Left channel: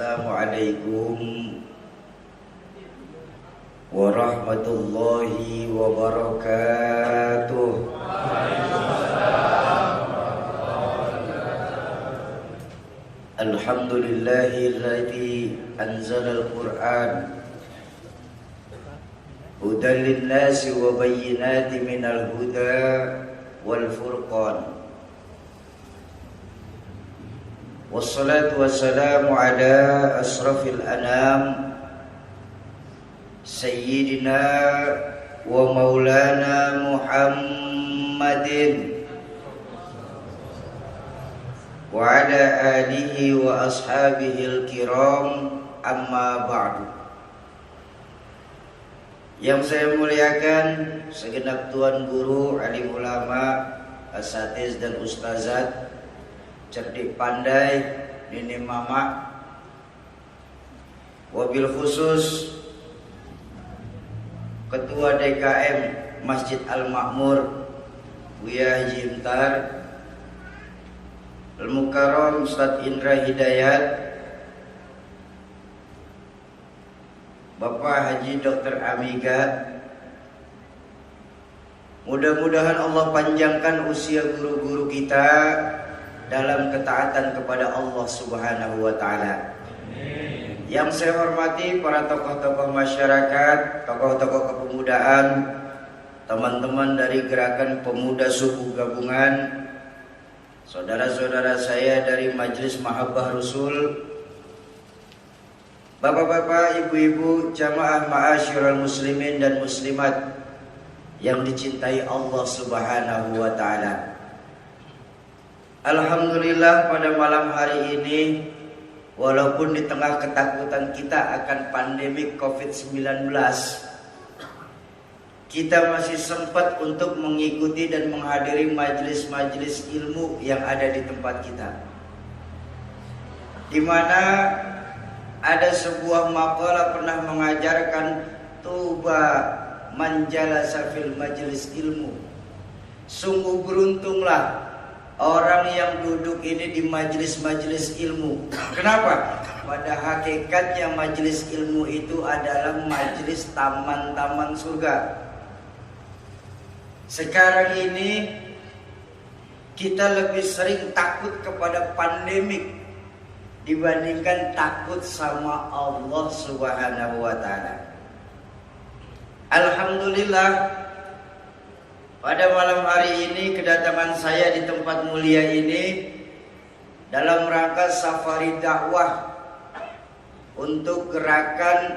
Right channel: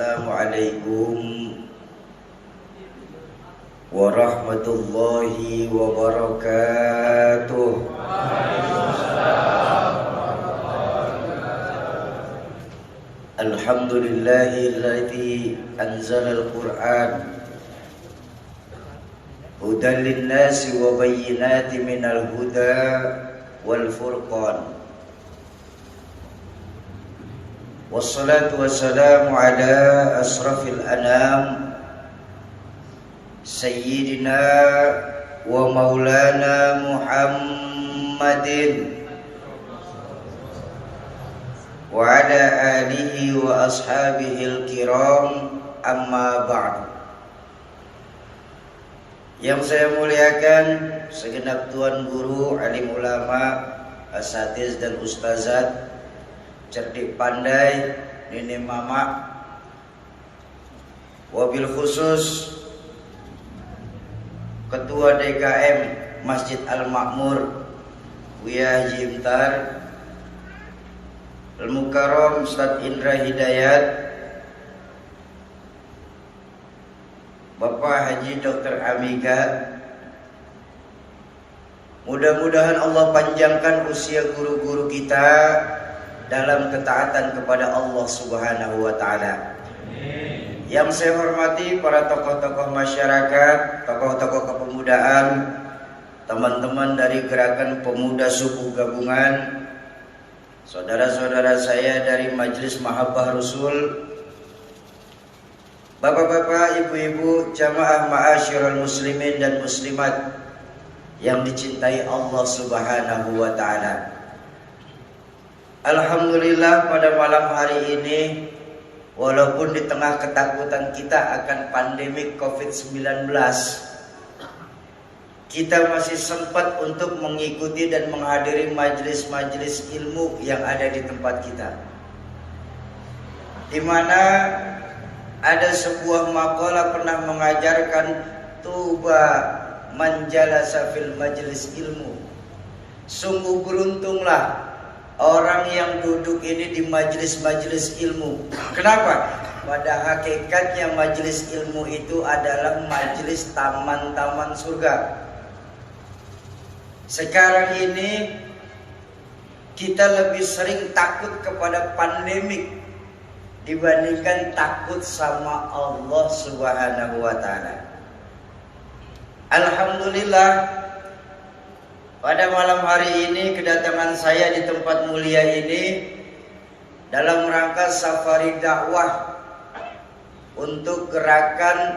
Assalamualaikum warahmatullahi wabarakatuh. Alhamdulillahilladzi anzalal Qur'an hudan linnasi wa bayyinatin minal huda wal furqan. Wassalatu wassalamu ala asrafil anam Sayyidina wa maulana Muhammadin wa ala alihi wa ashabihil kiram, amma ba'du. Yang saya muliakan segenap tuan guru, alim ulama, asatiz dan ustazat, cerdik pandai, nenek mama, wabil khusus Ketua DKM Masjid Al-Makmur Buya Haji Imtar, Al-Mukarram Ustadz Indra Hidayat, Bapak Haji Dr. Amiga. Mudah-mudahan Allah panjangkan usia guru-guru kita dalam ketaatan kepada Allah Subhanahu wa taala. Yang saya hormati para tokoh-tokoh masyarakat, tokoh-tokoh kepemudaan, teman-teman dari Gerakan Pemuda Suku Gabungan, saudara-saudara saya dari Majelis Mahabbah Rasul, bapak-bapak, ibu-ibu, jamaah ma'asyiral muslimin dan muslimat yang dicintai Allah Subhanahu wa taala. Alhamdulillah pada malam hari ini, walaupun di tengah ketakutan kita akan pandemi COVID-19, kita masih sempat untuk mengikuti dan menghadiri majelis-majelis ilmu yang ada di tempat kita, di mana ada sebuah maqalah pernah mengajarkan tuba manjalasa fil majelis ilmu. Sungguh beruntunglah orang yang duduk ini di majelis-majelis ilmu. Kenapa? Pada hakikatnya majelis ilmu itu adalah majelis taman-taman surga. Sekarang ini kita lebih sering takut kepada pandemik dibandingkan takut sama Allah Subhanahu wa taala. Alhamdulillah, pada malam hari ini kedatangan saya di tempat mulia ini dalam rangka safari dakwah untuk gerakan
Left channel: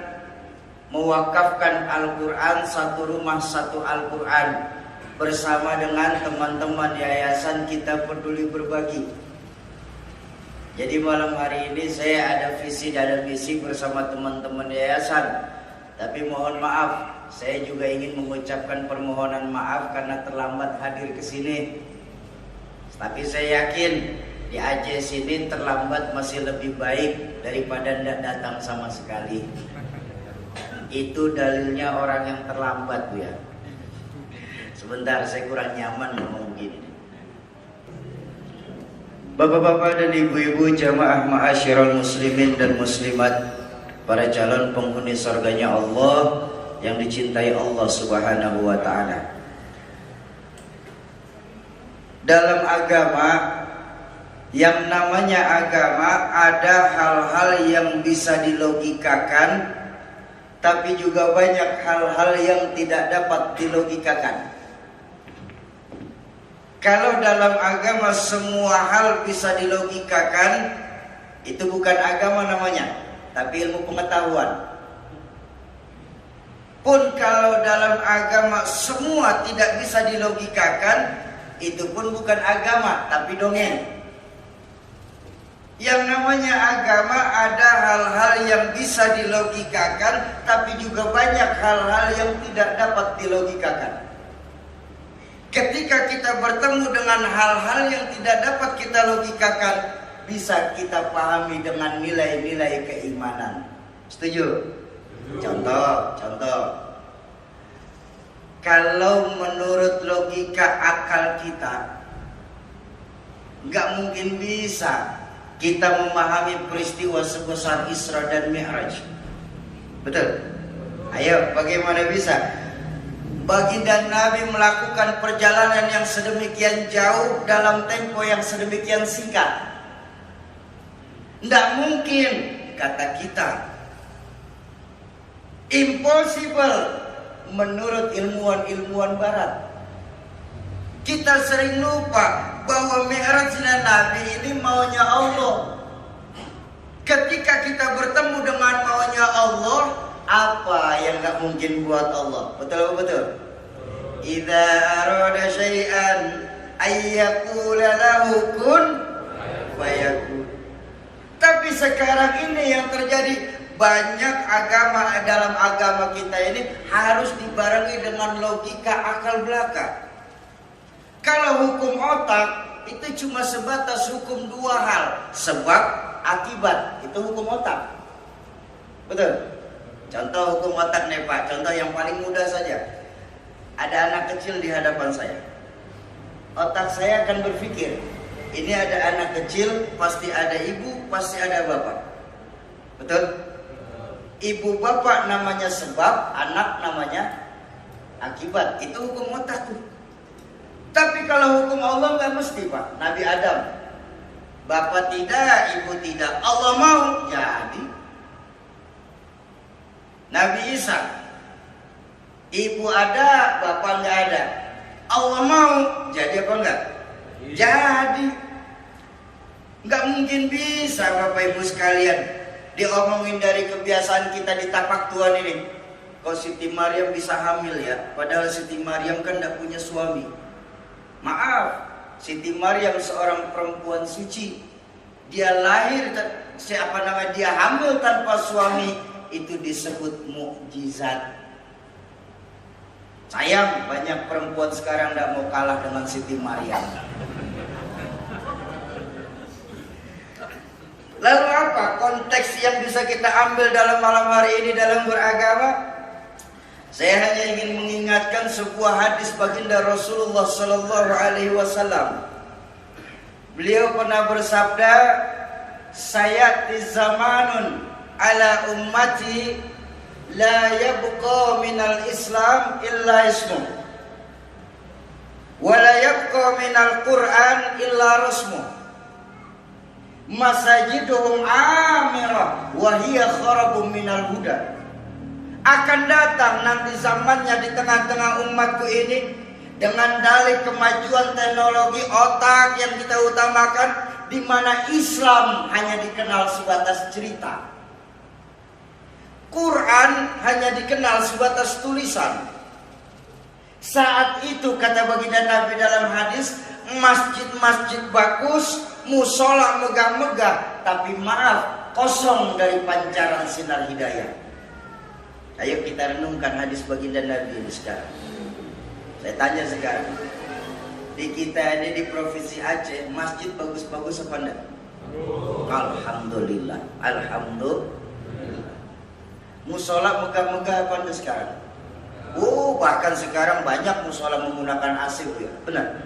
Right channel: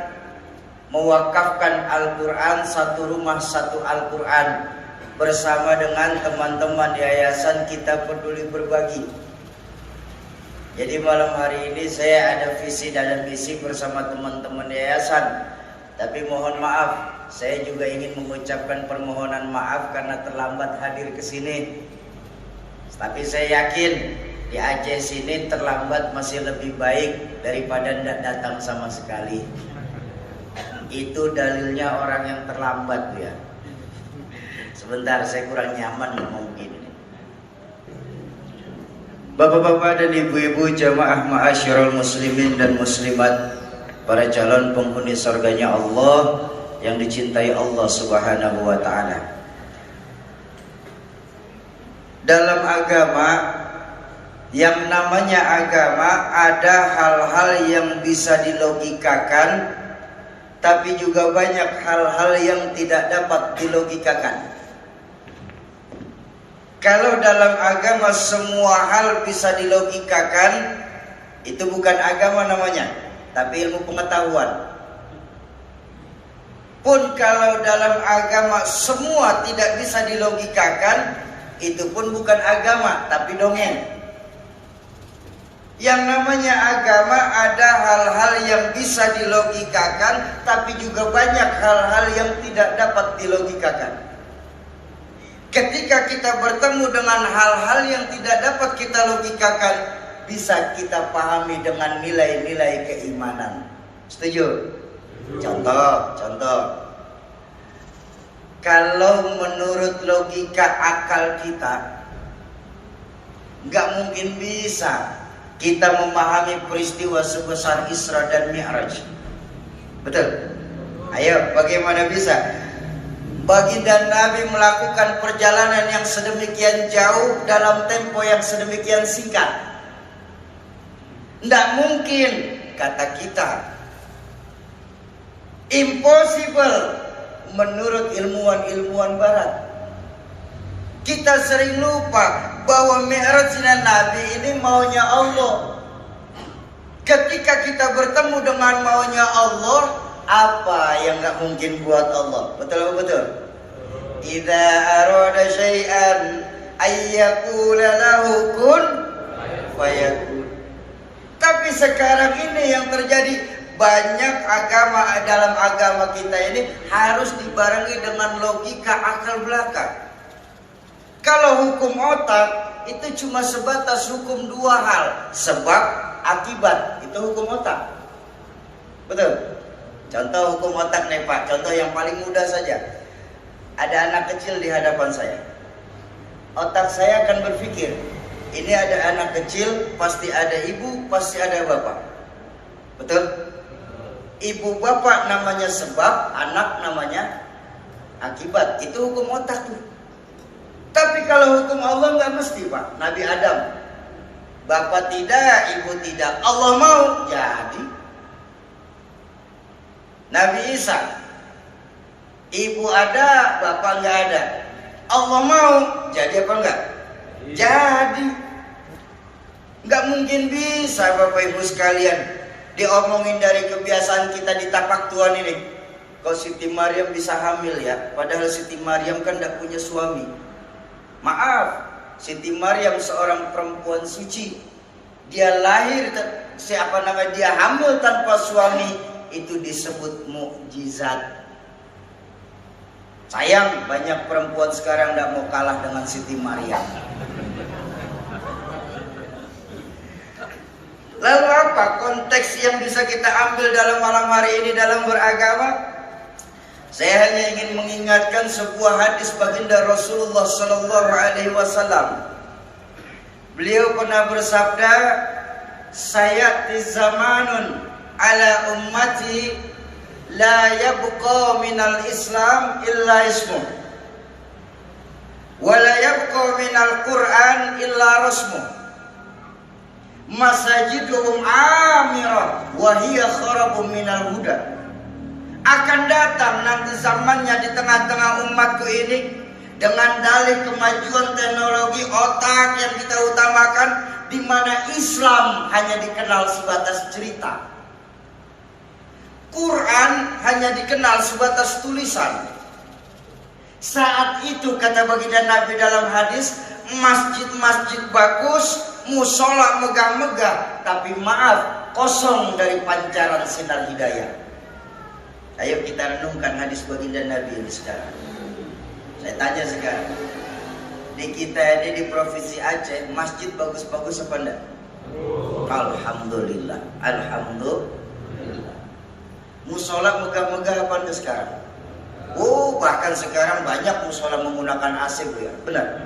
mewakafkan Al-Quran, satu rumah satu Al-Quran, bersama dengan teman-teman Yayasan Kita Peduli Berbagi. Jadi malam hari ini saya ada visi dan misi bersama teman-teman yayasan. Tapi mohon maaf, saya juga ingin mengucapkan permohonan maaf karena terlambat hadir ke sini. Tapi saya yakin di Aceh sini terlambat masih lebih baik daripada tidak datang sama sekali. Itu dalilnya orang yang terlambat, ya. Sebentar, saya kurang nyaman ngomong begini. Bapak-bapak dan ibu-ibu, jamaah ma'asyiral muslimin dan muslimat, para calon penghuni surganya Allah yang dicintai Allah Subhanahu wa taala. Dalam agama, yang namanya agama, ada hal-hal yang bisa dilogikakan, tapi juga banyak hal-hal yang tidak dapat dilogikakan. Kalau dalam agama semua hal bisa dilogikakan, itu bukan agama namanya, tapi ilmu pengetahuan. Pun kalau dalam agama semua tidak bisa dilogikakan, itu pun bukan agama, tapi dongeng. Yang namanya agama ada hal-hal yang bisa dilogikakan, tapi juga banyak hal-hal yang tidak dapat dilogikakan. Ketika kita bertemu dengan hal-hal yang tidak dapat kita logikakan, bisa kita pahami dengan nilai-nilai keimanan. Setuju? Contoh. Kalau menurut logika akal kita, nggak mungkin bisa kita memahami peristiwa sebesar Isra dan Mi'raj. Betul? Ayo, bagaimana bisa baginda Nabi melakukan perjalanan yang sedemikian jauh dalam tempo yang sedemikian singkat? Tidak mungkin, kata kita. Impossible menurut ilmuwan-ilmuwan barat. Kita sering lupa bahwa Mi'rajnya Nabi ini maunya Allah. Ketika kita bertemu dengan maunya Allah, apa yang gak mungkin buat Allah? Betul apa betul? Idza arada syai'an ayyakula lahu kun fayakun. Tapi sekarang ini yang terjadi, banyak agama, dalam agama kita ini harus dibarengi dengan logika akal belaka. Kalau hukum otak itu cuma sebatas hukum dua hal, sebab akibat, itu hukum otak. Betul? Contoh hukum otak nih Pak, contoh yang paling mudah saja. Ada anak kecil di hadapan saya. Otak saya akan berpikir, ini ada anak kecil, pasti ada ibu, pasti ada bapak. Betul? Ibu bapak namanya sebab, anak namanya akibat. Itu hukum otak tuh. Tapi kalau hukum Allah nggak mesti Pak. Nabi Adam, bapak tidak, ibu tidak, Allah mau jadi. Nabi Isa, ibu ada, bapak nggak ada, Allah mau jadi apa enggak? Jadi. Nggak mungkin bisa Bapak Ibu sekalian diomongin dari kebiasaan kita di tapak Tuhan ini. Kok Siti Maryam bisa hamil ya? Padahal Siti Maryam kan nggak punya suami. Maaf, Siti Maryam seorang perempuan suci. Dia lahir, dia hamil tanpa suami, itu disebut mukjizat. Sayang, banyak perempuan sekarang tidak mau kalah dengan Siti Maryam. Lalu apa konteks yang bisa kita ambil dalam malam hari ini dalam beragama? Saya hanya ingin mengingatkan sebuah hadis baginda Rasulullah Sallallahu Alaihi Wasallam. Beliau pernah bersabda, "Sayati zamanun ala ummati la yabqa minal Islam illa ismu, wa la yabqa minal Quran illa rasmu, masajiduhum amirah wa hiya kharabun minal huda." Akan datang nanti zamannya di tengah-tengah umatku ini, dengan dalih kemajuan teknologi otak yang kita utamakan, di mana Islam hanya dikenal sebatas cerita, Quran hanya dikenal sebatas tulisan. Saat itu kata baginda Nabi dalam hadis, masjid-masjid bagus, musola megah-megah, tapi maaf, kosong dari pancaran sinar hidayah. Ayo kita renungkan hadis baginda Nabi ini sekarang. Saya tanya sekarang, di kita ini di provinsi Aceh, masjid bagus-bagus apa enggak? Alhamdulillah, alhamdulillah. Musola megah-megah apa enggak sekarang? Bahkan sekarang banyak musola menggunakan AC, ya. Benar.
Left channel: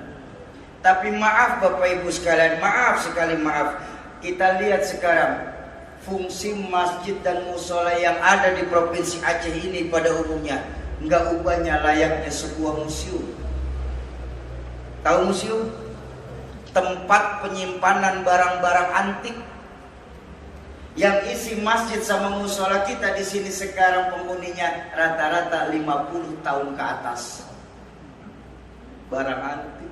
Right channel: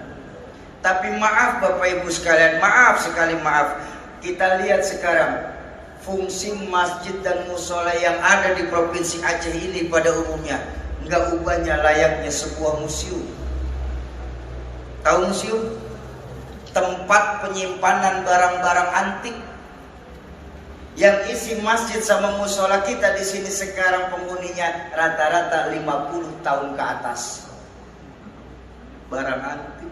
Tapi maaf Bapak Ibu sekalian, maaf sekali maaf. Kita lihat sekarang fungsi masjid dan musola yang ada di provinsi Aceh ini pada umumnya enggak ubahnya layaknya sebuah museum. Tahu museum? Tempat penyimpanan barang-barang antik. Yang isi masjid sama musola kita di sini sekarang penghuninya rata-rata 50 tahun ke atas. Barang antik.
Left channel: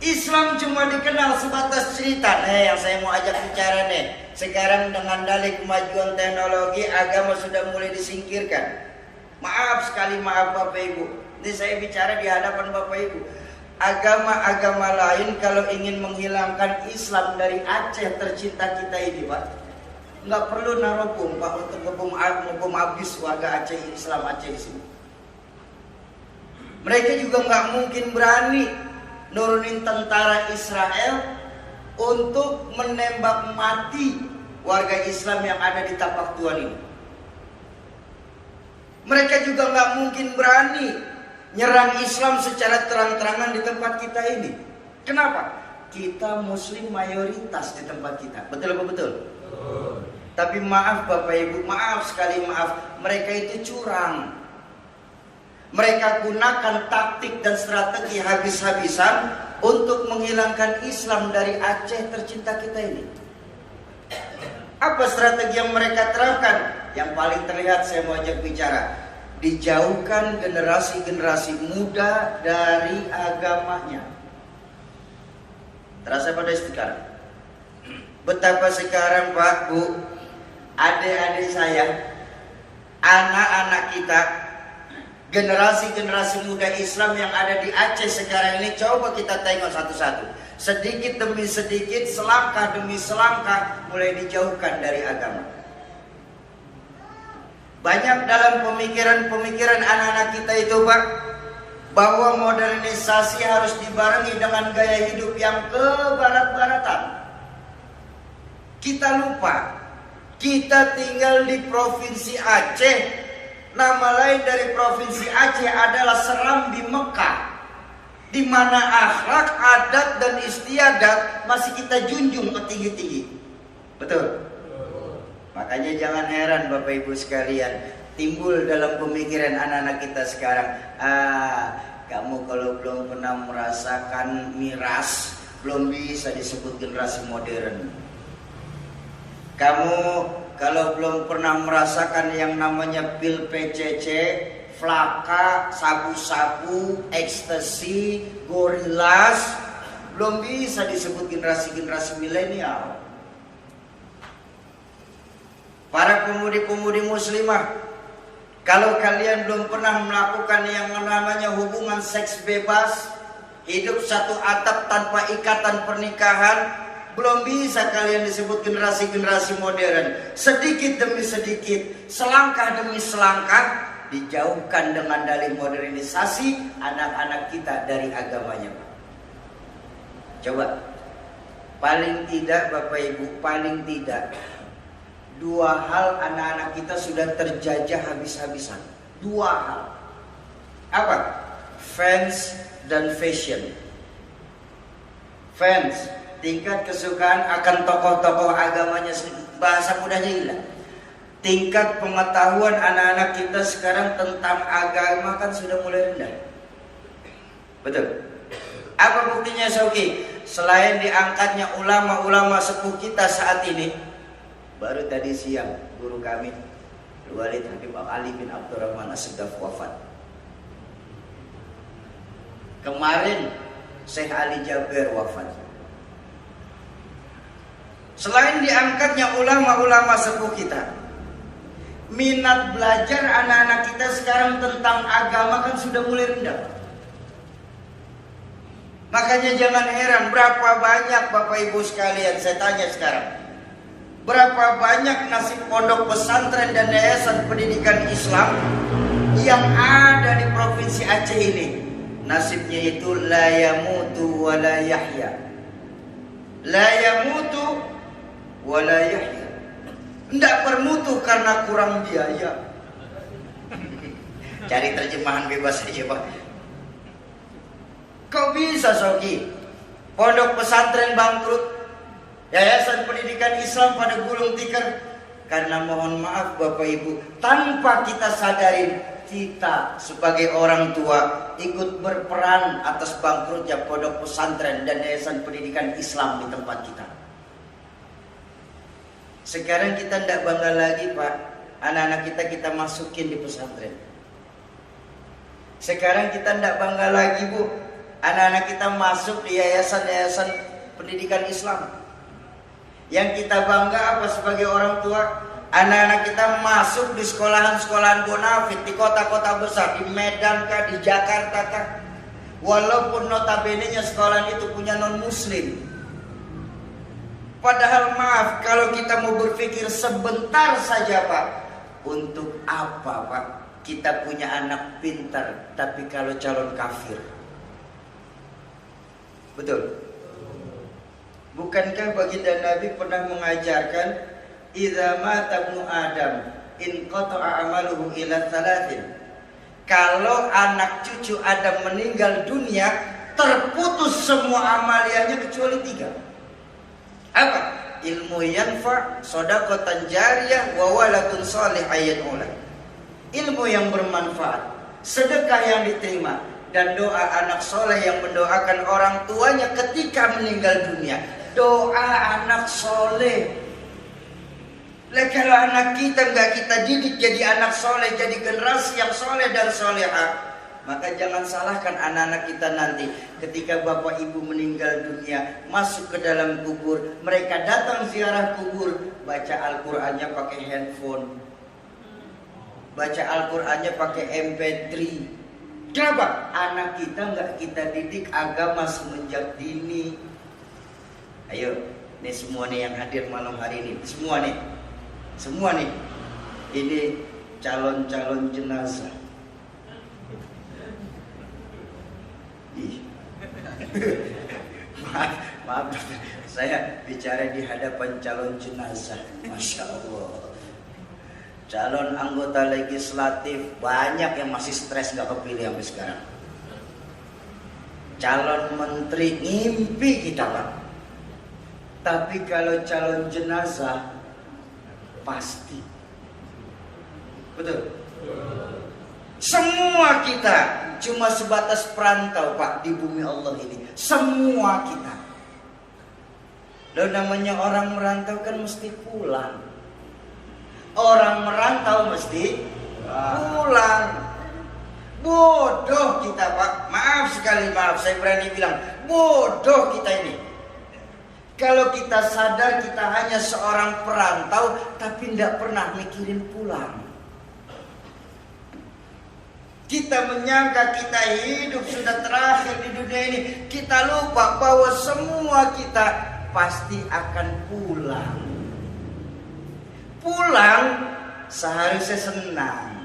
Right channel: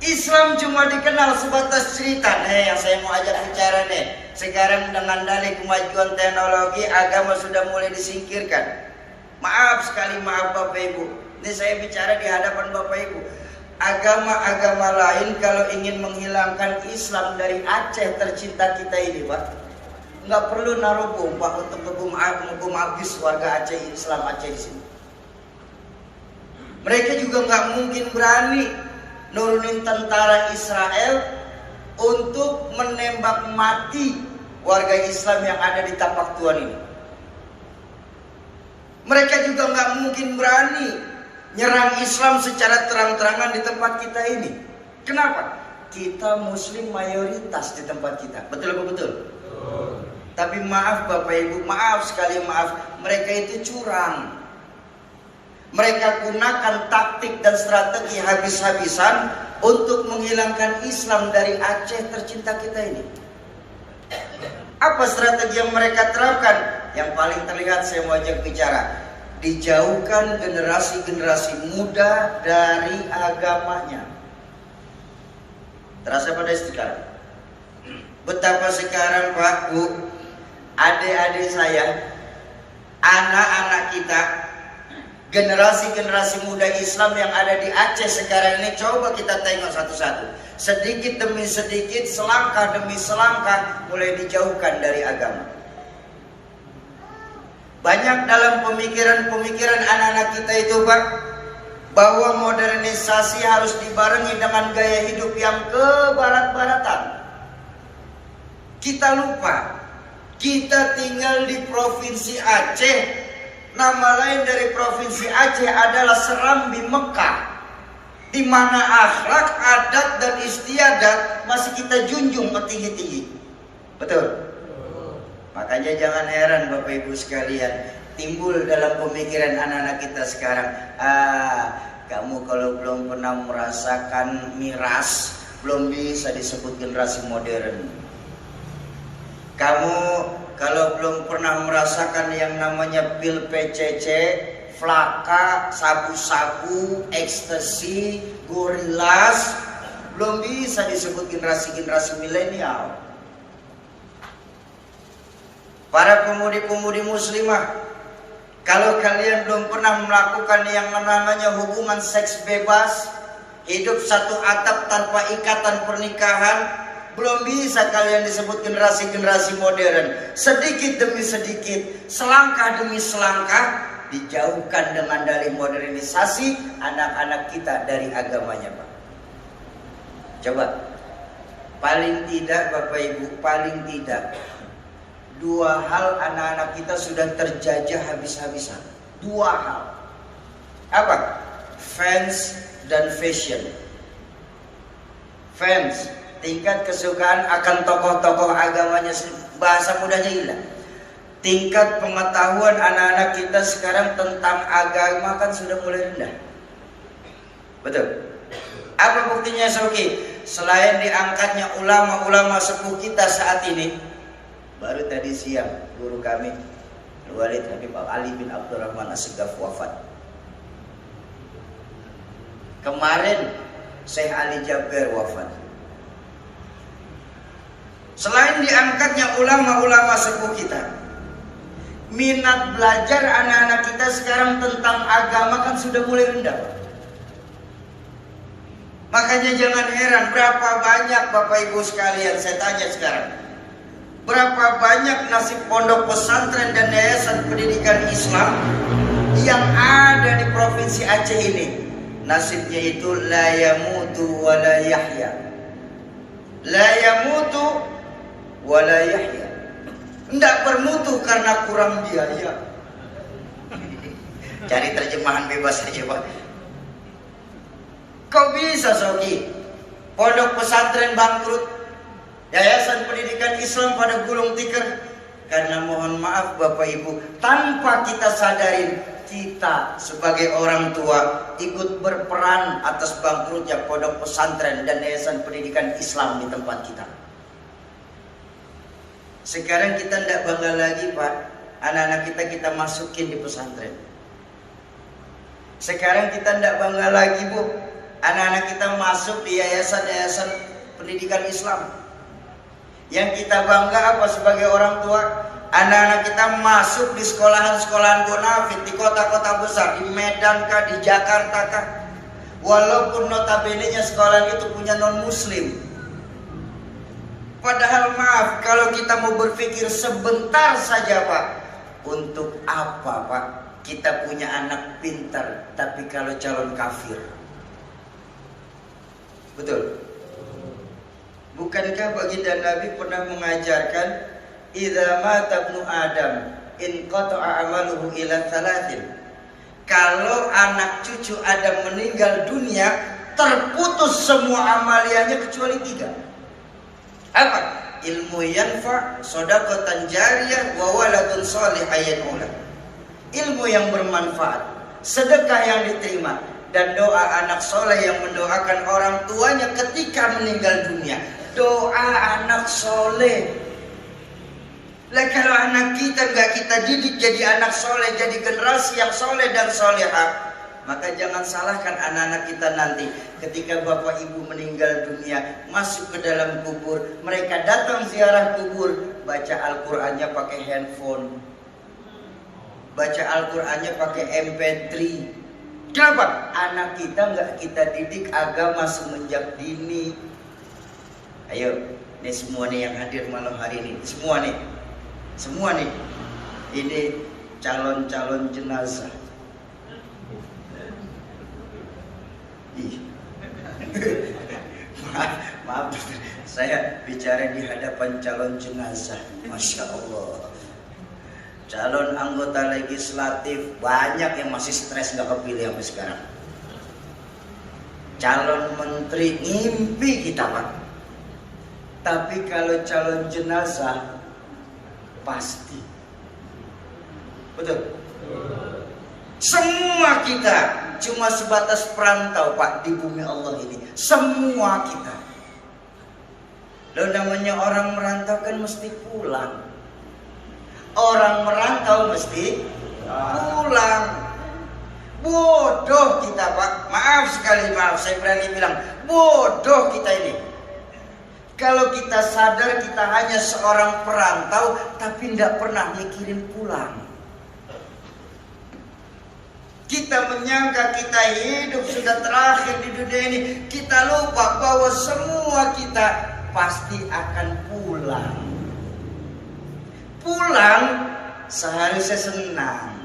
Islam cuma dikenal sebatas cerita. Yang saya mau ajak bicara nih. Sekarang dengan dalih kemajuan teknologi, agama sudah mulai disingkirkan. Maaf sekali, maaf Bapak Ibu. Ini saya bicara di hadapan Bapak Ibu. Agama-agama lain kalau ingin menghilangkan Islam dari Aceh tercinta kita ini, Pak, nggak perlu naruh bom, Pak, untuk ngebom habis warga Aceh, Islam Aceh di sini. Mereka juga nggak mungkin berani nurunin tentara Israel untuk menembak mati warga Islam yang ada di tapak Tuhan ini. Mereka juga nggak mungkin berani nyerang Islam secara terang-terangan di tempat kita ini. Kenapa? Kita Muslim mayoritas di tempat kita. Betul apa betul? Tapi maaf Bapak Ibu, maaf sekali maaf, mereka itu curang. Mereka gunakan taktik dan strategi habis-habisan untuk menghilangkan Islam dari Aceh tercinta kita ini. Apa strategi yang mereka terapkan? Yang paling terlihat saya mau ajak bicara. Dijauhkan generasi-generasi muda dari agamanya. Terasa pada sekali. Betapa sekarang Pak, Bu, adik-adik saya, anak-anak kita, generasi-generasi muda Islam yang ada di Aceh sekarang ini, coba kita tengok satu-satu. Sedikit demi sedikit, selangkah demi selangkah mulai dijauhkan dari agama. Banyak dalam pemikiran-pemikiran anak-anak kita itu Pak, bahwa modernisasi harus dibarengi dengan gaya hidup yang kebarat-baratan. Kita lupa, kita tinggal di Provinsi Aceh. Nama lain dari Provinsi Aceh adalah Serambi Mekah, di mana akhlak, adat, dan istiadat masih kita junjung tinggi-tinggi. Betul? Makanya jangan heran Bapak Ibu sekalian, timbul dalam pemikiran anak-anak kita sekarang, kamu kalau belum pernah merasakan miras, belum bisa disebut generasi modern. Kamu kalau belum pernah merasakan yang namanya pil PCC, flaka, sabu-sabu, ekstasi, gorilas, belum bisa disebut generasi-generasi milenial. Para pemudi-pemudi muslimah, kalau kalian belum pernah melakukan yang namanya hubungan seks bebas, hidup satu atap tanpa ikatan pernikahan, belum bisa kalian disebut generasi-generasi modern. Sedikit demi sedikit, selangkah demi selangkah, dijauhkan dengan dalih modernisasi anak-anak kita dari agamanya Pak. Coba, paling tidak Bapak Ibu, paling tidak dua hal anak-anak kita sudah terjajah habis-habisan. Dua hal. Apa? Fans dan fashion. Fans, tingkat kesukaan akan tokoh-tokoh agamanya, bahasa mudahnya hilang. Tingkat pengetahuan anak-anak kita sekarang tentang agama kan sudah mulai rendah. Betul? Apa buktinya Sauki? Selain diangkatnya ulama-ulama sepuh kita saat ini, baru tadi siang guru kami Walid Habib Ali bin Abdurrahman As-Segaf wafat. Kemarin Syekh Ali Jaber wafat. Selain diangkatnya ulama-ulama sepuh kita, minat belajar anak-anak kita sekarang tentang agama kan sudah mulai rendah. Makanya jangan heran berapa banyak Bapak Ibu sekalian, saya tanya sekarang, berapa banyak nasib pondok pesantren dan yayasan pendidikan Islam yang ada di Provinsi Aceh ini? Nasibnya itu la yamutu wa la yahya. La yamutu wa la yahya. Tidak bermutu karena kurang biaya. Cari terjemahan bebas saja Pak. Kok bisa Soki? Pondok pesantren bangkrut, yayasan pendidikan Islam pada gulung tikar. Karena mohon maaf Bapak Ibu, tanpa kita sadarin, kita sebagai orang tua ikut berperan atas bangkrutnya pondok pesantren dan yayasan pendidikan Islam di tempat kita. Sekarang kita tidak bangga lagi Pak, anak-anak kita masukin di pesantren. Sekarang kita tidak bangga lagi Bu, anak-anak kita masuk di yayasan-yayasan pendidikan Islam. Yang kita bangga apa sebagai orang tua? Anak-anak kita masuk di sekolahan-sekolahan bonafit di kota-kota besar, di Medan kah, di Jakarta kah. Walaupun notabene-nya sekolahan itu punya non-muslim. Padahal maaf, kalau kita mau berpikir sebentar saja Pak, untuk apa Pak kita punya anak pintar tapi kalau calon kafir? Betul? Bukankah baginda Nabi pernah mengajarkan, idza mata ibnu Adam in qata'a amaluhu ila thalathin, Kalau anak cucu Adam meninggal dunia, terputus semua amaliyahnya kecuali 3. Apa? Ilmu yanfa, shadaqatan jariyah, wa waladun shalih yad'u. Ilmu yang bermanfaat, sedekah yang diterima, dan doa anak soleh yang mendoakan orang tuanya ketika meninggal dunia. Doa anak soleh. Lah kalau anak kita nggak kita didik jadi anak soleh, jadi generasi yang soleh dan solehah, maka jangan salahkan anak-anak kita nanti ketika bapak ibu meninggal dunia, masuk ke dalam kubur, mereka datang ziarah kubur, baca Al-Qur'annya pakai handphone, baca Al-Qur'annya pakai MP3. Kenapa? Anak kita nggak kita didik agama semenjak dini. Ayo, ini semua nih yang hadir malam hari ini, semua nih, ini calon-calon jenazah. Maaf, saya bicara di hadapan calon jenazah. Masya Allah. Calon anggota legislatif banyak yang masih stres nggak kepilih sampai sekarang. Calon menteri ngimpi kita Pak. Tapi kalau calon jenazah pasti. Betul. Semua kita cuma sebatas perantau Pak di bumi Allah ini. Semua kita. Loh namanya orang merantau kan mesti pulang. Orang merantau mesti pulang. Bodoh kita Pak. Maaf saya berani bilang bodoh kita ini. Kalau kita sadar kita hanya seorang perantau tapi tidak pernah mikirin pulang. Kita menyangka kita hidup sudah terakhir di dunia ini. Kita lupa bahwa semua kita pasti akan pulang. Pulang seharusnya senang.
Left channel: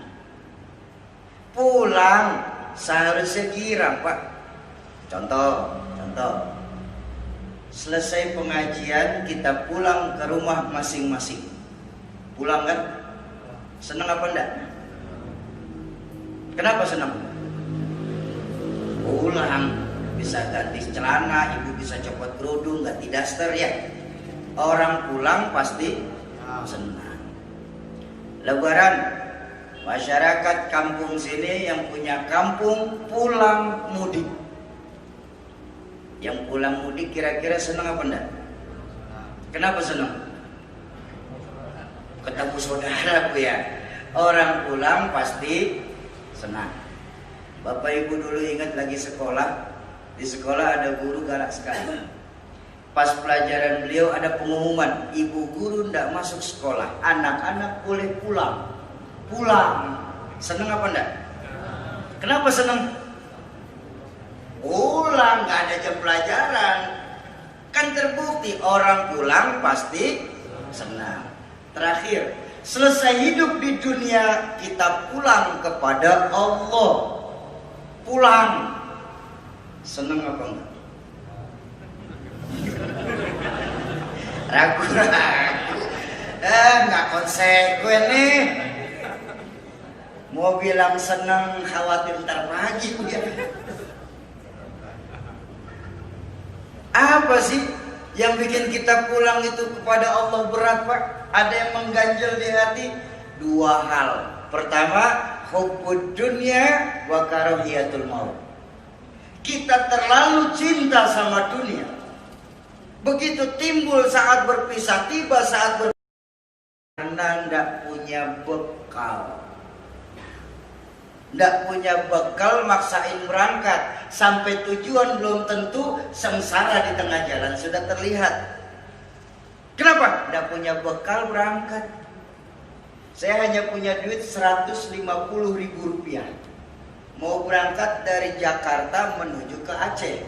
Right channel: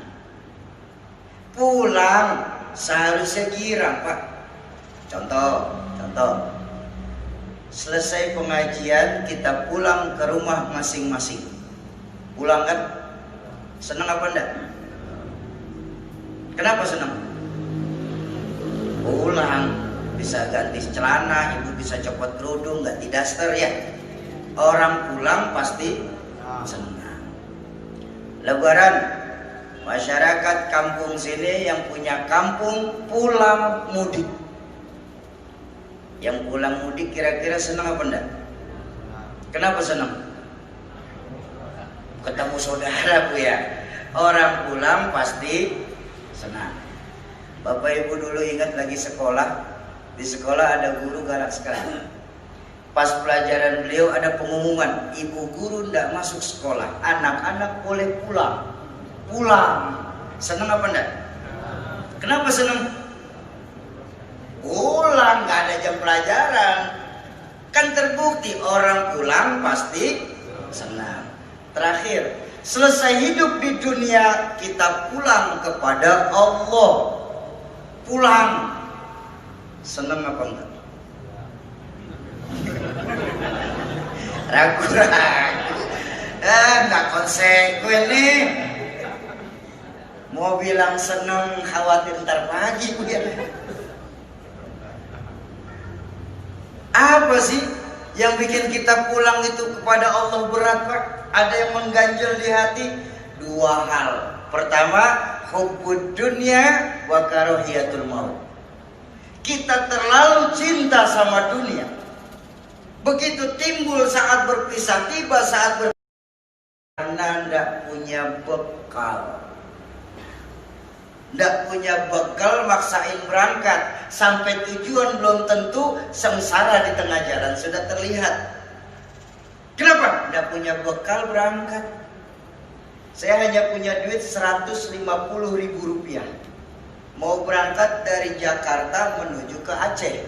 Pulang seharusnya girang Pak. Contoh. Selesai pengajian kita pulang ke rumah masing-masing. Pulang kan? Senang apa enggak? Kenapa senang? Pulang bisa ganti celana, ibu bisa copot kerudung, ganti daster ya. Orang pulang pasti senang. Lebaran, masyarakat kampung sini yang punya kampung pulang mudik. Yang pulang mudik kira-kira senang apa enggak? Kenapa senang? Ketemu saudara Bu ya. Orang pulang pasti senang. Bapak Ibu dulu ingat lagi sekolah. Di sekolah ada guru galak sekali. Pas pelajaran beliau ada pengumuman, ibu guru tidak masuk sekolah, anak-anak boleh pulang. Pulang. Senang apa enggak? Kenapa senang? Pulang, gak ada jam pelajaran. Kan terbukti orang pulang pasti senang. Terakhir, selesai hidup di dunia kita pulang kepada Allah. Pulang. Senang apa enggak? Ragu-ragu. Enggak konsekuen nih. Mau bilang senang, khawatir ntar pagi Bu ya. Apa sih yang bikin kita pulang itu kepada Allah berat Pak? Ada yang mengganjal di hati? 2 hal. Pertama, hubbud dunya wa karahiyatul maut. Kita terlalu cinta sama dunia. Begitu timbul saat berpisah, tiba saat berpisah karena tidak punya bekal. Tidak punya bekal maksain berangkat. Sampai tujuan belum tentu, sengsara di tengah jalan sudah terlihat. Kenapa? Tidak punya bekal berangkat. Saya hanya punya duit 150.000 rupiah. Mau berangkat dari Jakarta menuju ke Aceh.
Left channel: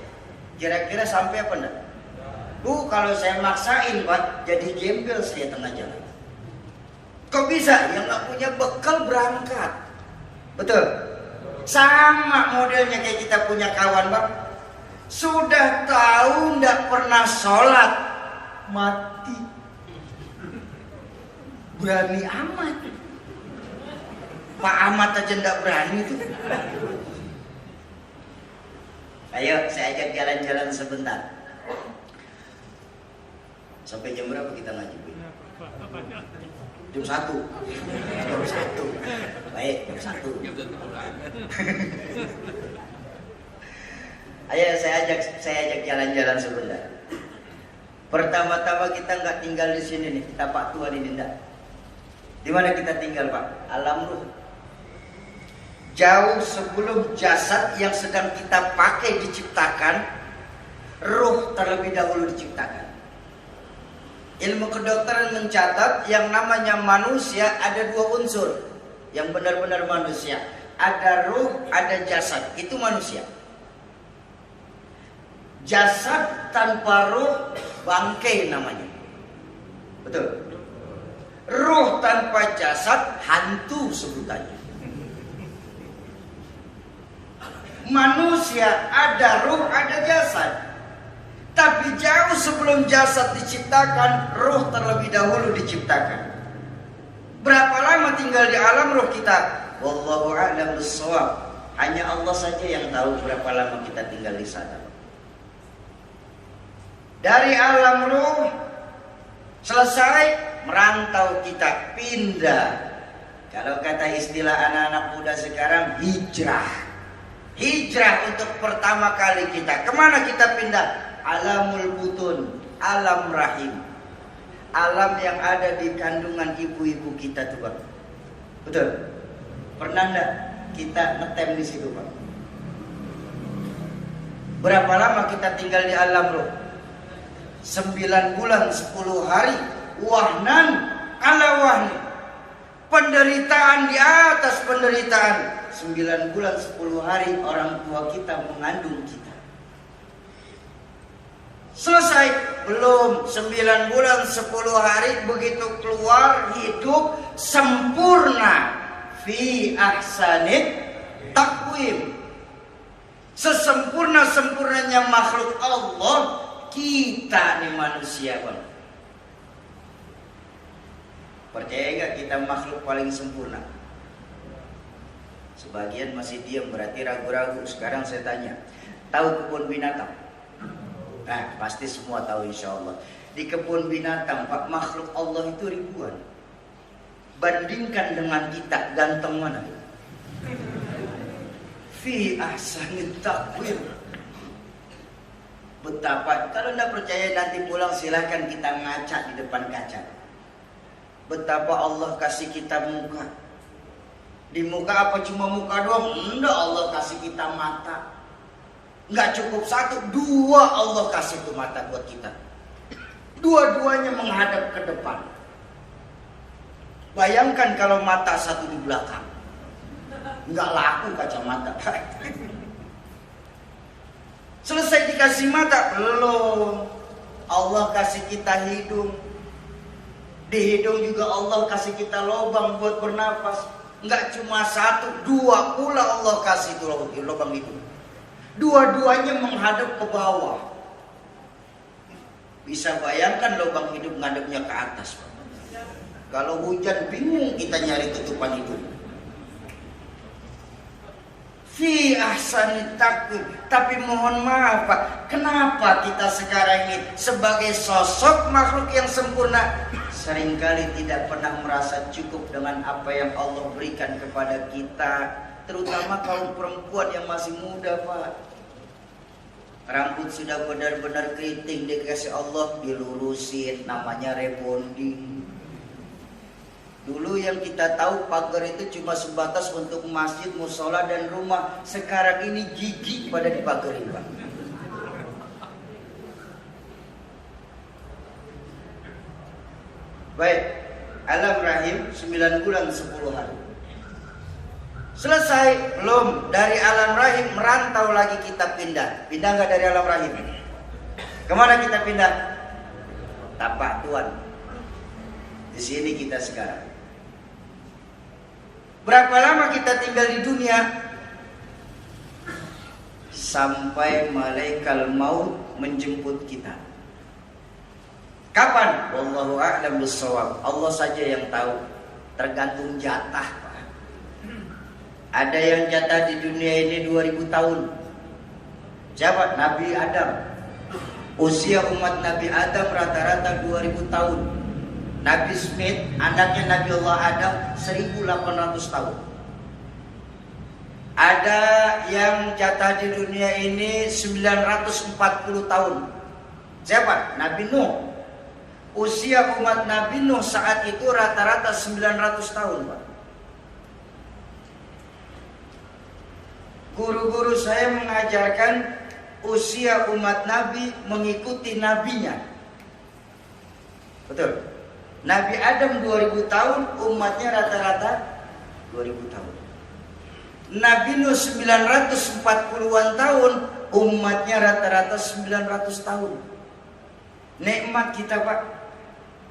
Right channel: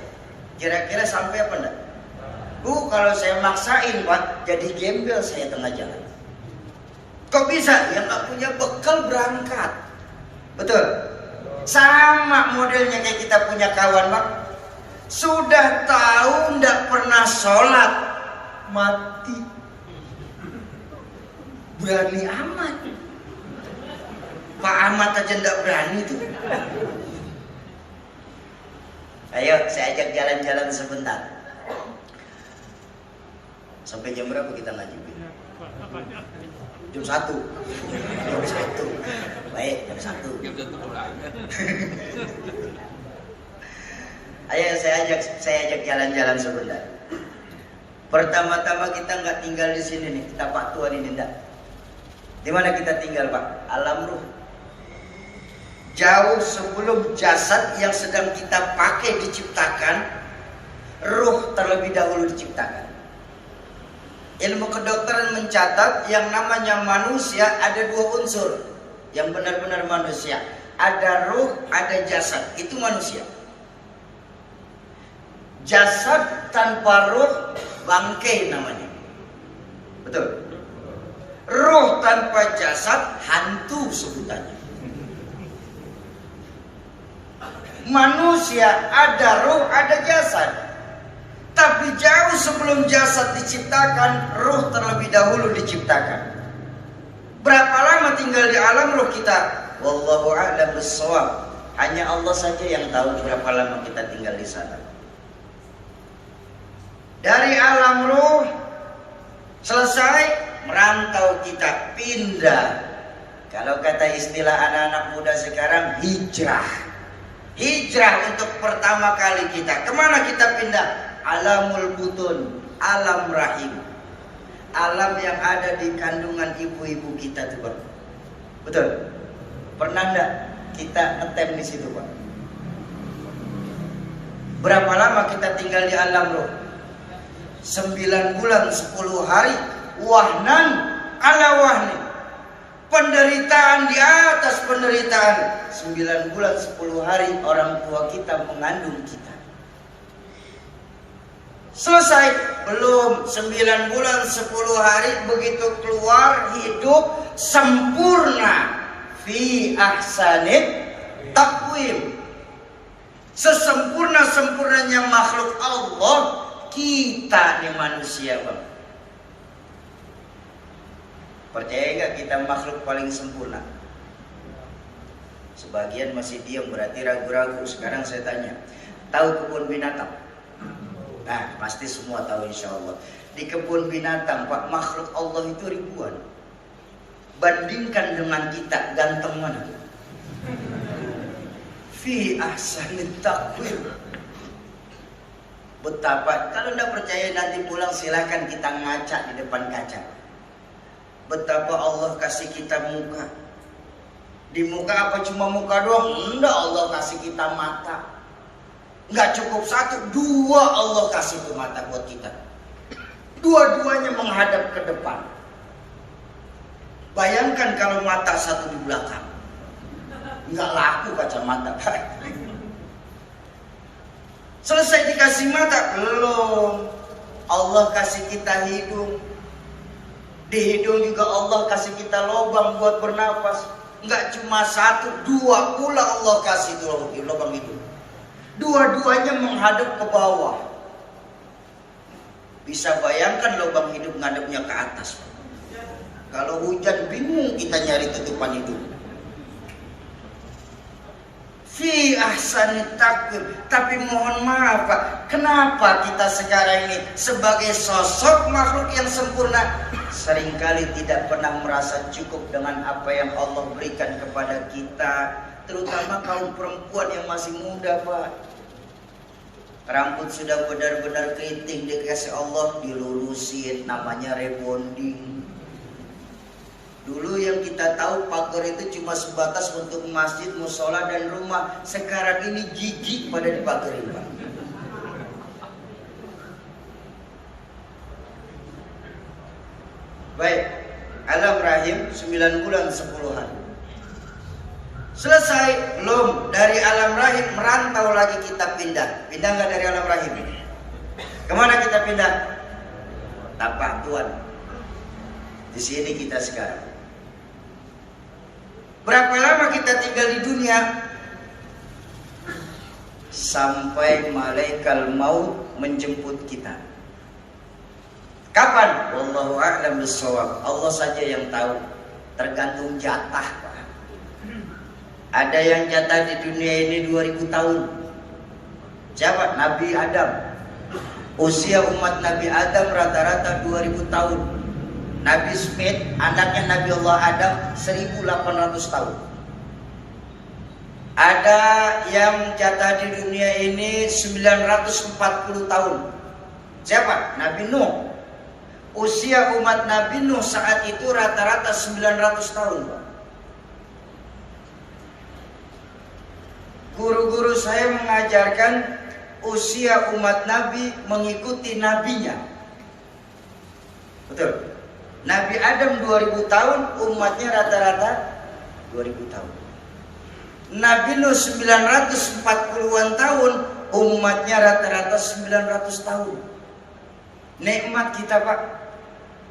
Kira-kira sampai apa enggak? Bu, kalau saya maksain Pak, jadi gembel saya tengah jalan. Kok bisa? Yang nggak punya bekal berangkat. Betul? Sama modelnya kayak kita punya kawan Pak. Sudah tahu nggak pernah sholat, mati. Berani amat. Pak Ahmad aja nggak berani tuh. Ayo saya ajak jalan-jalan sebentar. Sampai jam berapa kita ngaji? Jam 1. Jam 1. Baik, jam 1. Ayo saya ajak jalan-jalan sebentar. Pertama-tama kita nggak tinggal di sini nih, kita Pak Tuan ini enggak. Di mana kita tinggal Pak? Alam ruh. Jauh sebelum jasad yang sedang kita pakai diciptakan, ruh terlebih dahulu diciptakan. Ilmu kedokteran mencatat yang namanya manusia ada 2 unsur yang benar-benar manusia. Ada ruh, ada jasad. Itu manusia. Jasad tanpa ruh bangkai namanya. Betul. Ruh tanpa jasad hantu sebutannya. Manusia ada ruh, ada jasad. Tapi jauh sebelum jasad diciptakan, ruh terlebih dahulu diciptakan. Berapa lama tinggal di alam ruh kita? Wallahu a'lam bissawab. Hanya Allah saja yang tahu berapa lama kita tinggal di sana. Dari alam ruh selesai, merantau kita, pindah. Kalau kata istilah anak-anak muda sekarang, hijrah. Hijrah untuk pertama kali kita. Kemana kita pindah? Alamul butun, alam rahim. Alam yang ada di kandungan ibu-ibu kita tuh Pak. Betul? Pernah enggak kita ngetem di situ Pak? Berapa lama kita tinggal di alam ruh? 9 bulan 10 hari. Wahnan ala wahni. Penderitaan di atas penderitaan. 9 bulan 10 hari orang tua kita mengandung kita. Selesai? Belum. 9 bulan 10 hari begitu keluar hidup sempurna. Fi ahsanit taqwim. Sesempurna-sempurnanya makhluk Allah, kita nih manusia Bang. Percaya gak kita makhluk paling sempurna? Sebagian masih diam, berarti ragu-ragu. Sekarang saya tanya, tahu kebun binatang? Nah, pasti semua tahu insya Allah. Di kebun binatang, Pak, makhluk Allah itu ribuan. Bandingkan dengan kita, ganteng mana? Fi ahsanit taqwim. Betapa, kalau tidak percaya nanti pulang silahkan kita ngaca di depan kaca. Betapa Allah kasih kita muka. Di muka apa cuma muka doang? Enggak, Allah kasih kita mata. Enggak cukup 1, 2 Allah kasih tuh mata buat kita. Dua-duanya menghadap ke depan. Bayangkan kalau mata 1 di belakang. Enggak laku kacamata. Selesai dikasih mata? Belum. Allah kasih kita hidung. Di hidung juga Allah kasih kita lubang buat bernapas. Enggak cuma 1, 2 pula Allah kasih itu lubang hidung. Dua-duanya menghadap ke bawah. Bisa bayangkan lubang hidup ngadepnya ke atas. Kalau hujan bingung kita nyari tutupan hidup. Fi ahsanit taqwim. Tapi mohon maaf Pak, kenapa kita sekarang ini sebagai sosok makhluk yang sempurna seringkali tidak pernah merasa cukup dengan apa yang Allah berikan kepada kita, terutama kaum perempuan yang masih muda Pak. Rambut sudah benar-benar keriting dikasih Allah dilurusin, namanya rebonding. Dulu yang kita tahu pagar itu cuma sebatas untuk masjid, musola dan rumah. Sekarang ini gigi pada dipagerin Pak. Baik, alam rahim 9 bulan 10 hari. Selesai? Belum. Dari alam rahim merantau lagi kita pindah. Pindah nggak dari alam rahim? Kemana kita pindah? Tapak Tuan. Di sini kita sekarang. Berapa lama kita tinggal di dunia? Sampai malaikat maut menjemput kita. Kapan? Wallahu a'lam bissawab. Allah saja yang tahu. Tergantung jatah. Ada yang jatah di dunia ini 2000 tahun. Siapa? Nabi Adam. Usia umat Nabi Adam rata-rata 2000 tahun. Nabi Smith, anaknya Nabi Allah Adam, 1800 tahun. Ada yang jatah di dunia ini 940 tahun. Siapa? Nabi Nuh. Usia umat Nabi Nuh saat itu rata-rata 900 tahun, Pak. Guru-guru saya mengajarkan usia umat Nabi mengikuti nabinya. Betul. Nabi Adam 2000 tahun, umatnya rata-rata 2000 tahun. Nabi Nuh 940-an tahun, umatnya rata-rata 900 tahun. Nikmat kita, Pak.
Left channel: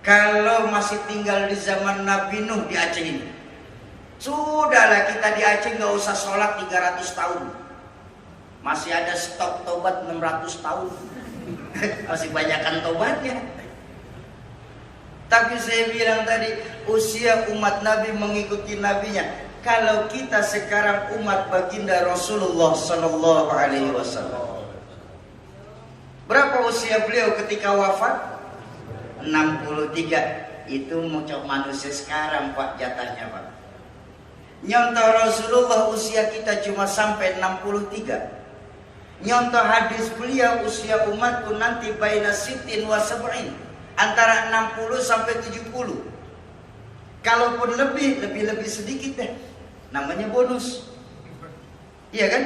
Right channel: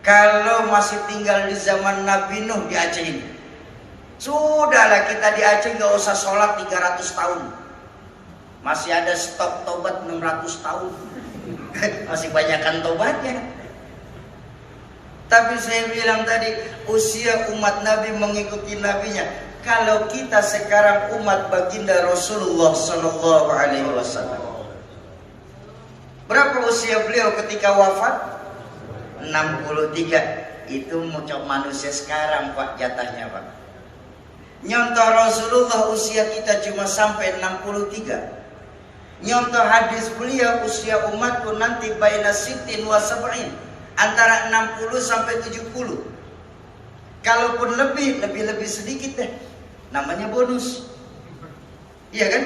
Kalau masih tinggal di zaman Nabi Nuh di Aceh ini, sudahlah kita di Aceh nggak usah sholat 300 tahun. Masih ada stok tobat 600 tahun. Masih banyakkan tobatnya. Tapi saya bilang tadi, usia umat Nabi mengikuti nabinya. Kalau kita sekarang umat baginda Rasulullah Sallallahu Alaihi Wasallam, berapa usia beliau ketika wafat? 63. Itu manusia sekarang, Pak, jatahnya, Pak. Nyontoh Rasulullah usia kita cuma sampai 63. Nyontoh hadis beliau, usia umatku nanti baina sittin wa sab'in, antara 60 sampai 70. Kalaupun lebih sedikit deh. Namanya bonus. Iya kan?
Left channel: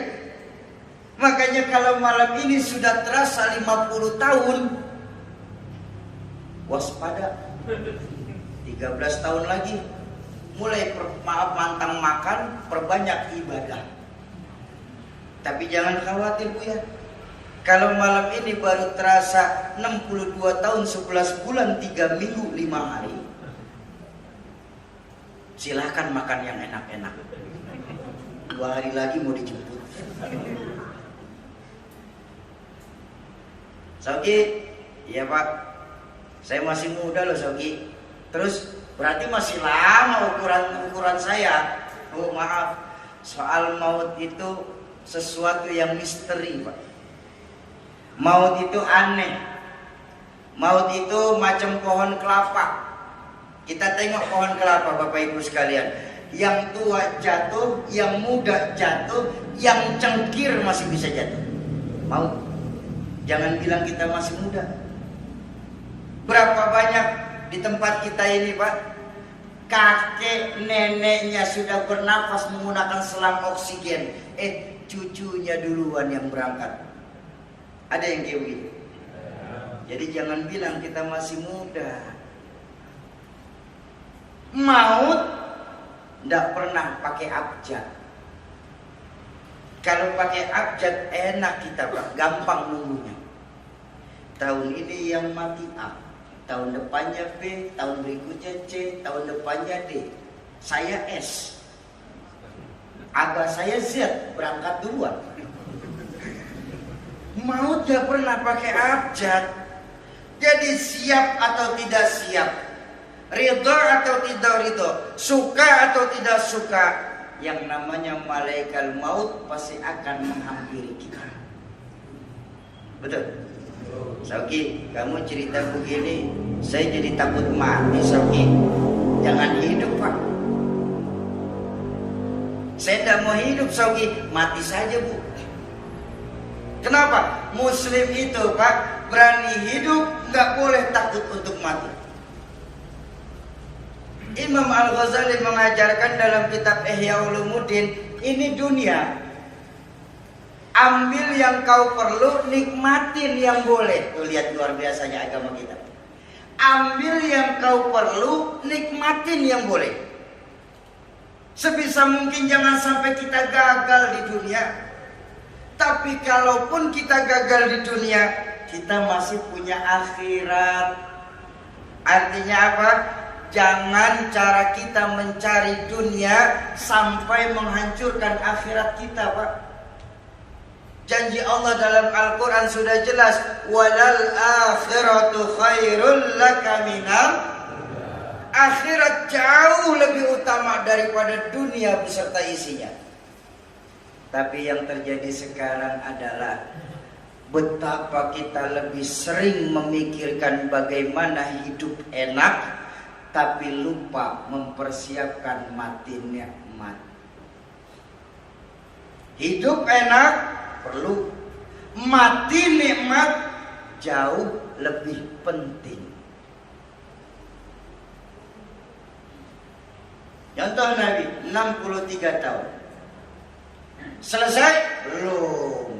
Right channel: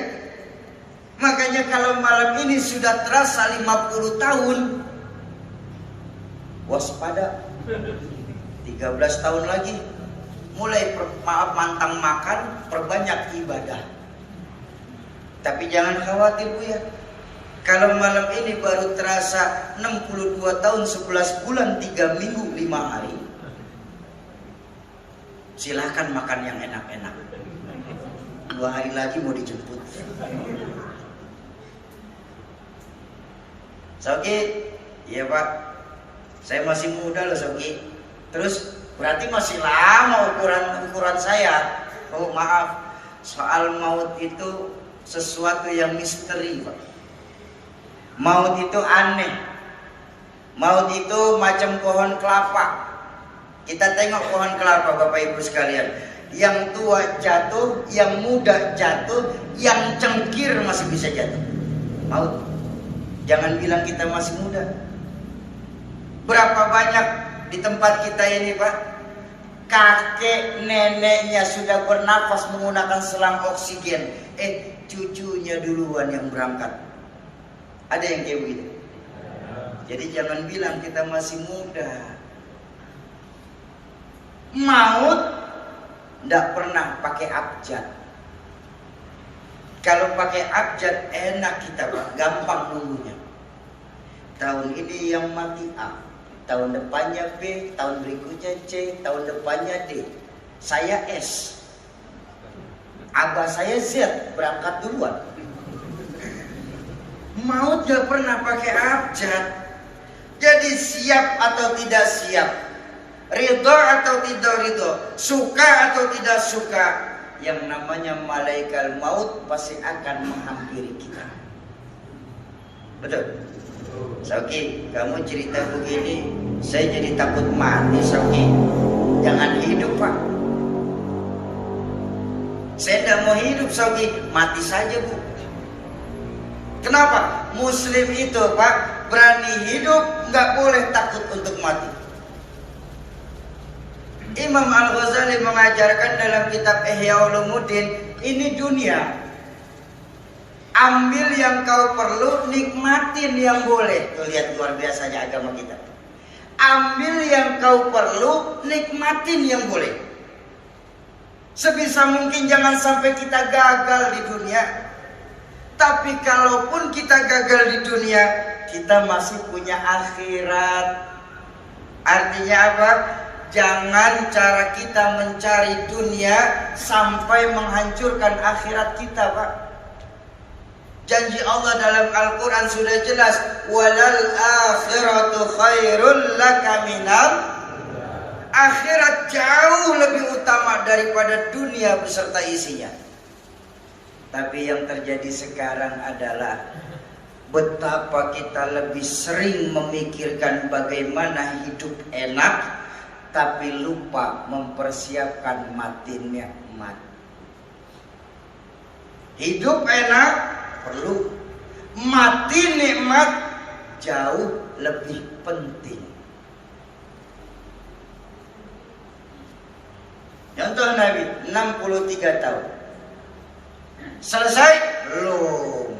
Makanya kalau malam ini sudah terasa 50 tahun, waspada. 13 tahun lagi mulai mantang makan, perbanyak ibadah. Tapi jangan khawatir, Bu, ya. Kalau malam ini baru terasa 62 tahun 11 bulan 3 minggu 5 hari, silahkan makan yang enak-enak. 2 hari lagi mau dijemput. Soki, iya Pak, saya masih muda loh Soki. Terus berarti masih lama ukuran saya. Oh maaf, soal maut itu sesuatu yang misteri, Pak. Maut itu aneh. Maut itu macam pohon kelapa. Kita tengok pohon kelapa, Bapak Ibu sekalian. Yang tua jatuh, yang muda jatuh, yang cengkir masih bisa jatuh. Maut. Jangan bilang kita masih muda. Berapa banyak di tempat kita ini, Pak, kakek neneknya sudah bernafas menggunakan selang oksigen. Cucunya duluan yang berangkat. Ada yang kayak begitu. Jadi jangan bilang kita masih muda. Maut tidak pernah pakai abjad. Kalau pakai abjad enak kita, Pak, gampang nunggunya. Tahun ini yang mati A, tahun depannya B, tahun berikutnya C, tahun depannya D. Saya S, abah saya Z, berangkat duluan. Maut gak pernah pakai abjad. Jadi siap atau tidak siap, ridho atau tidak ridho, suka atau tidak suka, yang namanya malaikat maut pasti akan menghampiri kita. Betul? Soki, kamu cerita begini, saya jadi takut mati, Soki. Jangan hidup, Pak. Saya tidak mau hidup, Soki. Mati saja, Bu. Kenapa? Muslim itu, Pak, berani hidup, nggak boleh takut untuk mati. Imam Al-Ghazali mengajarkan dalam kitab Ihya Ulumuddin, ini dunia. Ambil yang kau perlu, nikmatin yang boleh. Tuh lihat luar biasanya agama kita. Ambil yang kau perlu, nikmatin yang boleh. Sebisa mungkin jangan sampai kita gagal di dunia. Tapi kalaupun kita gagal di dunia, kita masih punya akhirat. Artinya apa? Jangan cara kita mencari dunia sampai menghancurkan akhirat kita, Pak. Janji Allah dalam Al-Quran sudah jelas, walal akhiratu khairul laka minal. Akhirat jauh lebih utama daripada dunia beserta isinya. Tapi yang terjadi sekarang adalah betapa kita lebih sering memikirkan bagaimana hidup enak, tapi lupa mempersiapkan mati nikmat. Hidup enak perlu, mati nikmat jauh lebih penting. Contoh Nabi 63 tahun. Selesai? Belum.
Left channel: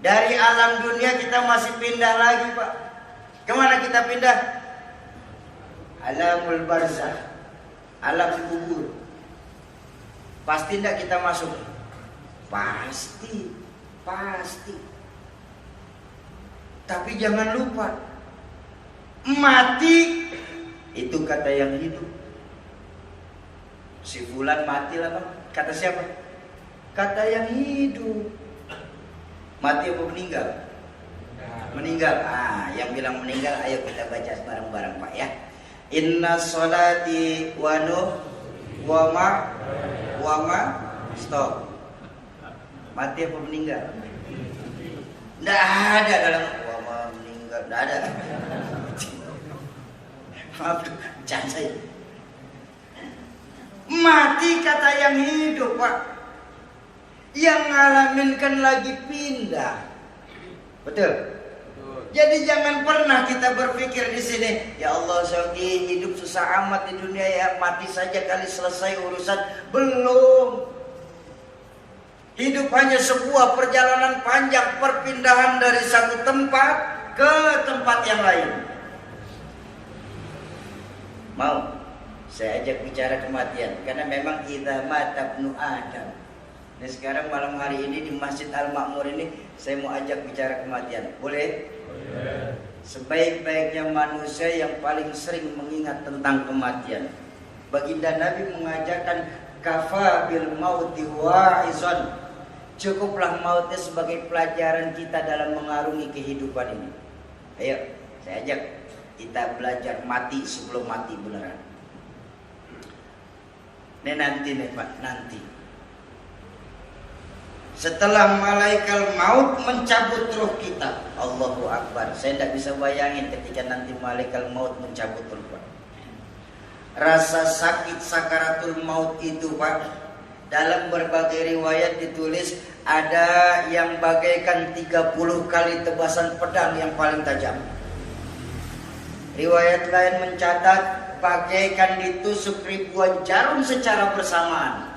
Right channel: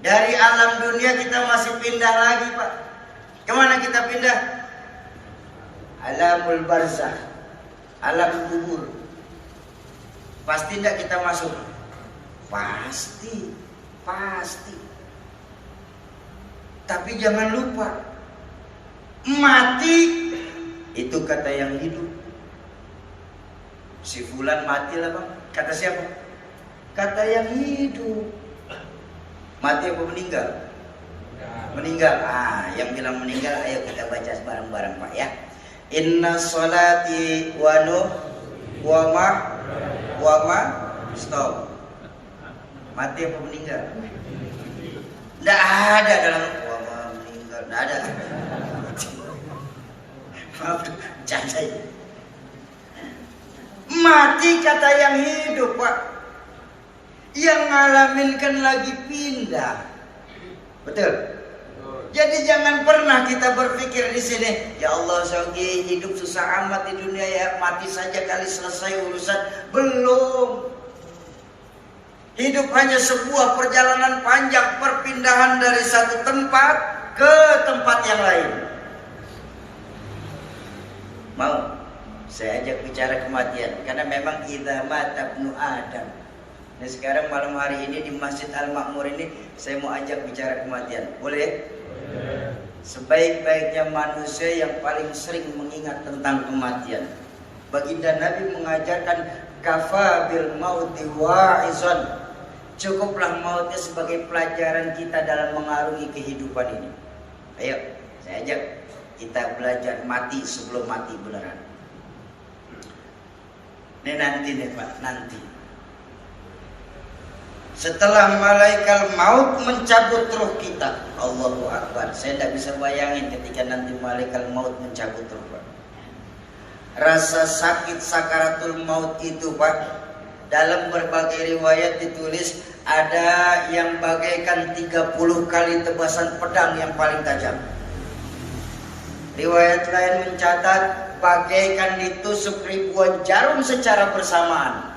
Dari alam dunia kita masih pindah lagi, Pak. Kemana kita pindah? Alamul barzakh, alam kubur. Pasti tidak kita masuk? Pasti. Tapi jangan lupa, mati itu kata yang hidup. Si fulan mati lah Bang. Kata siapa? Kata yang hidup. Mati apa meninggal? Meninggal. Yang bilang meninggal, ayo kita baca bareng-bareng Pak ya. Inna sholati wa ma stop. Mati apa meninggal? Tidak ada dalam wa meninggal. Tidak ada. Maaf, canda. Mati kata yang hidup Pak. Yang ngalamin kan lagi pindah. Betul? Jadi jangan pernah kita berpikir di sini, ya Allah Sogi hidup susah amat di dunia ya, mati saja kali selesai urusan. Belum. Hidup hanya sebuah perjalanan panjang, perpindahan dari satu tempat ke tempat yang lain. Mau? Saya ajak bicara kematian, karena memang idza mata ibnu Adam. Nah sekarang malam hari ini di Masjid Al-Makmur ini saya mau ajak bicara kematian. Boleh? Boleh. Sebaik-baiknya manusia yang paling sering mengingat tentang kematian. Baginda Nabi mengajarkan kafa bil mauti wa'izon. Cukuplah mautnya sebagai pelajaran kita dalam mengarungi kehidupan ini. Ayo, saya ajak kita belajar mati sebelum mati beneran. Ini nanti nih Pak, nanti. Setelah malaikat maut mencabut ruh kita, Allahu Akbar. Saya tidak bisa bayangin ketika nanti malaikat maut mencabut ruh Pak. Rasa sakit sakaratul maut itu Pak, dalam berbagai riwayat ditulis ada yang bagaikan 30 kali tebasan pedang yang paling tajam. Riwayat lain mencatat bagaikan ditusuk ribuan jarum secara bersamaan.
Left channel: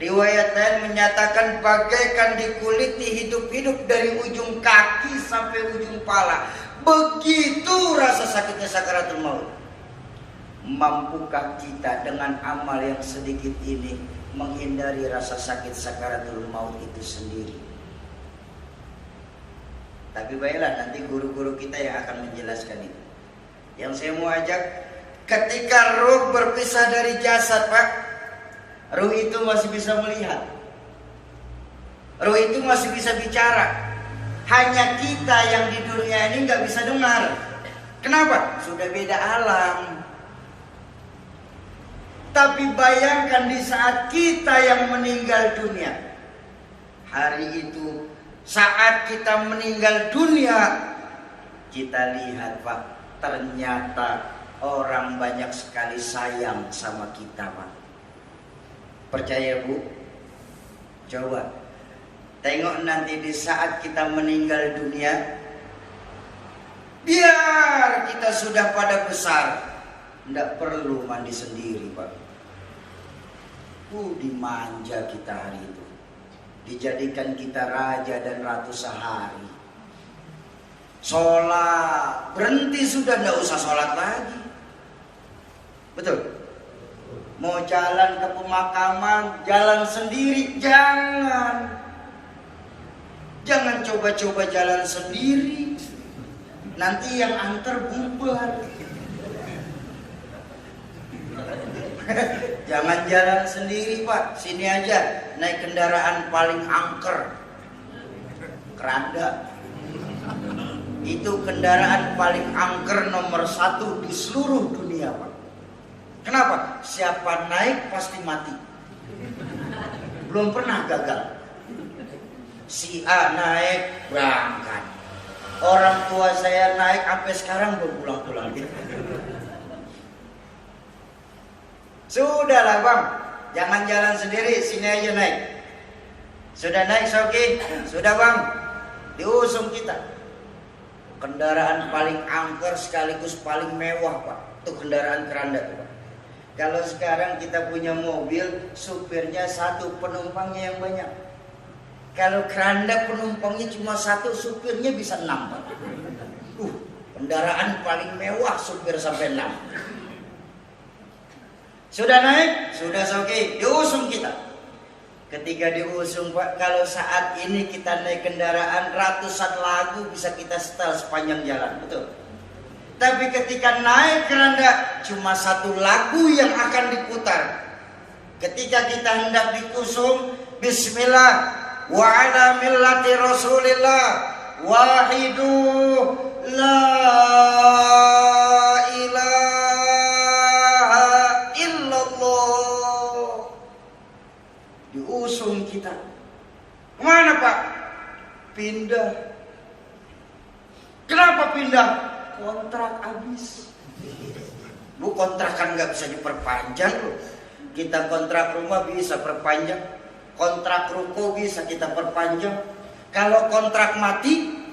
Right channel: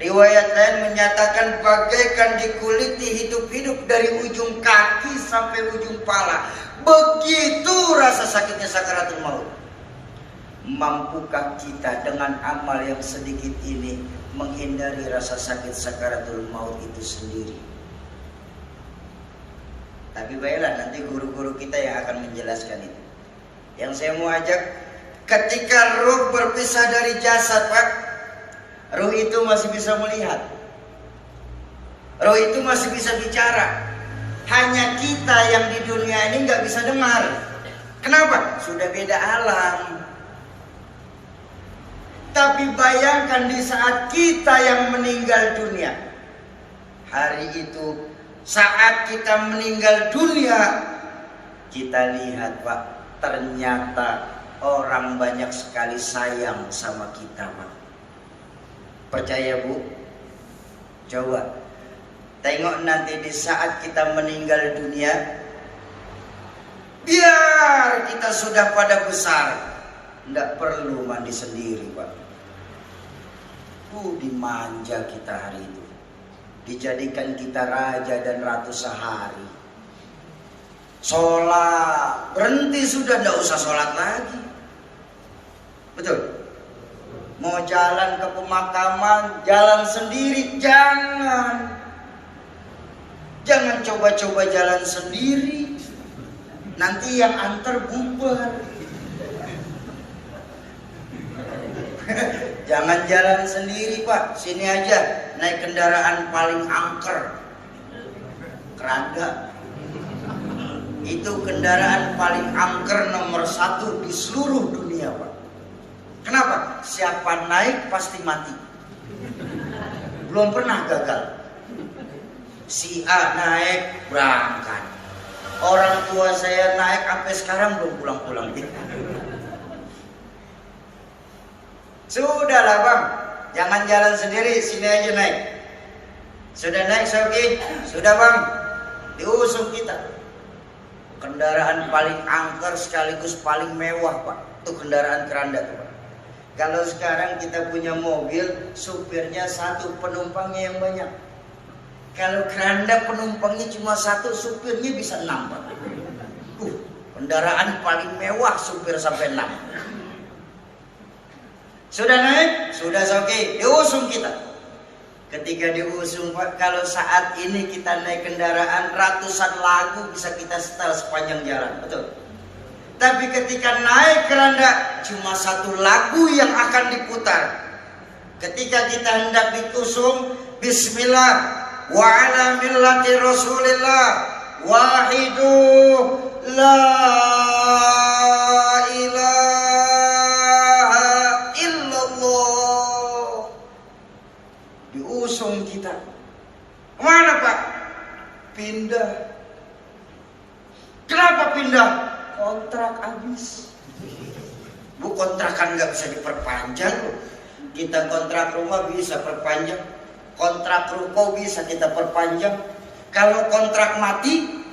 Riwayat lain menyatakan bagaikan dikuliti hidup-hidup dari ujung kaki sampai ujung pala. Begitu rasa sakitnya sakaratul maut. Mampukah kita dengan amal yang sedikit ini menghindari rasa sakit sakaratul maut itu sendiri? Tapi baiklah, nanti guru-guru kita yang akan menjelaskan itu. Yang saya mau ajak, ketika ruh berpisah dari jasad Pak, ruh itu masih bisa melihat, ruh itu masih bisa bicara. Hanya kita yang di dunia ini nggak bisa dengar. Kenapa? Sudah beda alam. Tapi bayangkan di saat kita yang meninggal dunia, hari itu saat kita meninggal dunia, kita lihat Pak, ternyata orang banyak sekali sayang sama kita Pak. Percaya Bu? Coba tengok nanti di saat kita meninggal dunia, biar kita sudah pada besar, tidak perlu mandi sendiri Pak. Dimanja kita hari itu, dijadikan kita raja dan ratu sehari. Sholat berhenti sudah, tidak usah sholat lagi. Betul? Mau jalan ke pemakaman, jalan sendiri, jangan. Jangan coba-coba jalan sendiri, nanti yang antar bubar. Jangan jalan sendiri Pak, sini aja naik kendaraan paling angker, keranda. Itu kendaraan paling angker nomor 1 di seluruh dunia Pak. Kenapa? Siapa naik pasti mati. belum pernah gagal. Si A naik berangkat, orang tua saya naik sampai sekarang belum pulang-pulang. Sudahlah bang, jangan jalan sendiri, sini aja naik. Sudah naik Soki? Sudah bang, diusung kita. Kendaraan paling angker sekaligus paling mewah pak, itu kendaraan keranda tuh pak. Kalau sekarang kita punya mobil, supirnya satu, penumpangnya yang banyak. Kalau keranda penumpangnya cuma satu, supirnya bisa 6 pak. Kendaraan paling mewah, supir sampai 6. Sudah naik? Sudah Soki, diusung kita. Ketika diusung pak, kalau saat ini kita naik kendaraan, ratusan lagu bisa kita setel sepanjang jalan, betul. Tapi ketika naik keranda, cuma satu lagu yang akan diputar. Ketika kita hendak dikusung, Bismillah wa ala millati Rasulillah wahidu la ilaha illallah. Diusung kita. Mana pak? Pindah. Kenapa pindah? Kontrak habis. Bu, kontrakan nggak bisa diperpanjang loh. Kita kontrak rumah bisa perpanjang, kontrak ruko bisa kita perpanjang. Kalau kontrak mati,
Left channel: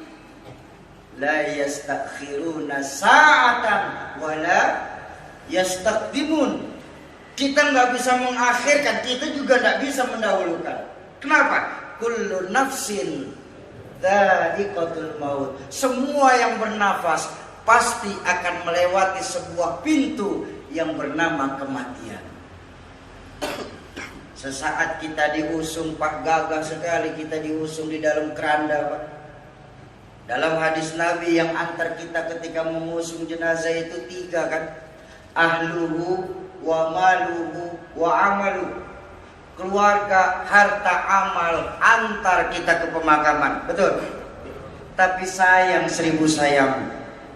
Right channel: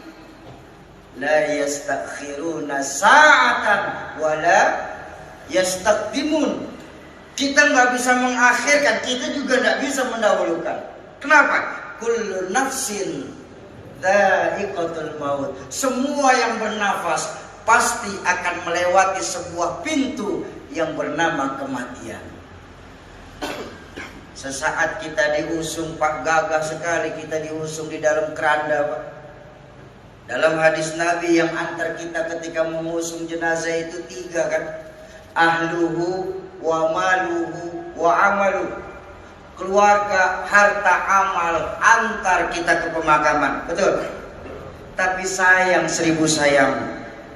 la yastakhiruna sa'atan wala yastaqdimun. Kita nggak bisa mengakhirkan, kita juga nggak bisa mendahulukan. Kenapa? Kullu nafsin dha'iqatul maut. Semua yang bernafas pasti akan melewati sebuah pintu yang bernama kematian. Sesaat kita diusung pak, gagah sekali kita diusung di dalam keranda pak. Dalam hadis Nabi yang antar kita ketika mengusung jenazah itu 3 kan. Ahluhu wa maluhu wa amalu. Keluarga, harta, amal antar kita ke pemakaman, betul. Tapi sayang 1000 sayang,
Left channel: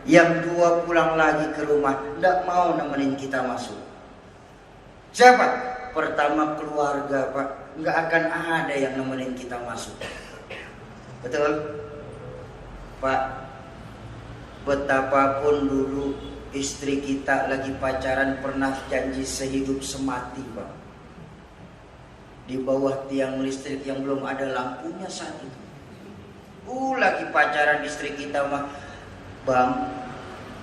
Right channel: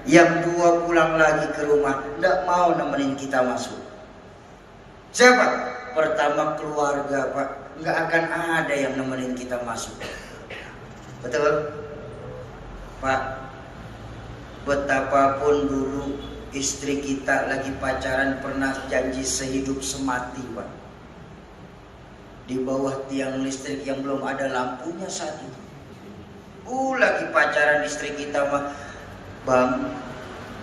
yang 2 pulang lagi ke rumah, tidak mau nemenin kita masuk. Siapa? Pertama keluarga pak, nggak akan ada yang nemenin kita masuk. Betul pak. Betapapun dulu istri kita lagi pacaran pernah janji sehidup semati pak. Di bawah tiang listrik yang belum ada lampunya satu. Lagi pacaran istri kita mah, bang,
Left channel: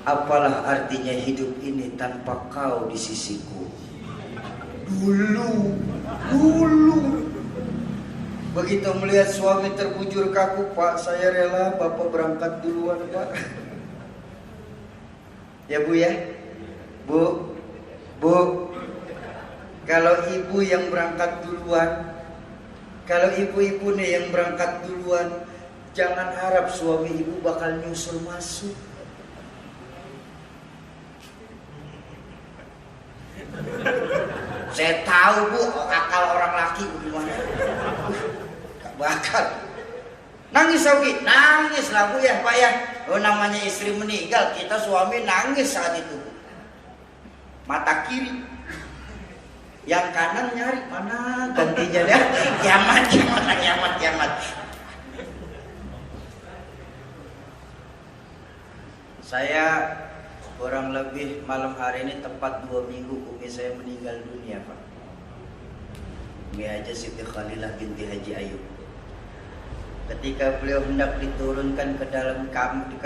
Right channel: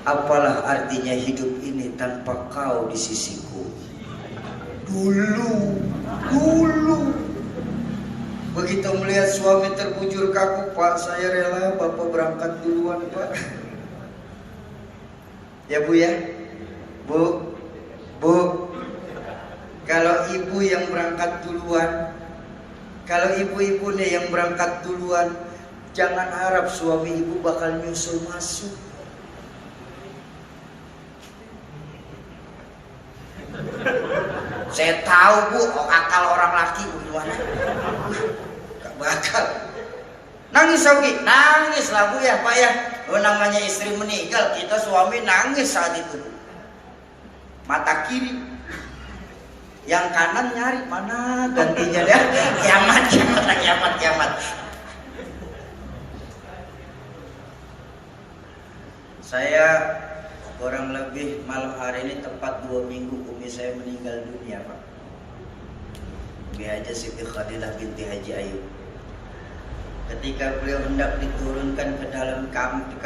apalah artinya hidup ini tanpa kau di sisiku. Dulu. Begitu melihat suami terbujur kaku, pak, saya rela bapak berangkat duluan pak. Ya bu ya, bu. Kalau ibu yang berangkat duluan, kalau ibu-ibu nih yang berangkat duluan, jangan harap suami ibu bakal nyusul masuk. Saya tahu bu, akal orang laki gimana? Gak bakal. Nangis Soki, nangis lah bu ya pak ya. Namanya istri meninggal, kita suami nangis saat itu. Mata kiri, yang kanan nyari mana gantinya dia. Kiamat. Saya kurang lebih malam hari ini tepat 2 minggu umi saya meninggal dunia pak. Umi aja Siti Khalilah binti Haji Ayub. Ketika beliau hendak diturunkan ke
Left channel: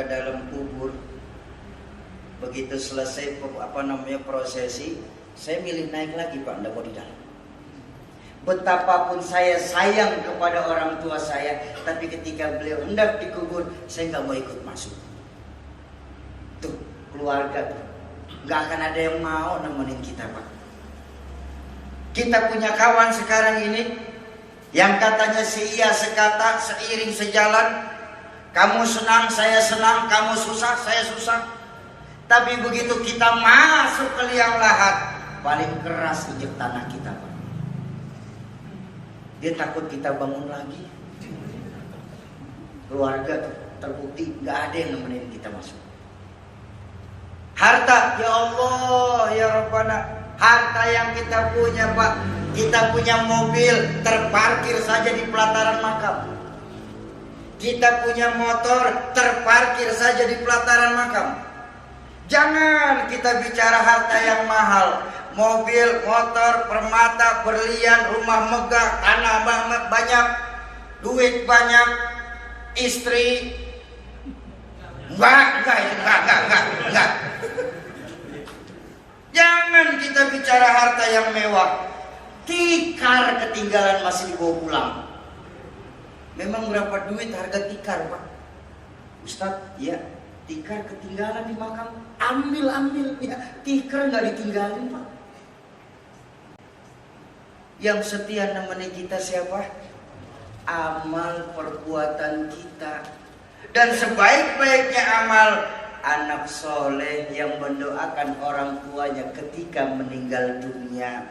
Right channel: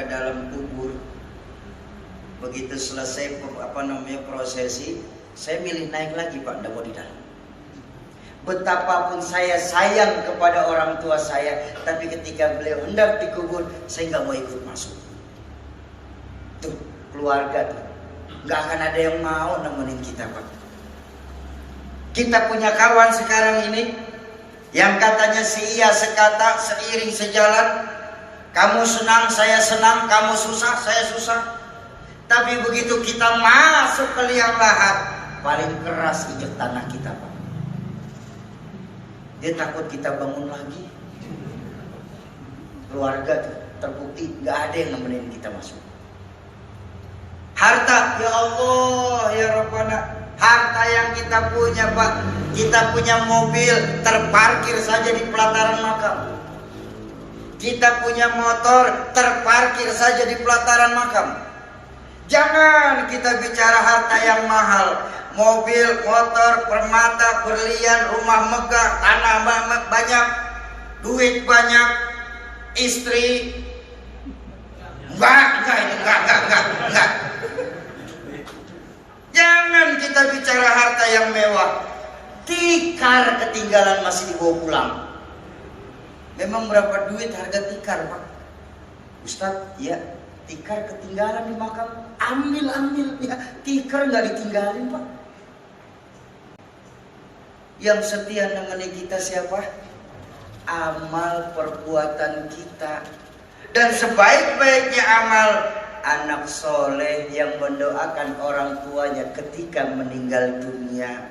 dalam kubur, begitu selesai prosesi, saya milih naik lagi pak, nggak mau di dalam. Betapapun saya sayang kepada orang tua saya, tapi ketika beliau hendak dikubur, saya nggak mau ikut masuk. Tuh keluarga tuh, nggak akan ada yang mau nemenin kita pak. Kita punya kawan sekarang ini yang katanya seia sekata, seiring sejalan. Kamu senang, saya senang. Kamu susah, saya susah. Tapi begitu kita masuk ke liang lahat, paling keras injek tanah kita pak. Dia takut kita bangun lagi. Keluarga tuh, terbukti nggak ada yang nemenin kita masuk. Harta, ya Allah, ya Rabbana. Harta yang kita punya, Pak, kita punya mobil terparkir saja di pelataran makam. Kita punya motor terparkir saja di pelataran makam. Jangan kita bicara harta yang mahal, mobil, motor, permata, berlian, rumah megah, tanah banyak, duit banyak, istri. Enggak. Jangan kita bicara harta yang mewah. Tikar ketinggalan masih dibawa pulang. Memang berapa duit harga tikar, Pak? Ustadz, ya, tikar ketinggalan di makam. Ambil ya. Tikar nggak ditinggalin, Pak. Yang setia namanya kita siapa? Amal perbuatan kita. Dan sebaik-baiknya amal, anak soleh yang mendoakan orang tuanya ketika meninggal dunia.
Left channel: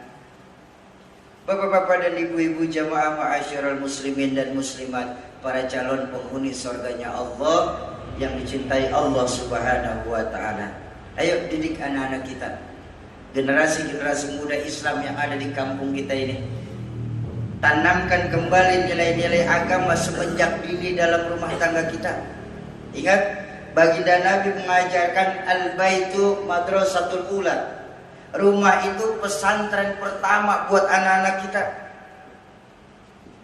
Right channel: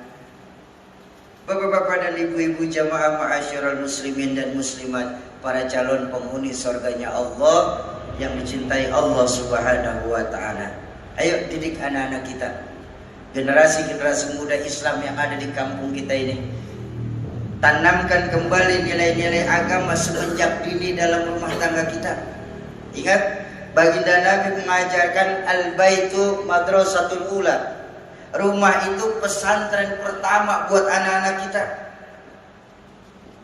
Bapak-bapak dan ibu-ibu jamaah ma'asyiral muslimin dan muslimat, para calon penghuni surganya Allah yang dicintai Allah Subhanahu wa taala. Ayo didik anak-anak kita, generasi-generasi muda Islam yang ada di kampung kita ini. Tanamkan kembali nilai-nilai agama semenjak dini dalam rumah tangga kita. Ingat, baginda Nabi mengajarkan al-baitu madrasatul ula. Rumah itu pesantren pertama buat anak-anak kita.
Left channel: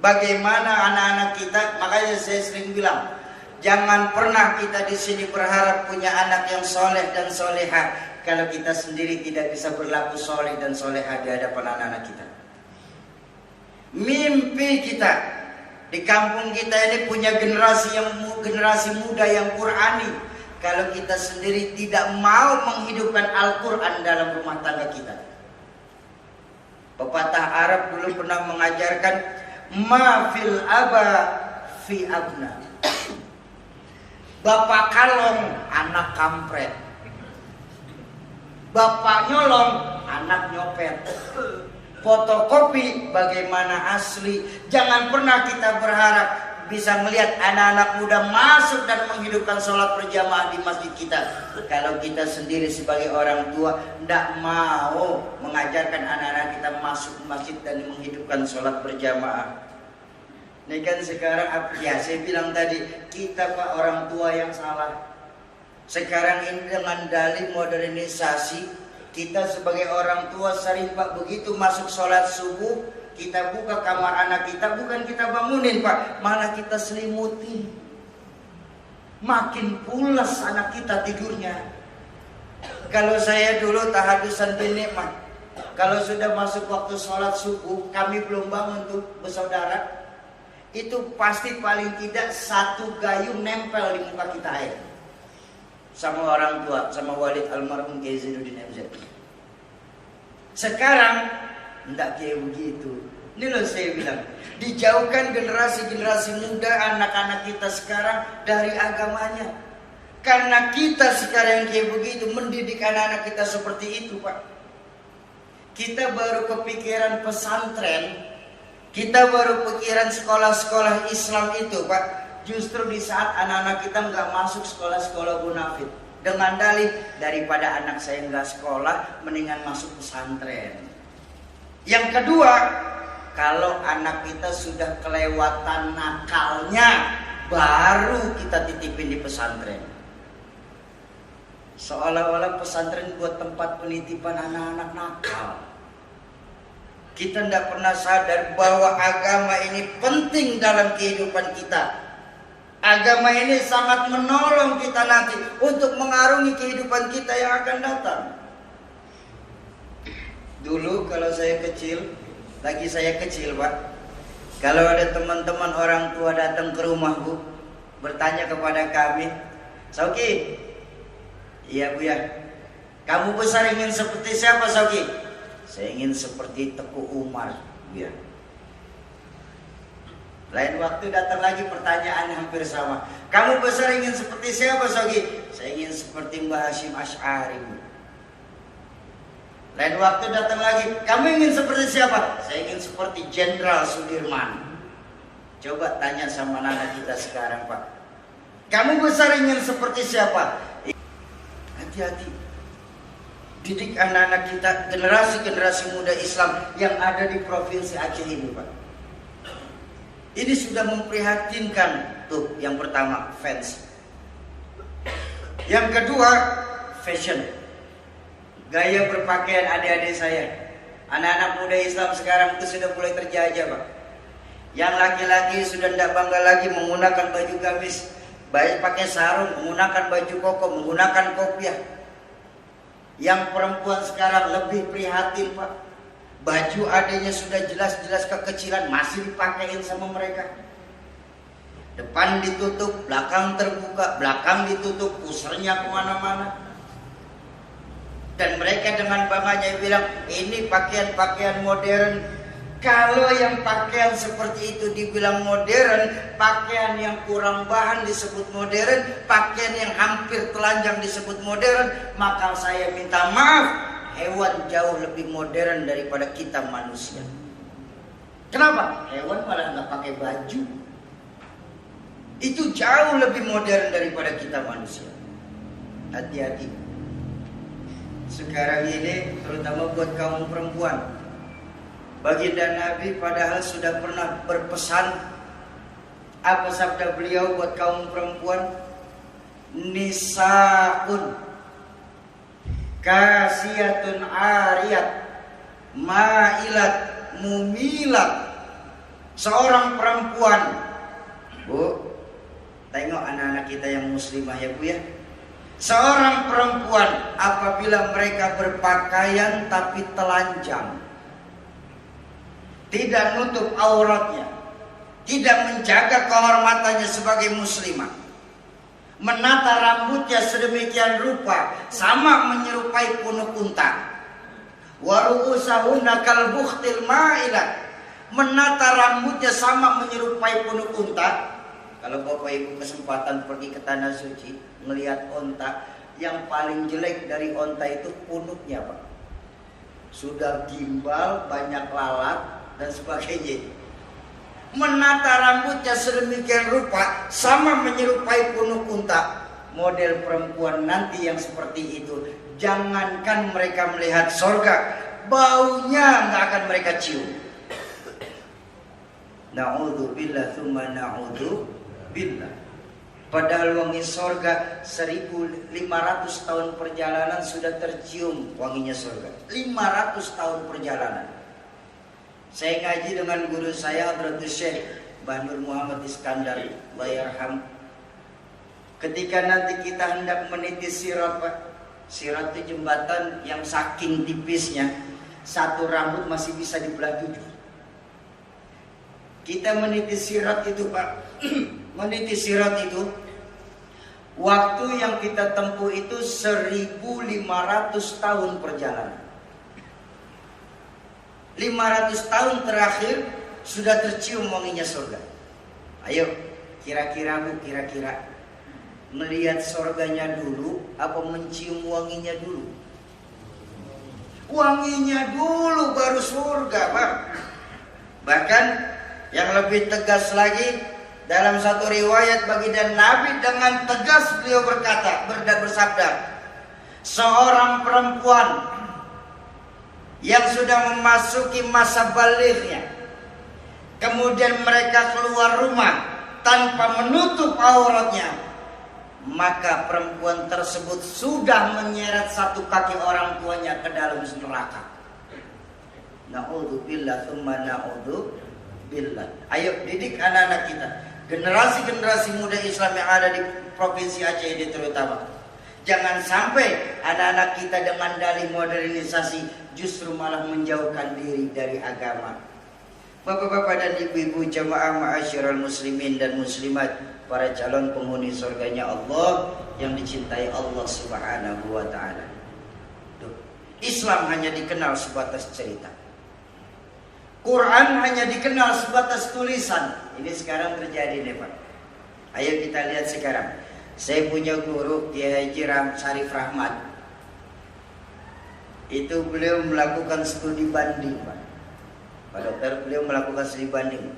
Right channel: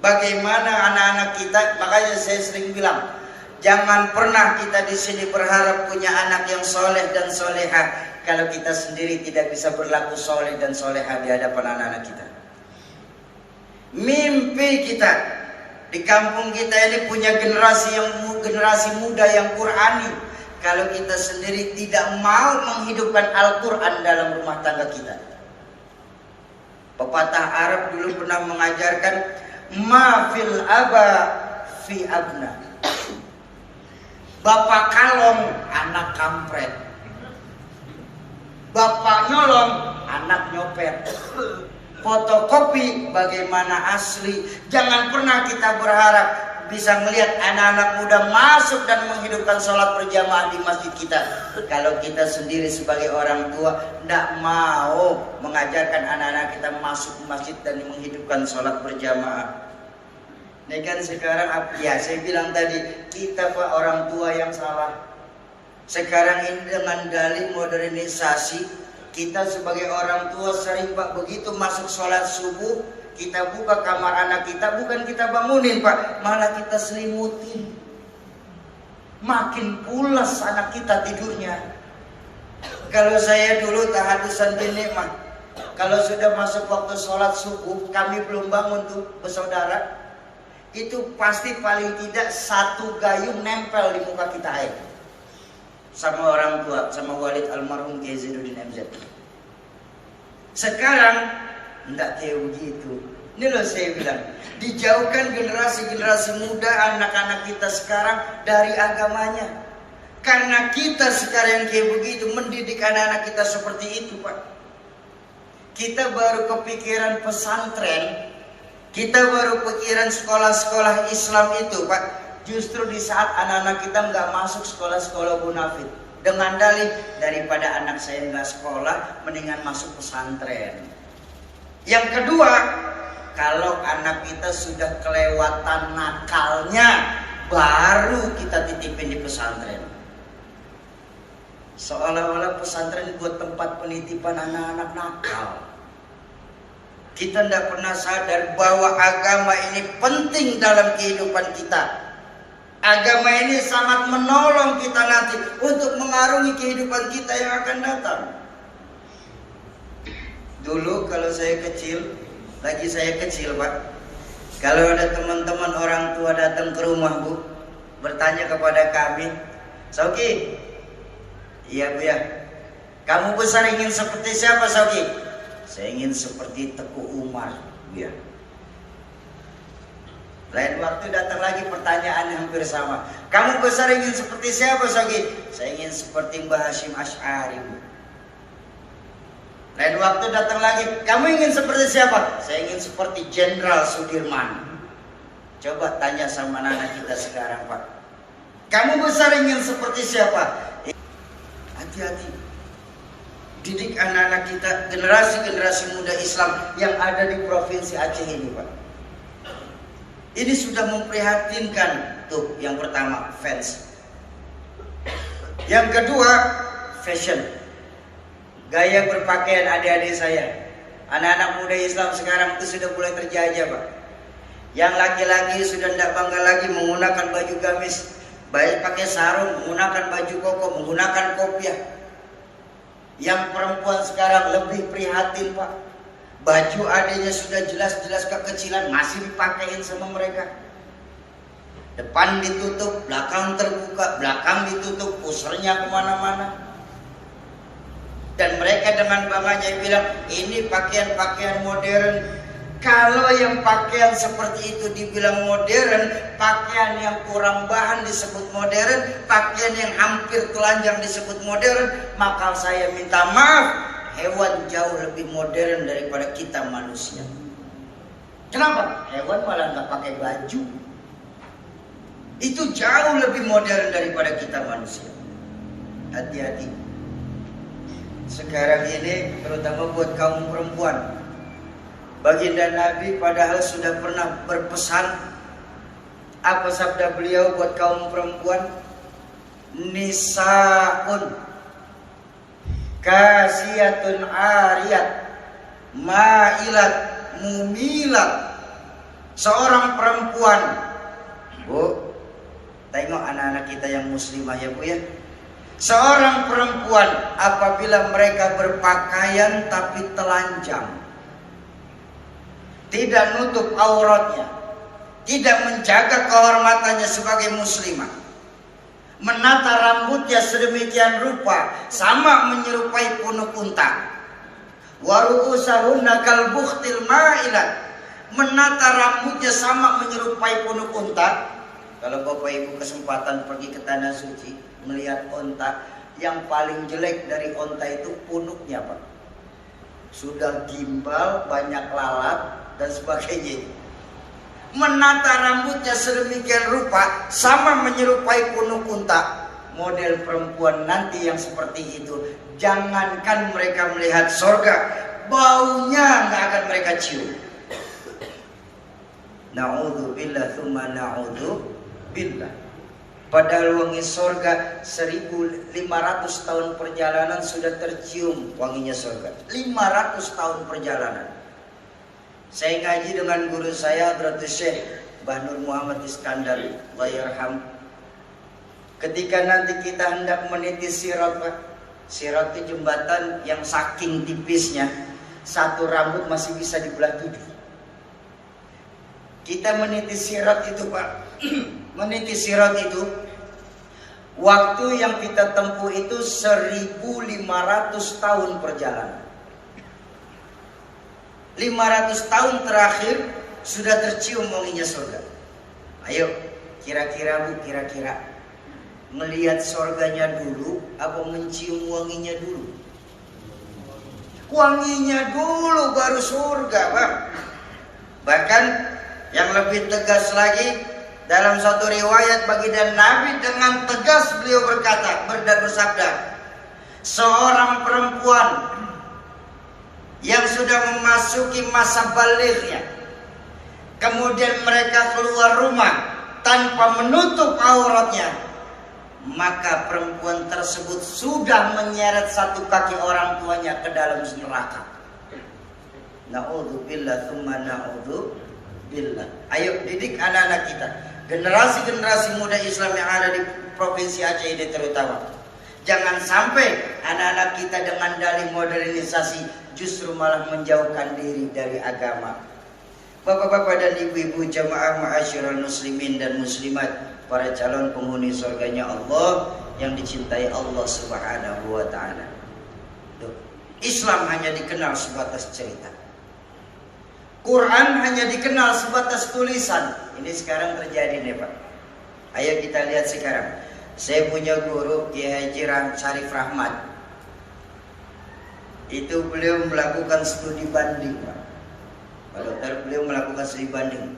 Bagaimana anak-anak kita? Makanya saya sering bilang, jangan pernah kita di sini berharap punya anak yang soleh dan soleha kalau kita sendiri tidak bisa berlaku soleh dan soleha di hadapan anak-anak kita. Mimpi kita di kampung kita ini punya generasi muda yang Qurani. Kalau kita sendiri tidak mau menghidupkan Al-Quran dalam rumah tangga kita. Pepatah Arab dulu pernah mengajarkan, ma fil aba fi abna. Bapak kalong, anak kampret. Bapak nyolong, anak nyopet. Fotokopi bagaimana asli. Jangan pernah kita berharap bisa melihat anak-anak muda masuk dan menghidupkan sholat berjamaah di masjid kita. Kalau kita sendiri sebagai orang tua tidak mau mengajarkan anak-anak kita masuk ke masjid dan menghidupkan sholat berjamaah. Ini kan sekarang, ya saya bilang tadi, kita Pak orang tua yang salah. Sekarang ini dengan dalih modernisasi, kita sebagai orang tua sering Pak begitu masuk sholat subuh, kita buka kamar anak kita, bukan kita bangunin Pak, malah kita selimutin. Makin pulas anak kita tidurnya. Kalau saya dulu tahadusan bin nikmah, kalau sudah masuk waktu sholat subuh, kami belum bangun tuh bersaudara, itu pasti paling tidak satu gayung nempel di muka kita air. Sama orang tua, sama Walid almarhum Kiai Zainuddin MZ. Sekarang enggak kayak begitu. Ini loh saya bilang, dijauhkan generasi-generasi muda anak-anak kita sekarang dari agamanya. Karena kita sekarang yang kayak begitu mendidik anak-anak kita seperti itu Pak. Kita baru kepikiran pesantren, kita baru pikiran sekolah-sekolah Islam itu Pak. Justru di saat anak-anak kita nggak masuk sekolah-sekolah munafik, dengan dalih daripada anak saya nggak sekolah, mendingan masuk pesantren. Yang kedua, kalau anak kita sudah kelewatan nakalnya, baru kita titipin di pesantren. Seolah-olah pesantren buat tempat penitipan anak-anak nakal. Kita tidak pernah sadar bahwa agama ini penting dalam kehidupan kita. Agama ini sangat menolong kita nanti untuk mengarungi kehidupan kita yang akan datang. Dulu kalau saya kecil, lagi saya kecil Pak, kalau ada teman-teman orang tua datang ke rumah Bu, bertanya kepada kami, Sauki, iya Bu ya, kamu besar ingin seperti siapa Sauki? Saya ingin seperti Teguh Umar Bu ya. Lain waktu datang lagi pertanyaan yang hampir sama. Kamu besar ingin seperti siapa Sauki? Saya ingin seperti Mbah Hashim Asy'ari Bu. Lain waktu datang lagi, kamu ingin seperti siapa? Saya ingin seperti Jenderal Sudirman. Coba tanya sama anak kita sekarang Pak, kamu besar ingin seperti siapa? Hati-hati. didik anak-anak kita, generasi-generasi muda Islam yang ada di Provinsi Aceh ini, Pak. Ini sudah memprihatinkan. Tuh, yang pertama, fans. Yang kedua, fashion. Gaya berpakaian adik-adik saya. Anak-anak muda Islam sekarang itu sudah mulai terjajah, Pak. Yang laki-laki sudah tidak bangga lagi menggunakan baju gamis, pakai sarung, menggunakan baju koko, menggunakan kopiah. Yang perempuan sekarang lebih prihatin, Pak. Baju adanya sudah jelas-jelas kekecilan, masih dipakein sama mereka. Depan ditutup, belakang terbuka, belakang ditutup, pusernya kemana-mana. Dan mereka dengan bangganya bilang, ini pakaian-pakaian modern. Kalau yang pakaian seperti itu dibilang modern, pakaian yang kurang bahan disebut modern, pakaian yang hampir telanjang disebut modern, maka saya minta maaf, hewan jauh lebih modern daripada kita manusia. Kenapa? Hewan malah nggak pakai baju. Itu jauh lebih modern daripada kita manusia. Hati-hati. Sekarang ini terutama buat kaum perempuan. Baginda Nabi padahal sudah pernah berpesan. Apa sabda beliau buat kaum perempuan? Nisaun kasiyatun ariyat ma'ilat mumilat. Seorang perempuan, Bu, tengok anak-anak kita yang muslimah ya Bu ya. Seorang perempuan apabila mereka berpakaian tapi telanjang, tidak nutup auratnya, tidak menjaga kehormatannya sebagai muslimah, menata rambutnya sedemikian rupa sama menyerupai punuk unta, wa ru'usahunna kal bukhtil ma'ilat, menata rambutnya sama menyerupai punuk unta. Kalau Bapak Ibu kesempatan pergi ke tanah suci, melihat onta, yang paling jelek dari onta itu punuknya, Pak. Sudah gimbal, banyak lalat dan sebagainya. Menata rambutnya sedemikian rupa sama menyerupai punuk unta. Model perempuan nanti yang seperti itu, jangankan mereka melihat sorga, baunya nggak akan mereka cium. Na'udzubillah tsumma na'udzubillah. Padahal wangi sorga 1500 tahun perjalanan sudah tercium wanginya sorga. 500 tahun perjalanan. Saya ngaji dengan guru saya Hadratus Syekh Mbah Nur Muhammad Iskandar, Allah yarham. Ketika nanti kita hendak meniti sirat, Pak. Sirat itu jembatan yang saking tipisnya, satu rambut masih bisa dibelah 7. Kita meniti sirat itu, Pak. Meniti sirat itu, waktu yang kita tempuh itu 1500 tahun perjalanan. 500 tahun terakhir sudah tercium wanginya surga. Ayo, kira-kira Bu, kira-kira melihat surganya dulu apa mencium wanginya dulu? Wanginya dulu baru surga, Pak. Bahkan yang lebih tegas lagi, dalam satu riwayat baginda Nabi dengan tegas beliau bersabda, seorang perempuan yang sudah memasuki masa balighnya, kemudian mereka keluar rumah tanpa menutup auratnya, maka perempuan tersebut sudah menyeret satu kaki orang tuanya ke dalam neraka. Na'udzubillah tsumma na'udzubillah. Ayo didik anak-anak kita, generasi-generasi muda Islam yang ada di Provinsi Aceh ini terutama. Jangan sampai anak-anak kita dengan dalih modernisasi justru malah menjauhkan diri dari agama. Bapak-bapak dan ibu-ibu jamaah ma'asyiral muslimin dan muslimat, para calon penghuni surganya Allah yang dicintai Allah Subhanahu wa taala. Islam hanya dikenal sebatas cerita. Quran hanya dikenal sebatas tulisan. Ini sekarang terjadi nih, Pak. Ayo kita lihat sekarang. Saya punya guru Kiai Haji Syarif Rahmat. Itu beliau melakukan studi banding, Pak. Pak Dokter, beliau melakukan studi banding.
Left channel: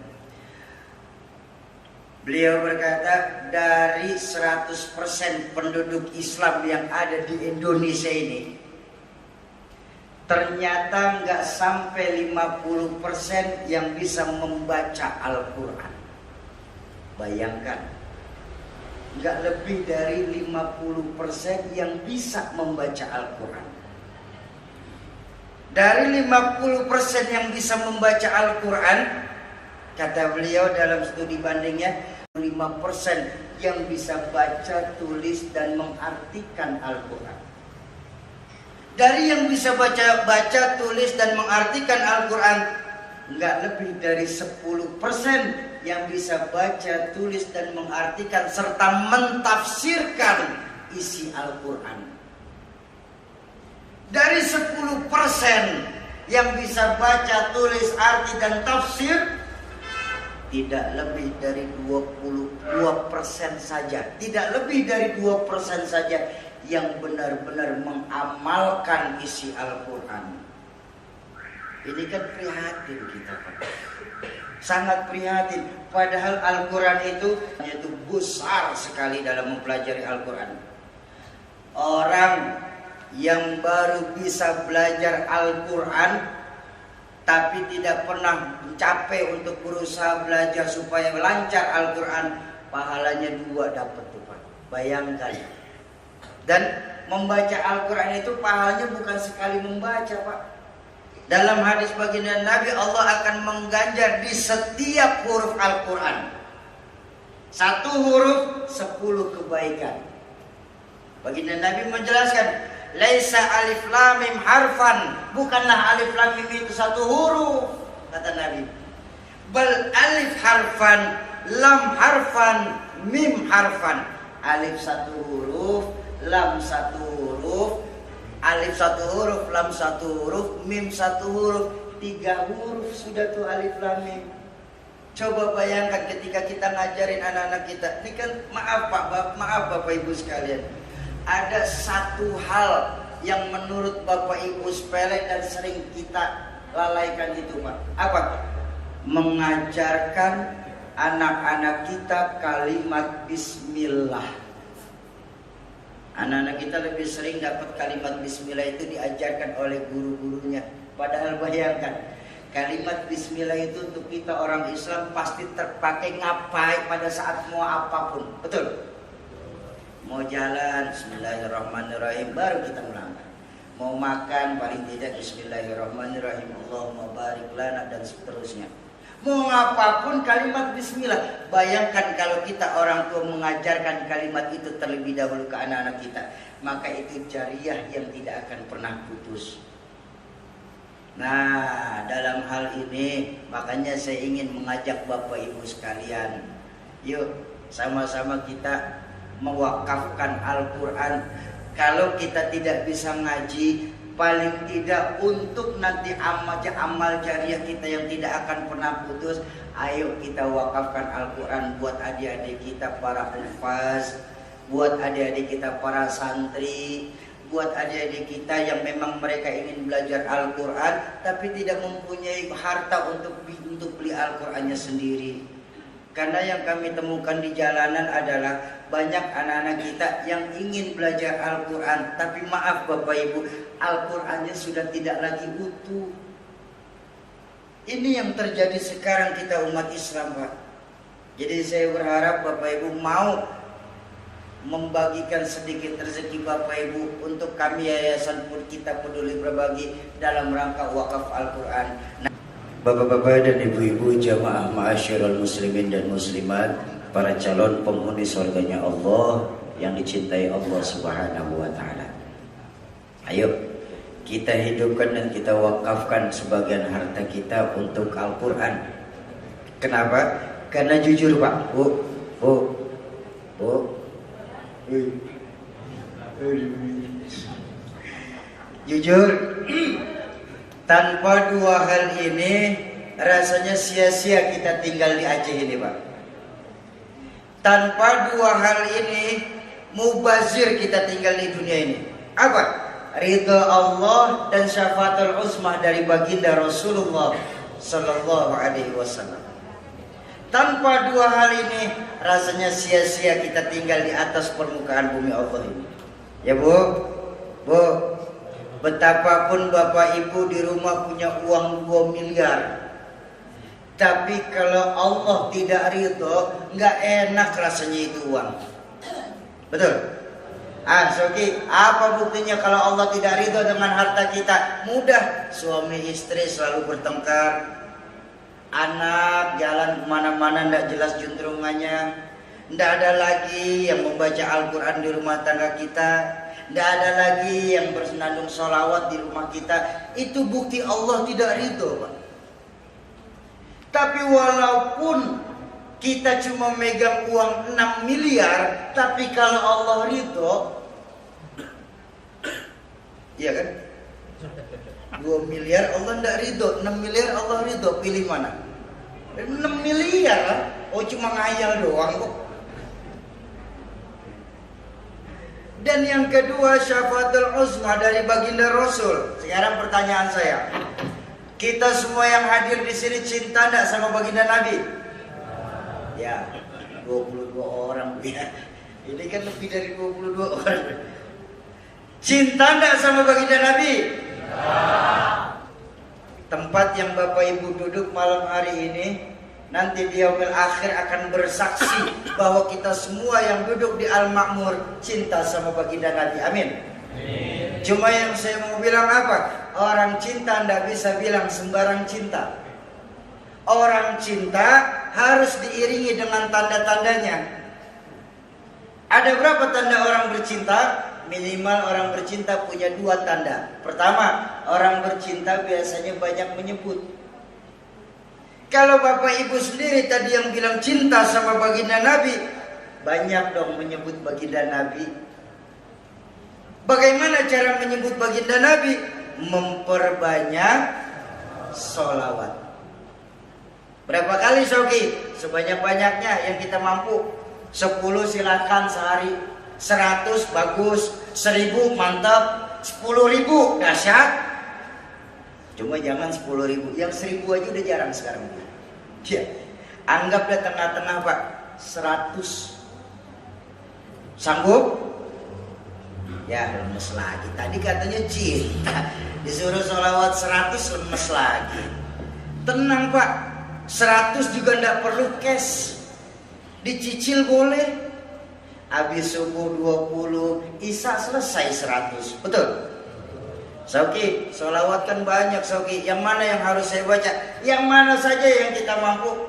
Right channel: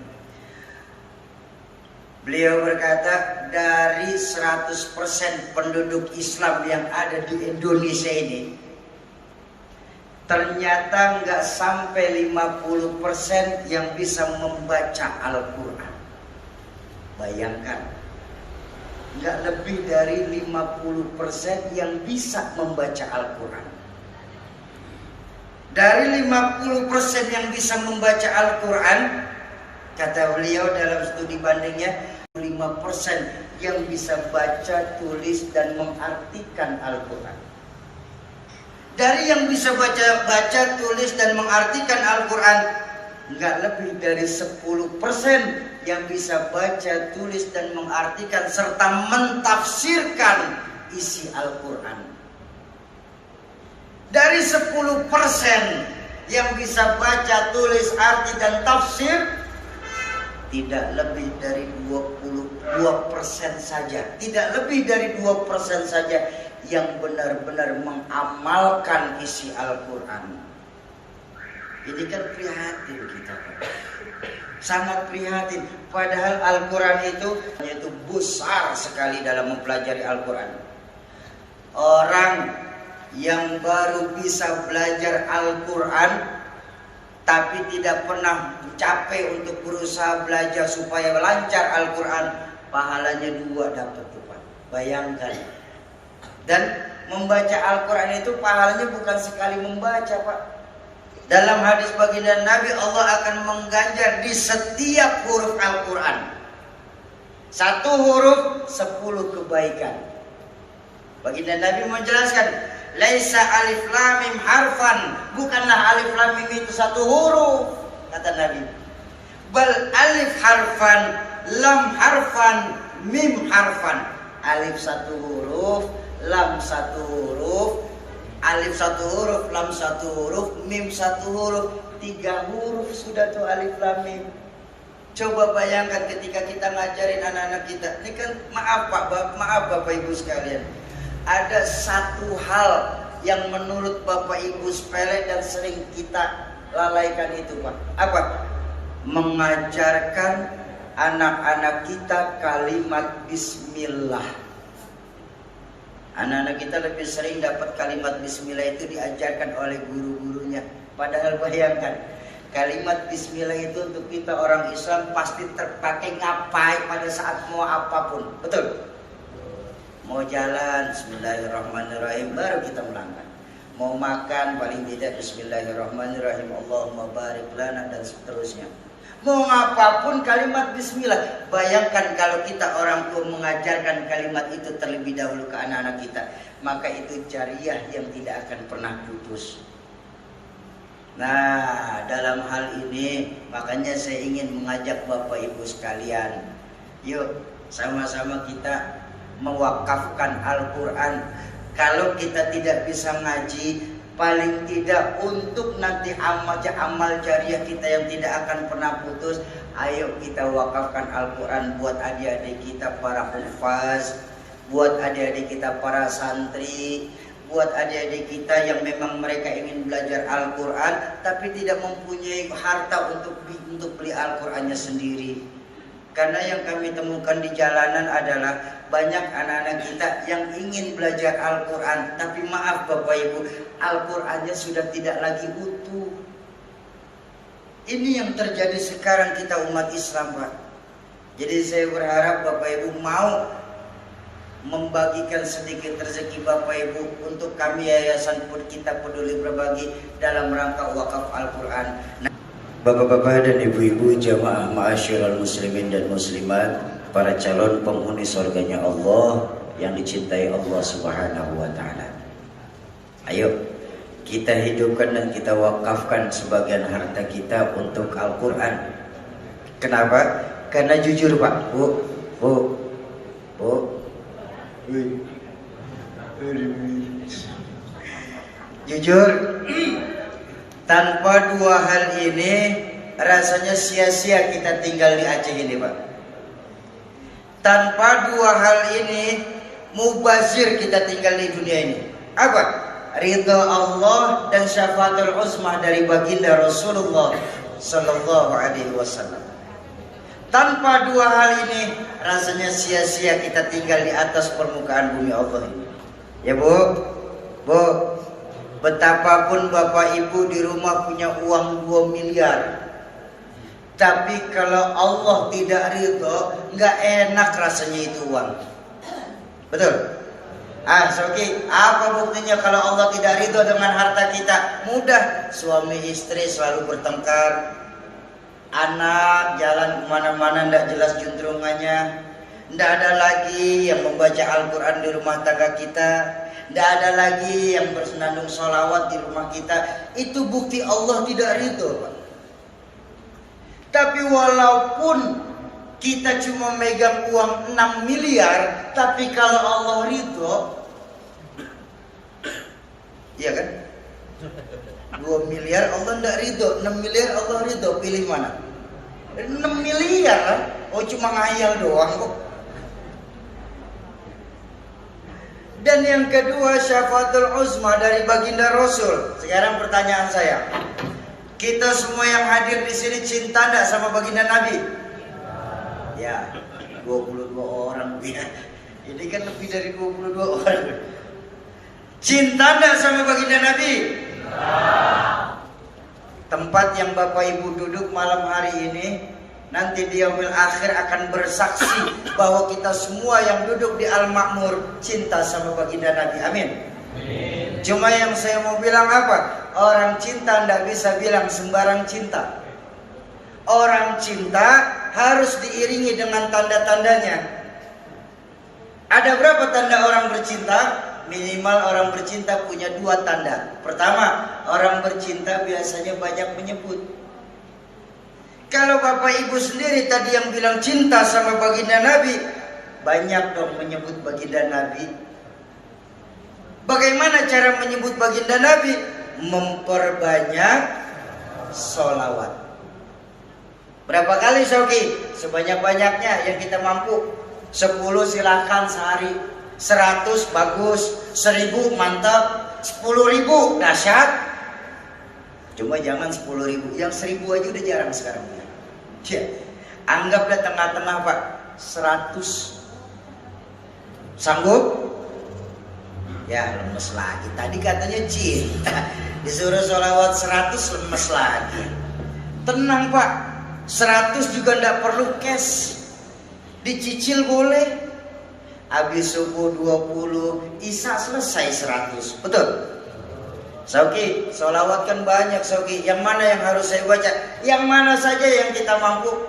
Beliau berkata dari 100% penduduk Islam yang ada di Indonesia ini, ternyata nggak sampai 50% yang bisa membaca Al-Quran. Bayangkan, nggak lebih dari 50% yang bisa membaca Al-Quran. Dari 50% yang bisa membaca Al-Quran, kata beliau dalam studi bandingnya, 5% yang bisa baca, tulis, dan mengartikan Al-Quran. Dari yang bisa baca, tulis, dan mengartikan Al-Quran, nggak lebih dari 10% yang bisa baca, tulis, dan mengartikan serta mentafsirkan isi Al-Quran. Dari 10% yang bisa baca, tulis, arti, dan tafsir, tidak lebih dari 22% saja, tidak lebih dari 2% saja yang benar-benar mengamalkan isi Al-Quran. Ini kan prihatin kita, Pak. Sangat prihatin. Padahal Al-Quran itu besar sekali dalam mempelajari Al-Quran. Orang yang baru bisa belajar Al-Quran tapi tidak pernah capek untuk berusaha belajar supaya lancar Al-Quran, pahalanya 2 dapat tuh, Pak. Bayangkan. Dan membaca Al-Quran itu pahalanya bukan sekali membaca, Pak. Dalam hadis baginda Nabi, Allah akan mengganjar di setiap huruf Al-Quran. 1 huruf 10 kebaikan. Baginda Nabi menjelaskan, laisa alif lam mim harfan, bukanlah alif lam mim itu 1 huruf, kata Nabi. Bal alif harfan, lam harfan, mim harfan. Alif 1 huruf, lam 1 huruf, alif 1 huruf, lam 1 huruf, mim 1 huruf. 3 huruf sudah tuh alif lam mim. Coba bayangkan ketika kita ngajarin anak-anak kita. Ini kan maaf Bapak Ibu sekalian, ada 1 hal yang menurut Bapak Ibu sepele dan sering kita lalaikan itu, Pak. Apa? Mengajarkan anak-anak kita kalimat bismillah. Anak-anak kita lebih sering dapat kalimat bismillah itu diajarkan oleh guru-gurunya. Padahal bayangkan, kalimat bismillah itu untuk kita orang Islam pasti terpakai ngapain pada saat mau apapun. Betul? Mau jalan, bismillahirrahmanirrahim, baru kita melangkah. Mau makan, paling tidak bismillahirrahmanirrahim, Allahumma barik lana, dan seterusnya. Mau apapun kalimat bismillah. Bayangkan kalau kita orang tua mengajarkan kalimat itu terlebih dahulu ke anak-anak kita, maka itu jariah yang tidak akan pernah putus. Nah, dalam hal ini makanya saya ingin mengajak Bapak Ibu sekalian, yuk sama-sama kita mewakafkan Al-Quran. Kalau kita tidak bisa ngaji, paling tidak untuk nanti amal jariah kita yang tidak akan pernah putus, ayo kita wakafkan Al-Quran buat adik-adik kita para hufaz, buat adik-adik kita para santri, buat adik-adik kita yang memang mereka ingin belajar Al-Quran tapi tidak mempunyai harta untuk beli Al-Qurannya sendiri. Karena yang kami temukan di jalanan adalah banyak anak-anak kita yang ingin belajar Al-Quran, tapi maaf Bapak Ibu, Al-Qurannya sudah tidak lagi utuh. Ini yang terjadi sekarang kita umat Islam, Pak. Jadi saya berharap Bapak Ibu mau membagikan sedikit rezeki Bapak Ibu untuk kami Yayasan Kita Peduli Berbagi dalam rangka wakaf Al-Quran. Bapak-bapak dan ibu-ibu jamaah ma'asyiral muslimin dan muslimat, para calon penghuni surganya Allah yang dicintai Allah Subhanahu wa taala. Ayo kita hidupkan dan kita wakafkan sebagian harta kita untuk Al-Quran. Kenapa? Karena jujur, Pak, Bu. Jujur, tanpa 2 hal ini rasanya sia-sia kita tinggal di Aceh ini, Pak. Tanpa 2 hal ini mubazir kita tinggal di dunia ini. Apa? Ridha Allah dan syafaatul uzmah dari baginda Rasulullah sallallahu alaihi wasallam. Tanpa 2 hal ini rasanya sia-sia kita tinggal di atas permukaan bumi Allah ini. Ya Bu, Betapapun Bapak Ibu di rumah punya uang 2 miliar, tapi kalau Allah tidak ridho, nggak enak rasanya itu uang. Betul? Soki, apa buktinya kalau Allah tidak ridho dengan harta kita? Mudah, suami istri selalu bertengkar, anak jalan kemana-mana nggak jelas juntrungannya, nggak ada lagi yang membaca Al-Quran di rumah tangga kita, nggak ada lagi yang bersenandung sholawat di rumah kita. Itu bukti Allah tidak ridho, Pak. Tapi walaupun kita cuma megang uang 6 miliar, tapi kalau Allah ridho, iya kan? 2 miliar Allah tidak ridho, 6 miliar Allah ridho, pilih mana? 6 miliar lah, oh cuma ngayal doang kok. Dan yang kedua, syafaatul uzma dari baginda Rasul. Sekarang pertanyaan saya, kita semua yang hadir di sini cinta enggak sama baginda Nabi? Ya, 22 orang. Ini kan lebih dari 22 orang. Cinta enggak sama baginda Nabi? Tempat yang Bapak Ibu duduk malam hari ini, nanti di yaumil akhir akan bersaksi bahwa kita semua yang duduk di Al-Ma'mur cinta sama baginda Nabi. Amin. Cuma yang saya mau bilang apa? Orang cinta tidak bisa bilang sembarang cinta. Orang cinta harus diiringi dengan tanda-tandanya. Ada berapa tanda orang bercinta? Minimal orang bercinta punya 2 tanda. Pertama, orang bercinta biasanya banyak menyebut. Kalau Bapak Ibu sendiri tadi yang bilang cinta sama baginda Nabi, banyak dong menyebut baginda Nabi. Bagaimana cara menyebut baginda Nabi? Memperbanyak sholawat. Berapa kali Soki? Sebanyak-banyaknya yang kita mampu. 10 silakan sehari, 100 bagus, 1000 mantap, 10.000 dahsyat. Cuma jangan 10.000, yang 1.000 aja udah jarang sekarang. Ya, anggaplah tengah-tengah Pak, 100. Sanggup? Ya lemes lagi. Tadi katanya cinta, disuruh sholawat 100 lemes lagi. Tenang Pak, 100 juga ndak perlu cash, dicicil boleh. Habis subuh 20, isya selesai 100. Betul? Soki, sholawat kan banyak Soki. Yang mana yang harus saya baca? Yang mana saja yang kita mampu.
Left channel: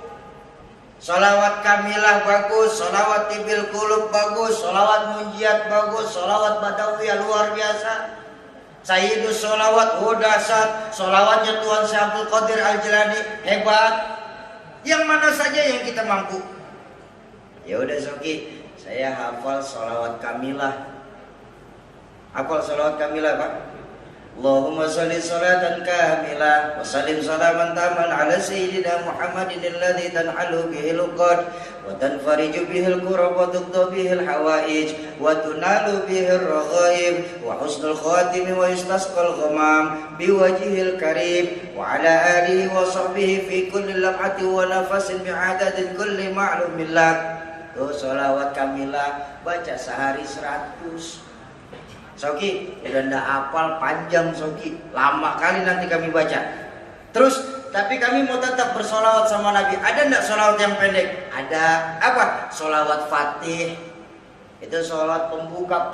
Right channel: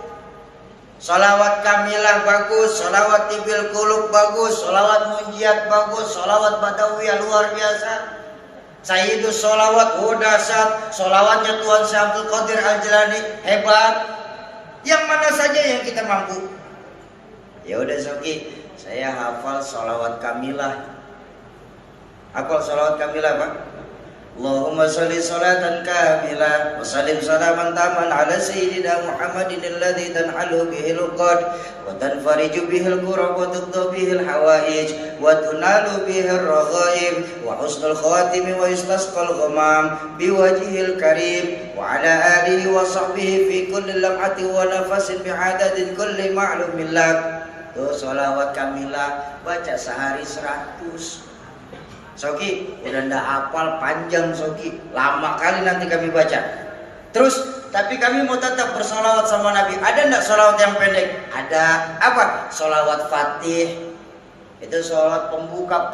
Sholawat kamilah bagus, sholawat tibil kulub bagus, sholawat munjiat bagus, sholawat badawiyah luar biasa. Sayyidus sholawat, dahsyat. Sholawatnya Tuhan Syekh Abdul Qadir Al-Jilani hebat. Yang mana saja yang kita mampu. Ya udah Soki, saya hafal sholawat kamilah. Hafal sholawat kamilah Pak? Allahumma sholli sholatan kamilah wa sallim salaman taman ala sayyidina Muhammadin alladhi tan'alu bihil uqad wa tanfariju bihil kurab wa tuddu bihil hawaij wa tunalu bihil raghaib wa husnul khatimi wa yustasqal ghamam biwajhil karim wa ala alihi wa sahbihi fi kulli lam'ati wa nafasin bi'adadin kulli ma'lumin lak. Tuh sholawat kamilah baca sehari 100. Soki, udah ndak hafal panjang Soki, lama kali nanti kami baca. Terus, tapi kami mau tetap bersolawat sama Nabi. Ada ndak solawat yang pendek? Ada. Apa? Solawat Fatih. Itu solawat pembuka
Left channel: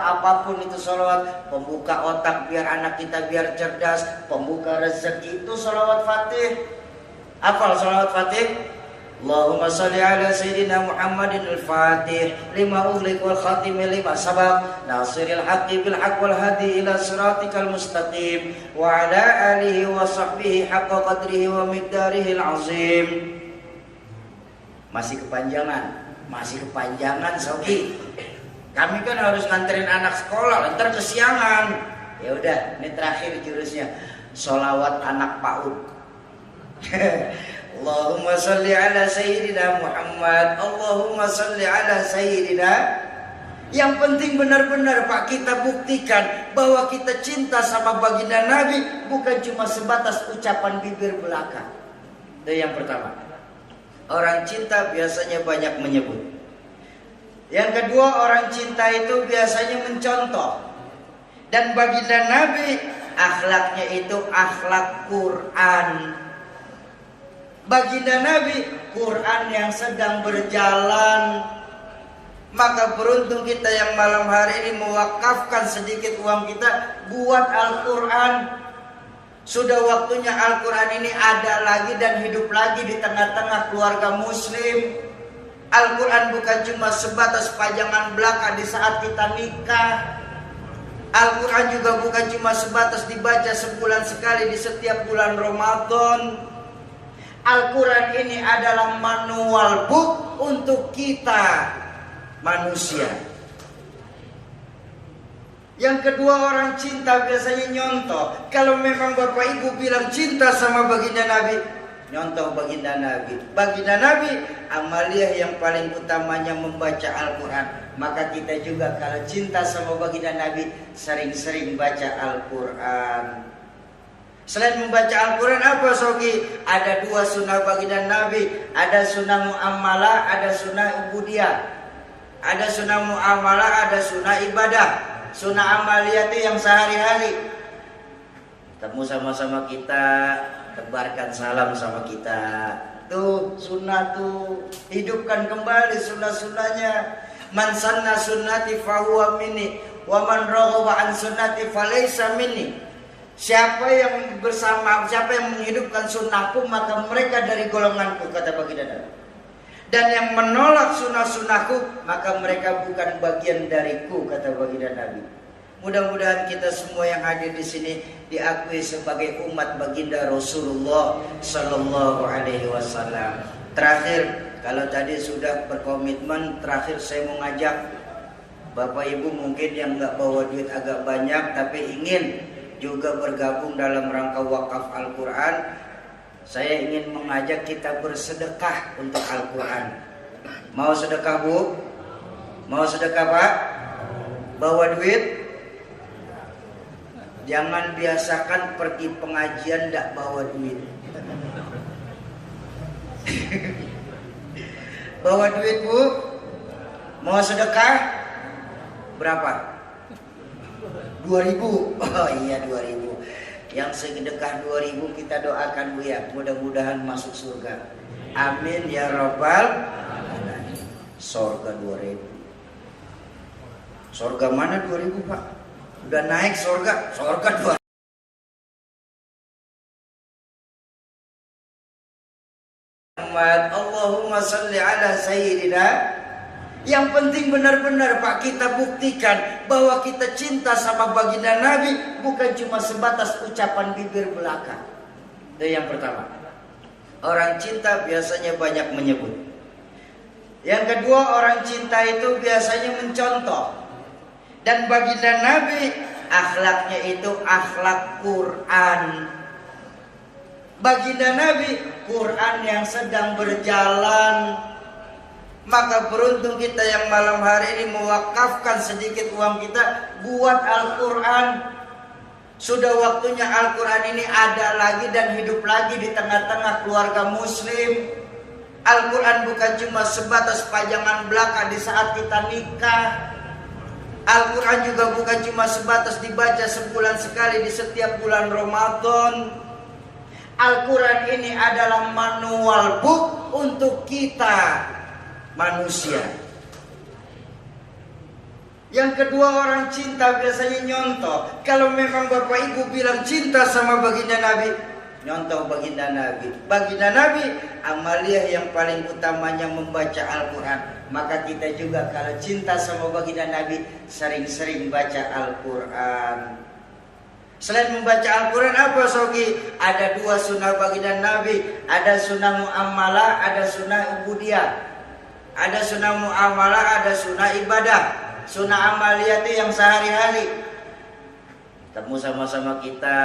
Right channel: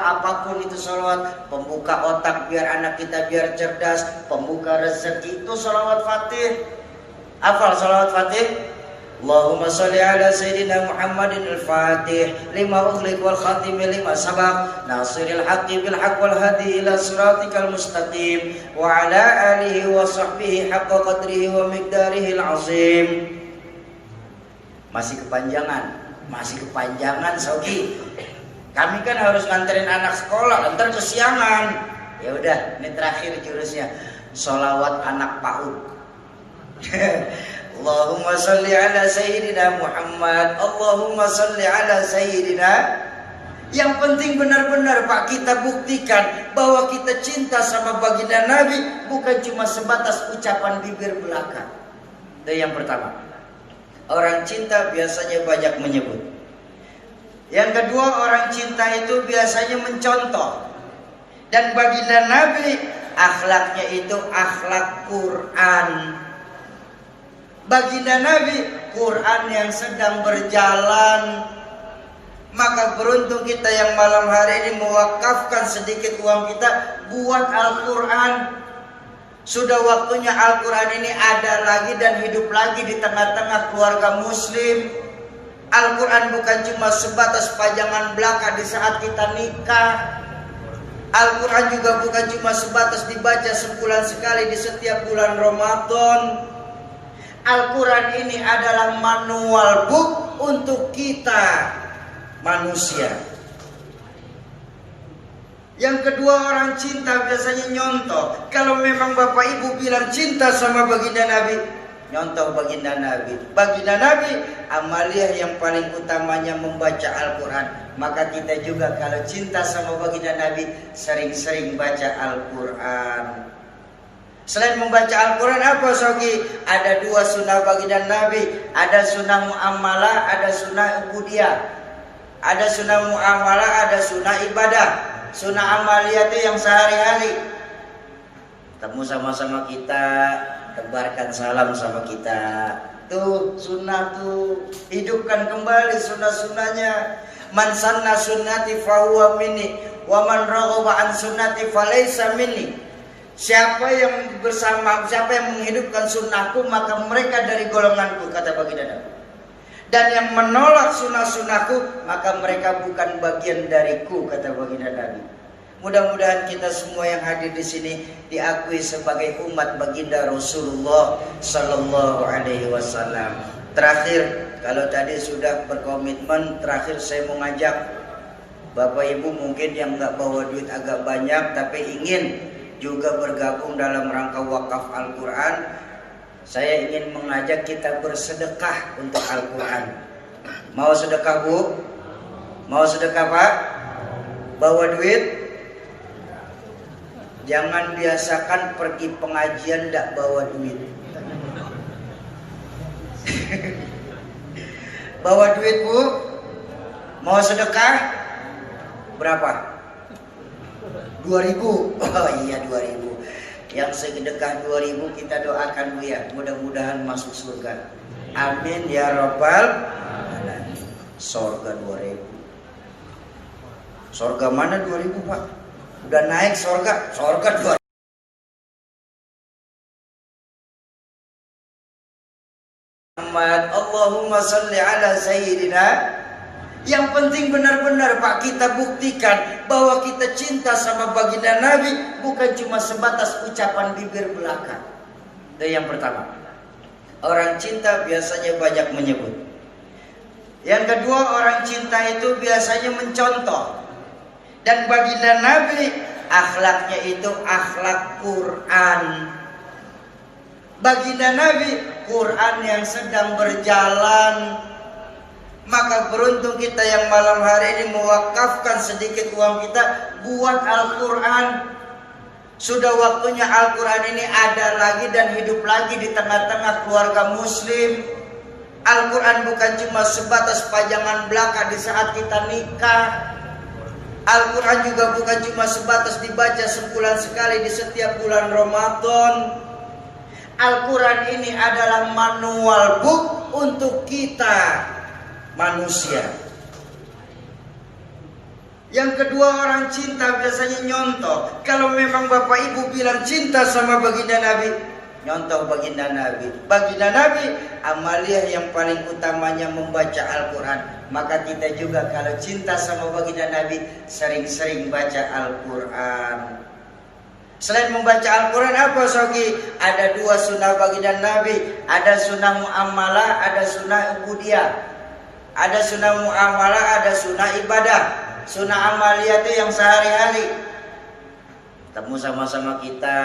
apapun itu solawat. Pembuka otak biar anak kita biar cerdas. Pembuka rezeki itu solawat Fatih. Hafal solawat Fatih? Allahumma sholli ala sayyidina Muhammadin al-Fatih lima ughliq wal khatim lima sabaq nasiril haqqi bil haqq wal hadi ila siratikal mustaqim wa ala alihi wa sahbihi haqqa qadrihi wa miqdarihi al-azim. Masih kepanjangan Soki. Kami kan harus nganterin anak sekolah, ntar kesiangan. Ya udah, ini terakhir jurusnya. Sholawat anak PAUD. Allahumma sholli ala sayyidina Muhammad. Allahumma sholli ala sayyidina. Yang penting benar-benar Pak kita buktikan bahwa kita cinta sama baginda Nabi, bukan cuma sebatas ucapan bibir belaka. Itu yang pertama. Orang cinta biasanya banyak menyebut. Yang kedua, orang cinta itu biasanya mencontoh. Dan baginda Nabi akhlaknya itu akhlak Quran. Baginda Nabi Quran yang sedang berjalan. Maka beruntung kita yang malam hari ini mewakafkan sedikit uang kita buat Al-Quran. Sudah waktunya Al-Quran ini ada lagi dan hidup lagi di tengah-tengah keluarga muslim. Al-Quran bukan cuma sebatas pajangan belaka di saat kita nikah. Al-Quran juga bukan cuma sebatas dibaca sebulan sekali di setiap bulan Ramadan. Al-Quran ini adalah manual book untuk kita manusia. Yang kedua, orang cinta biasanya nyontoh. Kalau memang bapak ibu bilang cinta sama baginda Nabi, nyontoh baginda Nabi. Baginda Nabi amaliyah yang paling utamanya membaca Al-Quran. Maka kita juga kalau cinta sama baginda Nabi sering-sering baca Al-Quran. Selain membaca Al-Quran apa Sogi? Ada dua sunnah baginda Nabi. Ada sunnah muamalah, ada sunnah ubudiyah. Ada sunnah muamalah, ada sunnah ibadah. Sunnah amaliyah itu yang sehari-hari. Ketemu sama-sama kita, tebarkan salam sama kita. Tuh sunnah tuh, hidupkan kembali sunnah-sunnahnya. Man sanna sunnati fahuwa minni, wa man raghiba an sunnati falaysa minni. Siapa yang menghidupkan sunnahku, maka mereka dari golonganku, kata baginda Nabi. Dan yang menolak sunnah-sunnahku, maka mereka bukan bagian dariku, kata baginda Nabi. Mudah-mudahan kita semua yang hadir di sini diakui sebagai umat baginda Rasulullah Sallallahu Alaihi Wasallam. Terakhir, kalau tadi sudah berkomitmen, terakhir saya mengajak Bapak Ibu mungkin yang nggak bawa duit agak banyak, tapi ingin juga bergabung dalam rangka wakaf Al-Quran. Saya ingin mengajak kita bersedekah untuk Al-Quran. Mau sedekah Bu? Mau sedekah Pak? Bawa duit? Jangan biasakan pergi pengajian tidak bawa duit. Bawa duit Bu? Mau sedekah? Berapa? 2.000. Oh iya 2.000. Yang sedekah 2.000 kita doakan Bu ya, mudah-mudahan masuk surga. Amin ya rabbal alamin. Surga 2.000. Surga mana 2.000 Pak? Udah naik surga, surga 2.000. Allahumma salli ala sayyidina. Yang penting benar-benar Pak kita buktikan bahwa kita cinta sama baginda Nabi, bukan cuma sebatas ucapan bibir belaka. Itu yang pertama. Orang cinta biasanya banyak menyebut. Yang kedua, orang cinta itu biasanya mencontoh. Dan baginda Nabi akhlaknya itu akhlak Quran. Baginda Nabi Quran yang sedang berjalan. Maka beruntung kita yang malam hari ini mewakafkan sedikit uang kita buat Al-Quran. Sudah waktunya Al-Quran ini ada lagi dan hidup lagi di tengah-tengah keluarga muslim. Al-Quran bukan cuma sebatas pajangan belaka di saat kita nikah. Al-Quran juga bukan cuma sebatas dibaca sebulan sekali di setiap bulan Ramadan. Al-Quran ini adalah manual book untuk kita manusia. Yang kedua, orang cinta biasanya nyontoh. Kalau memang bapak ibu bilang cinta sama baginda Nabi, nyontoh baginda Nabi. Baginda Nabi amaliyah yang paling utamanya membaca Al-Quran. Maka kita juga kalau cinta sama baginda Nabi sering-sering baca Al-Quran. Selain membaca Al-Quran apa Sogi? Ada dua sunnah baginda Nabi. Ada sunnah muamalah, ada sunnah ubudiyah. Ada sunnah muamalah, ada sunnah ibadah. Sunnah amaliyah itu yang sehari-hari. Ketemu sama-sama kita,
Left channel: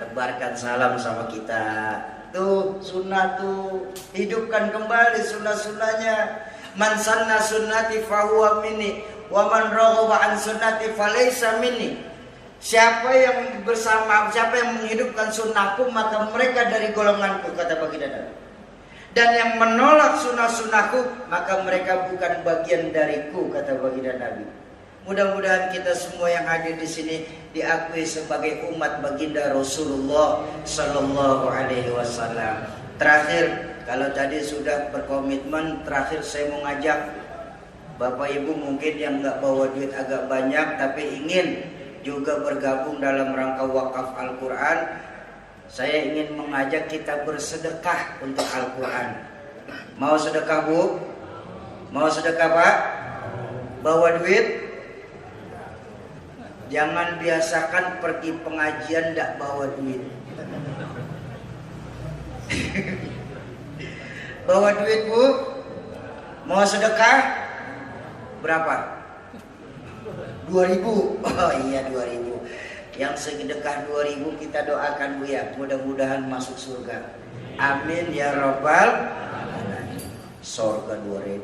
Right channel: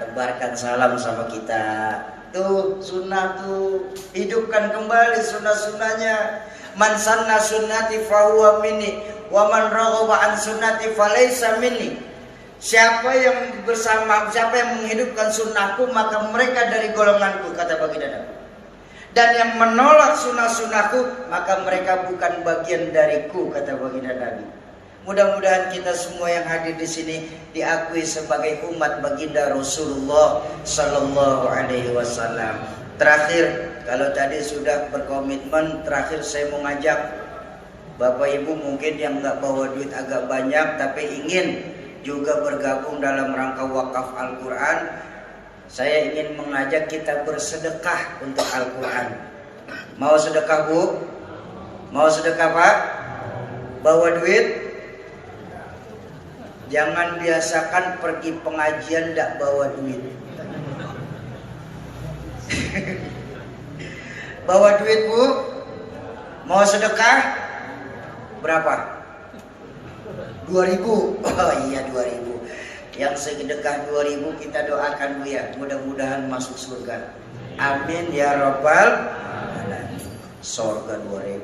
tebarkan salam sama kita. Tuh sunnah tuh, hidupkan kembali sunnah-sunnahnya. Man sanna sunnati fahuwa minni, wa man raghiba an sunnati falaysa minni. Siapa yang menghidupkan sunnahku, maka mereka dari golonganku, kata baginda Nabi. Dan yang menolak sunnah-sunnahku, maka mereka bukan bagian dariku, kata baginda Nabi. Mudah-mudahan kita semua yang hadir di sini diakui sebagai umat baginda Rasulullah Sallallahu Alaihi Wasallam. Terakhir, kalau tadi sudah berkomitmen, terakhir saya mau ngajak Bapak Ibu mungkin yang nggak bawa duit agak banyak tapi ingin juga bergabung dalam rangka wakaf Al-Quran. Saya ingin mengajak kita bersedekah untuk Al-Quran. Mau sedekah Bu? Mau sedekah Pak? Bawa duit? Jangan biasakan pergi pengajian tidak bawa duit. Bawa duit Bu. Mau sedekah? Berapa? 2.000. Oh iya 2.000. Yang sedekah 2.000 kita doakan Bu ya. Mudah-mudahan masuk surga. Amin ya Rabbal Alamin. Surga 2.000.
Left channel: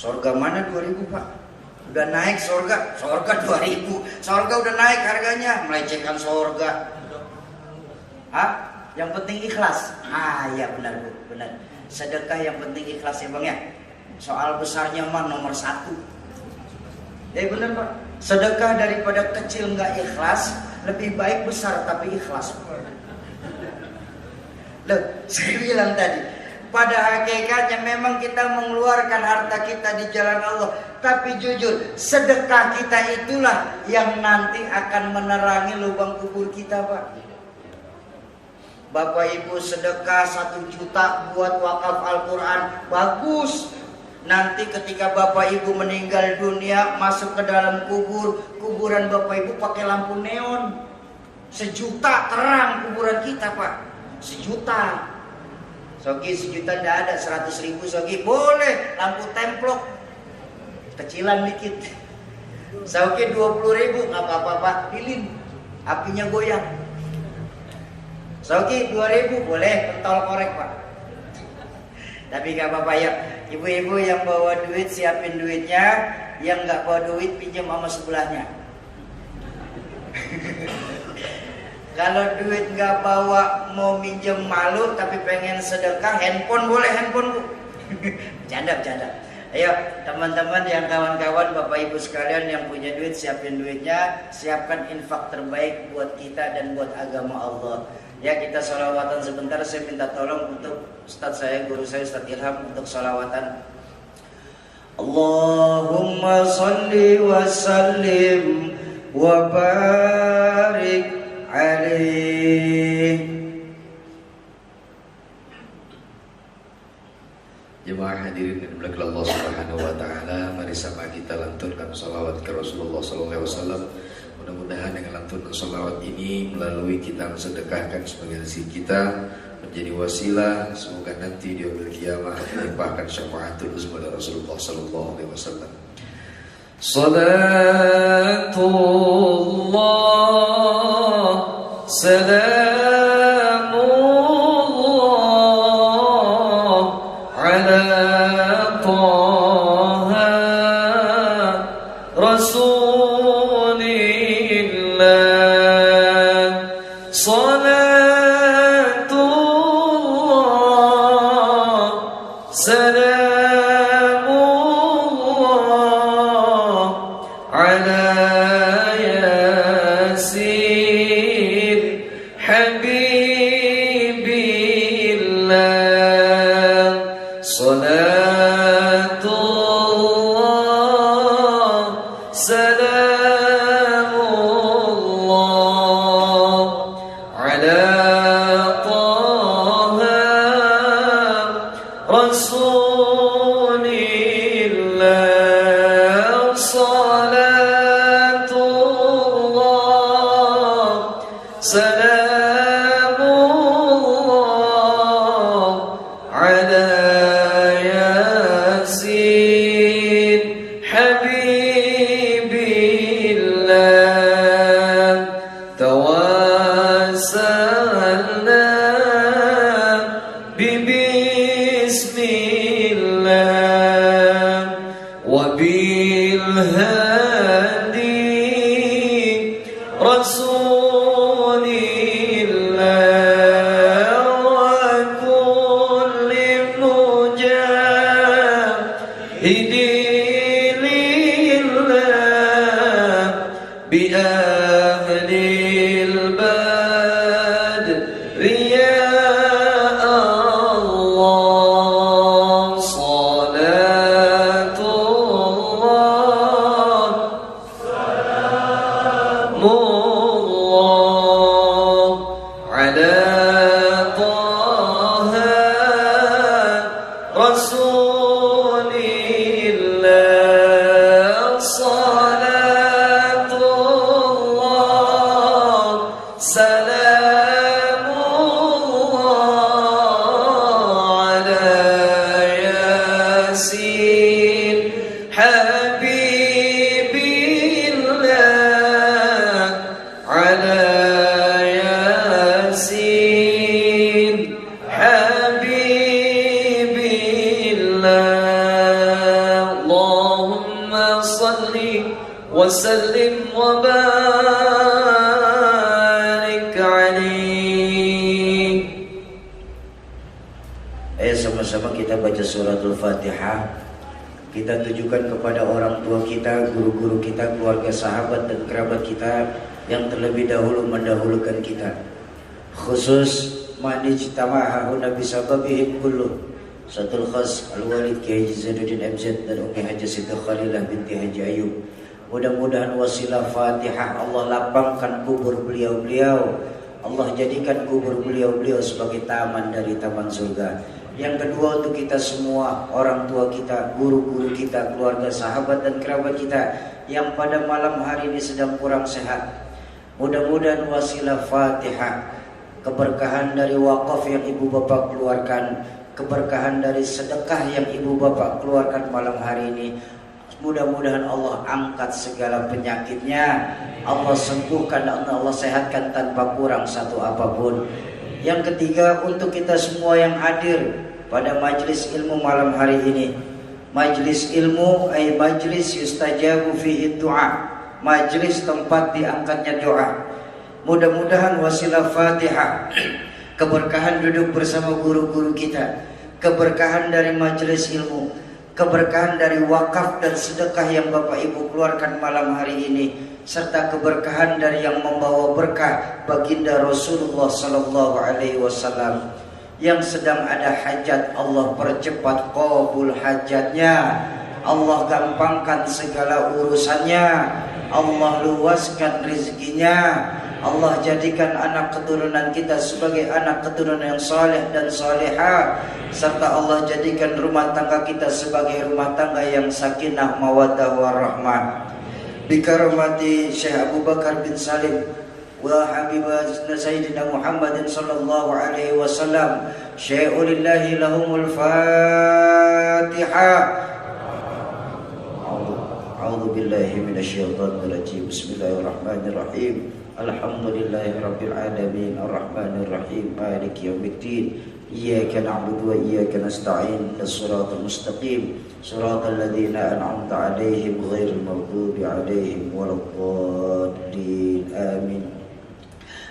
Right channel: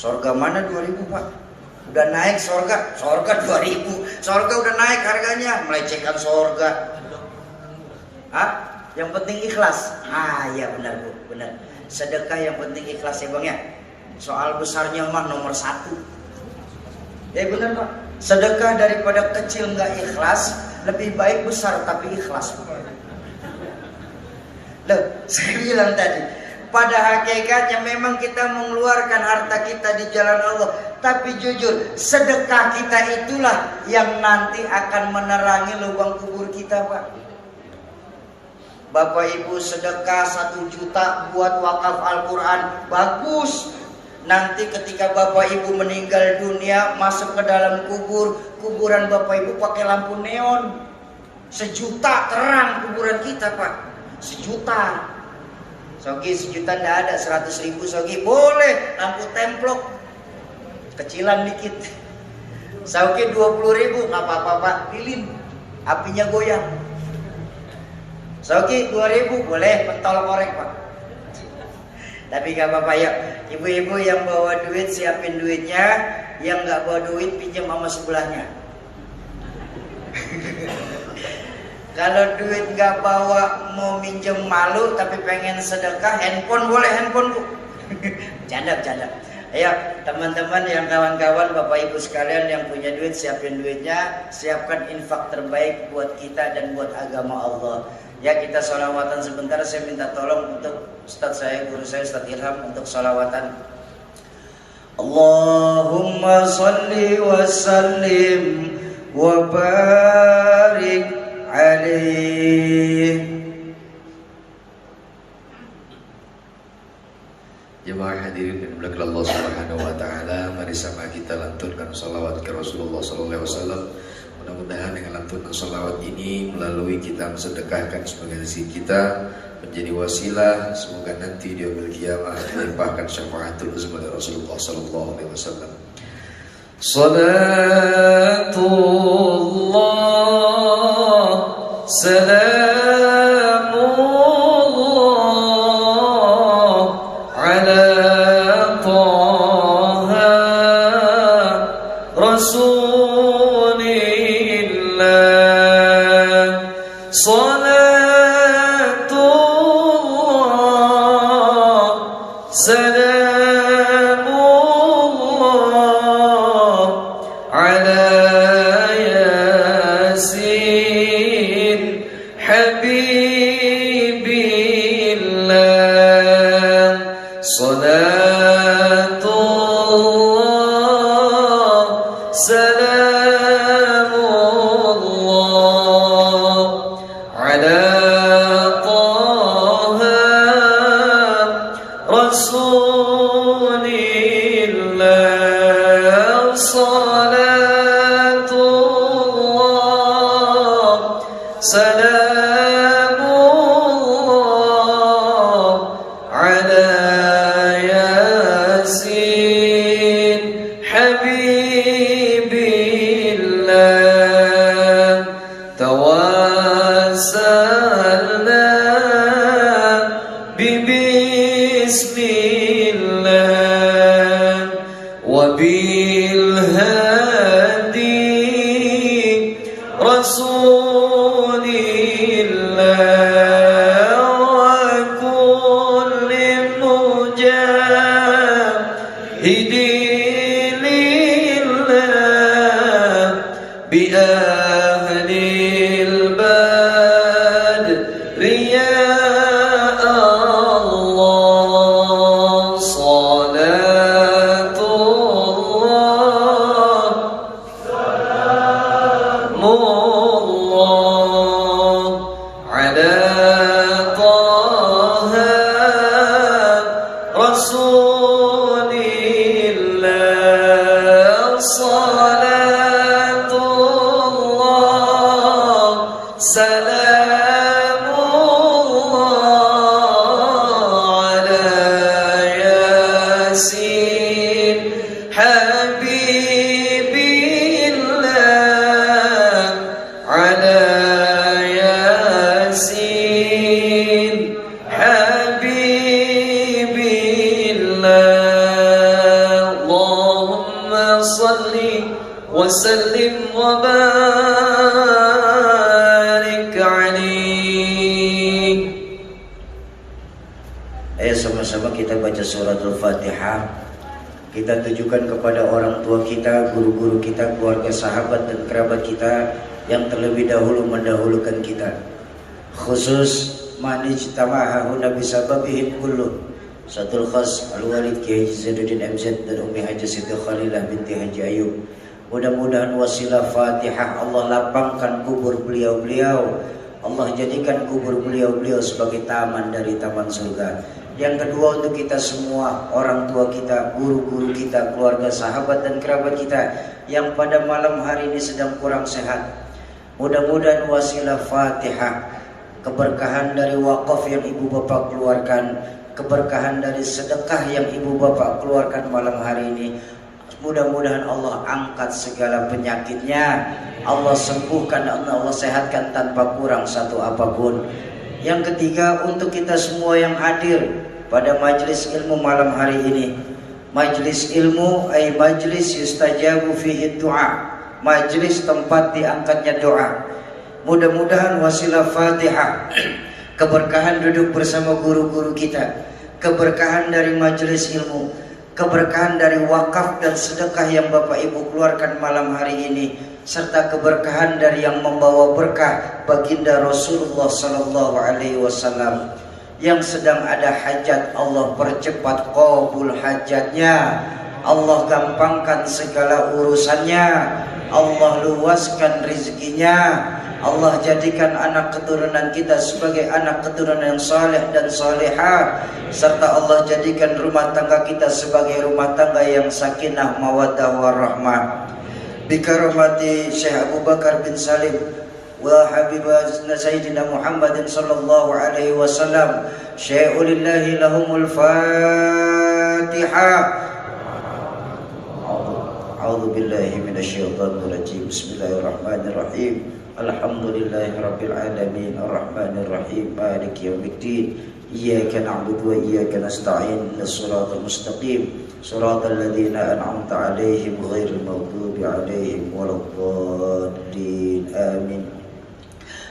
Surga mana 2.000 Pak? Udah naik surga 2.000. Surga udah naik harganya, melecehkan surga. Hah? Yang penting ikhlas. Iya benar Bu, benar. Sedekah yang penting ikhlas ya Bang ya. Soal besarnya mah nomor 1. Benar Pak. Sedekah daripada kecil nggak ikhlas, lebih baik besar tapi ikhlas. Loh, saya bilang tadi, pada hakikatnya memang kita mengeluarkan harta kita di jalan Allah. Tapi jujur, sedekah kita itulah yang nanti akan menerangi lubang kubur kita Pak. Bapak Ibu sedekah 1 juta buat wakaf Al-Quran, bagus. Nanti ketika Bapak Ibu meninggal dunia, masuk ke dalam kubur, kuburan Bapak Ibu pakai lampu neon. 1 juta terang kuburan kita Pak. 1 juta. Sogi 1 juta enggak ada, 100.000 Sogi boleh lampu templok kecilan dikit. Sogi 20.000 nggak apa-apa Pak, lilin apinya goyang. Sogi 2.000 boleh pentol korek Pak. Tapi nggak apa-apa ya. Ibu-ibu yang bawa duit siapin duitnya, yang nggak bawa duit pinjam sama sebelahnya. Kalau duit nggak bawa mau minjem malu tapi pengen sedekah, handphone boleh handphone Bu. Bercanda. Ayo teman-teman yang kawan-kawan Bapak Ibu sekalian yang punya duit siapin duitnya, siapkan infak terbaik buat kita dan buat agama Allah. Ya kita sholawatan sebentar, saya minta tolong untuk Ustadz saya, guru saya Ustadz Ilham untuk sholawatan. Allahumma salli wa sallim wa barik alaih. Jemaah hadirin yang dimuliakan Allah Subhanahu wa taala, mari sama kita lantunkan salawat ke Rasulullah sallallahu alaihi wasallam. Mudah-mudahan dengan lantunan salawat ini melalui kita mensedekahkan sebagian rezeki kita menjadi wasilah, semoga nanti di yaumil qiyamah dilimpahkan syafaatul uzma dari Rasulullah sallallahu alaihi wasallam. Salatullah salam Hidilil على طه رسول الله صلاة الله سلام الله على ياسين حبيب الله على ياسين حبيب الله اللهم صل وسلم وبارك عليه. Ayo sama-sama kita baca suratul Fatihah. Kita tujukan kepada orang tua kita, guru-guru kita, keluarga, sahabat dan kerabat kita yang terlebih dahulu mendahulukan kita. Khusus manijtama'a huna bisababihim kullu. Satul khas Al-Walid Kiai Zainuddin MZ dan Umi Haji Siti Khalilah binti Haji Ayub. Mudah-mudahan wasilah Fatihah Allah lapangkan kubur beliau-beliau. Allah jadikan kubur beliau-beliau sebagai taman dari taman surga. Yang kedua untuk kita semua, orang tua kita, guru-guru kita, keluarga, sahabat dan kerabat kita yang pada malam hari ini sedang kurang sehat. Mudah-mudahan wasilah Fatihah, keberkahan dari wakaf yang ibu bapak keluarkan, keberkahan dari sedekah yang ibu bapak keluarkan malam hari ini. Mudah-mudahan Allah angkat segala penyakitnya, Allah sembuhkan dan Allah sehatkan tanpa kurang satu apapun. Yang ketiga untuk kita semua yang hadir pada majlis ilmu malam hari ini. Majlis ilmu ay majlis yustajabu fihi du'a, majlis tempat diangkatnya doa. Mudah-mudahan wasilah Fatihah, keberkahan duduk bersama guru-guru kita, keberkahan dari majlis ilmu, keberkahan dari wakaf dan sedekah yang Bapak Ibu keluarkan malam hari ini, serta keberkahan dari yang membawa berkah baginda Rasulullah sallallahu alaihi wasallam. Yang sedang ada hajat, Allah percepat qabul hajatnya, Allah gampangkan segala urusannya, Allah luaskan rezekinya, Allah jadikan anak keturunan kita sebagai anak keturunan yang saleh dan salihah, serta Allah jadikan rumah tangga kita sebagai rumah tangga yang sakinah mawaddah warahmah. Bikaramati Syekh Abu Bakar bin Salim wa habibah Sayyidina Muhammadin sallallahu alaihi wasallam, syai'ulillahi lahumul Fatihah. A'udzu billahi minasyaitonir rajim. Bismillahirrahmanirrahim. Alhamdulillahi rabbil alamin, arrahmanir rahim, maliki yaumiddin. Iyyaka na'budu wa iyyaka nasta'in. Shiratal mustaqim, shiratal ladzina an'amta 'alaihim ghairil maghdubi 'alaihim waladdallin. Amin.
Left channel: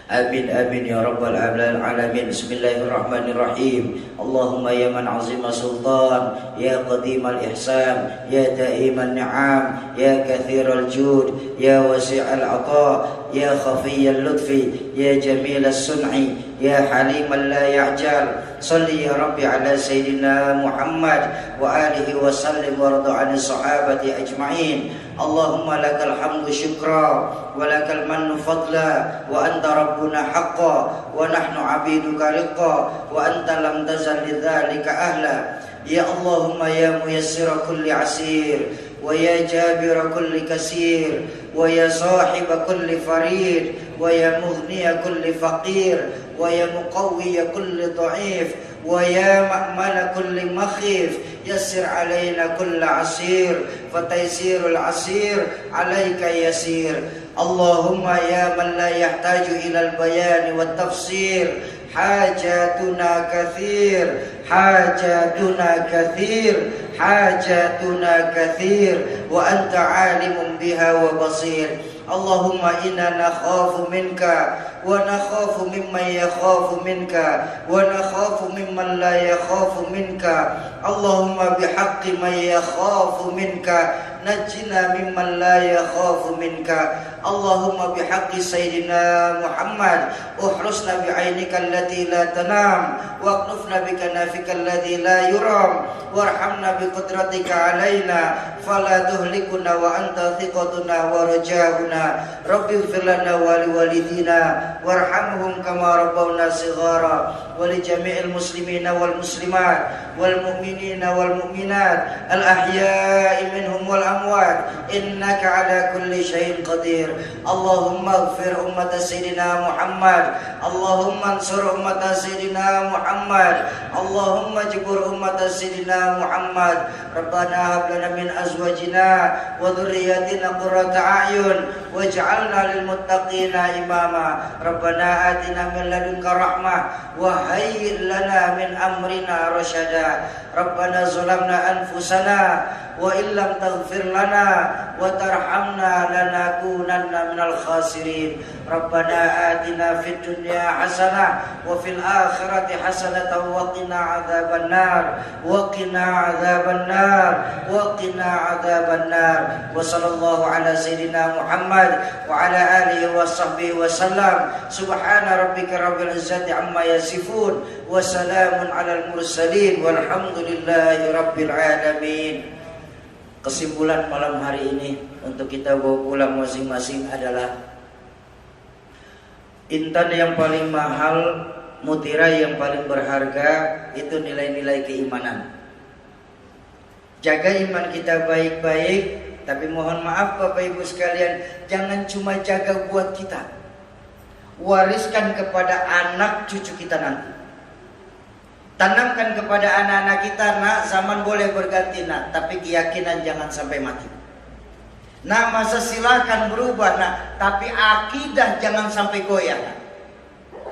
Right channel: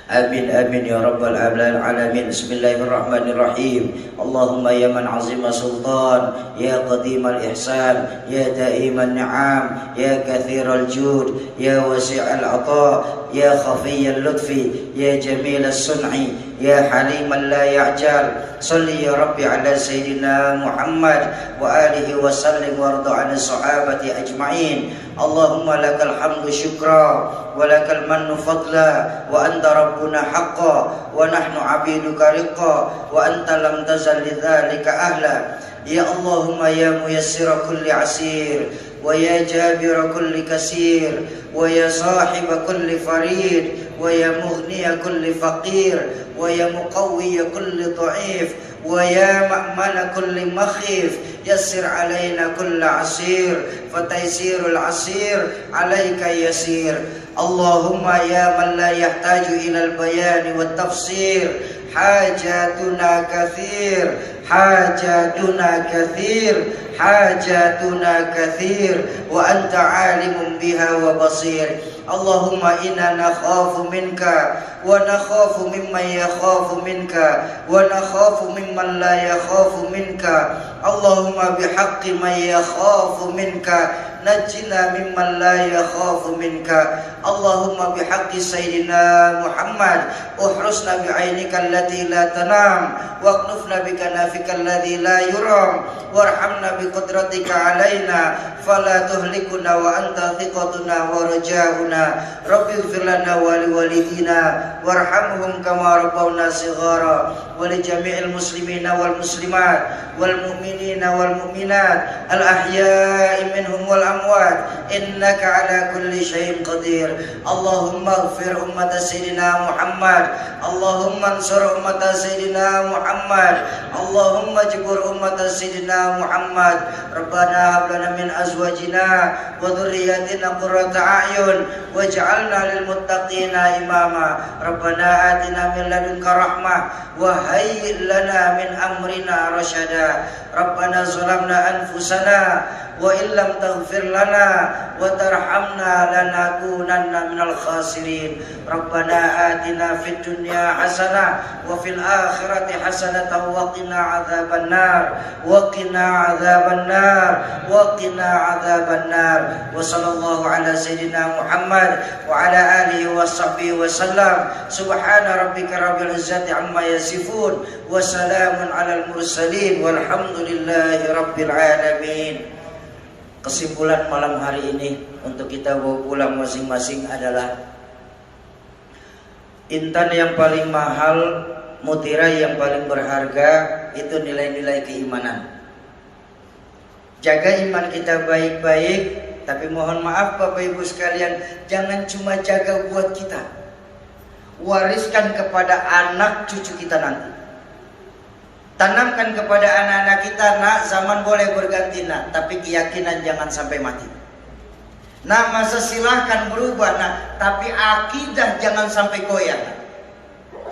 Amin amin ya rabbal alamin. Bismillahirrahmanirrahim. Allahumma ya man azima sultan, ya qadimal ihsan, ya daiman ni'am, ya kathiral jud, ya wasi'al ata, ya khafiyal lutfi, ya jamil as-sun'i, ya haliman la ya'jal. Salli ya Rabbi ala Sayyidina Muhammad wa alihi wa sallim warda' an sahabati ajma'in. Allahumma lakal hamdu syukra wa lakal mannu fadla wa anta rabbuna haqqa wa nahnu abiduka riqqa wa anta lam tazal lidzalika ahla. Ya Allahumma ya muyassira kulli asir wa ya jabira kulli kasir wa ya sahiba kulli farid wa ya mughniya kulli faqir wa ya muqawwiya kulli dha'if wa ya ma'mala kulli makhif. Yassir alaina kulla asir fataysirul asir alaika yasir. Allahumma ya man la yahtaju ila al-bayan wa tafsir, hajatuna kathir, hajatuna kathir, hajatuna kathir wa anta alimun biha wa basir. Allahumma inna nakhafu minka wa nakhafu mimman yakhafu minka wa nakhafu mimman la yakhafu minka. Allahumma bihaqqi man yakhafu minka najjina mimman la yakhafu minka. Allahumma bihaqqi sayyidina Muhammad uhrusna bi'ainika allati la tanam waqnufna bikanafika alladhi la yuram warhamna biqudratika alaina fala tuhlikuna wa anta thiqatuna wa rajauna. Rabbi ighfir lana wa liwalidina warhamhum kama rabbawna shighara wa li jami'il muslimina wal muslimat wal mu'minina wal mu'minat al ahya'i minhum wal amwat innaka ala kulli syai'in qadir. Allahumma ighfir ummat sayyidina Muhammad, Allahumma ansur ummat sayyidina Muhammad, Allahumma jibur ummat sayyidina Muhammad. Rabbana hab lana min azwajina wa dhurriyyatina qurrata a'yun waj'alna lil muttaqina imama. Rabbana atina min ladunka rahmah wa hayyi lana min amrina rasyada. Rabbana zalamna anfusana wa illam taghfir lana wa tarhamna lanakunanna minal khasirin. Rabbana atina fid dunya hasanah wa fil akhirati hasanatan wa qina adzabannar wa qina adzabannar wa qina adzabannar. Wa sallallahu ala sayyidina Muhammad wa ala alihi wa sahbihi wa sallam. Subhana rabbika rabbil izzati amma yasifun wa salamun alal mursalin walhamdulillahi rabbil alamin. Kesimpulan malam hari ini untuk kita bawa pulang masing-masing adalah intan yang paling mahal, mutiara yang paling berharga itu nilai-nilai keimanan. Jaga iman kita baik-baik, tapi mohon maaf Bapak Ibu sekalian, jangan cuma jaga buat kita, wariskan kepada anak cucu kita nanti. Tanamkan kepada anak-anak kita, nak, zaman boleh berganti nak, tapi keyakinan jangan sampai mati. Nah, masa silahkan berubah nak, tapi akidah jangan sampai goyah.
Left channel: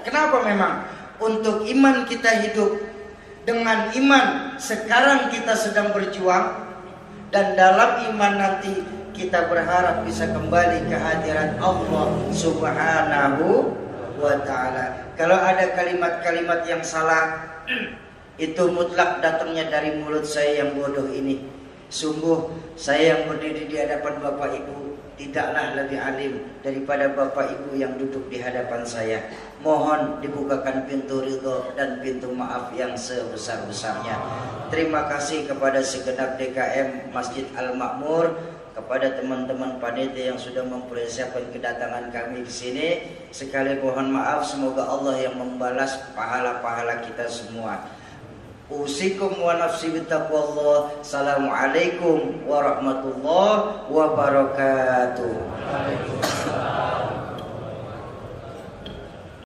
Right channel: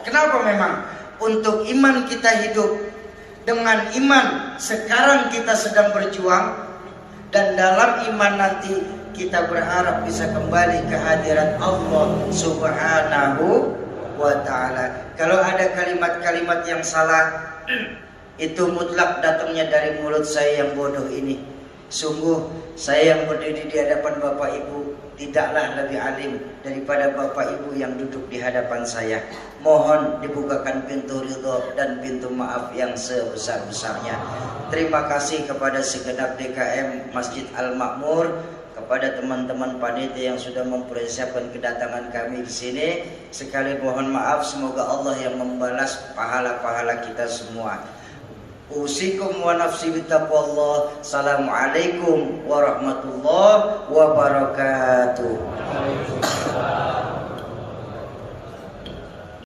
Kenapa memang? Untuk iman kita hidup. Dengan iman sekarang kita sedang berjuang, dan dalam iman nanti kita berharap bisa kembali ke hadirat Allah Subhanahu wa ta'ala. Kalau ada kalimat-kalimat yang salah, itu mutlak datangnya dari mulut saya yang bodoh ini. Sungguh saya yang berdiri di hadapan Bapak Ibu tidaklah lebih alim daripada Bapak Ibu yang duduk di hadapan saya. Mohon dibukakan pintu ridho dan pintu maaf yang sebesar-besarnya. Terima kasih kepada segenap DKM Masjid Al-Makmur, kepada teman-teman panitia yang sudah mempersiapkan kedatangan kami di sini. Sekali mohon maaf, semoga Allah yang membalas pahala-pahala kita semua. Usikum wa nafsi bittaqwallah. Assalamualaikum warahmatullahi wabarakatuh.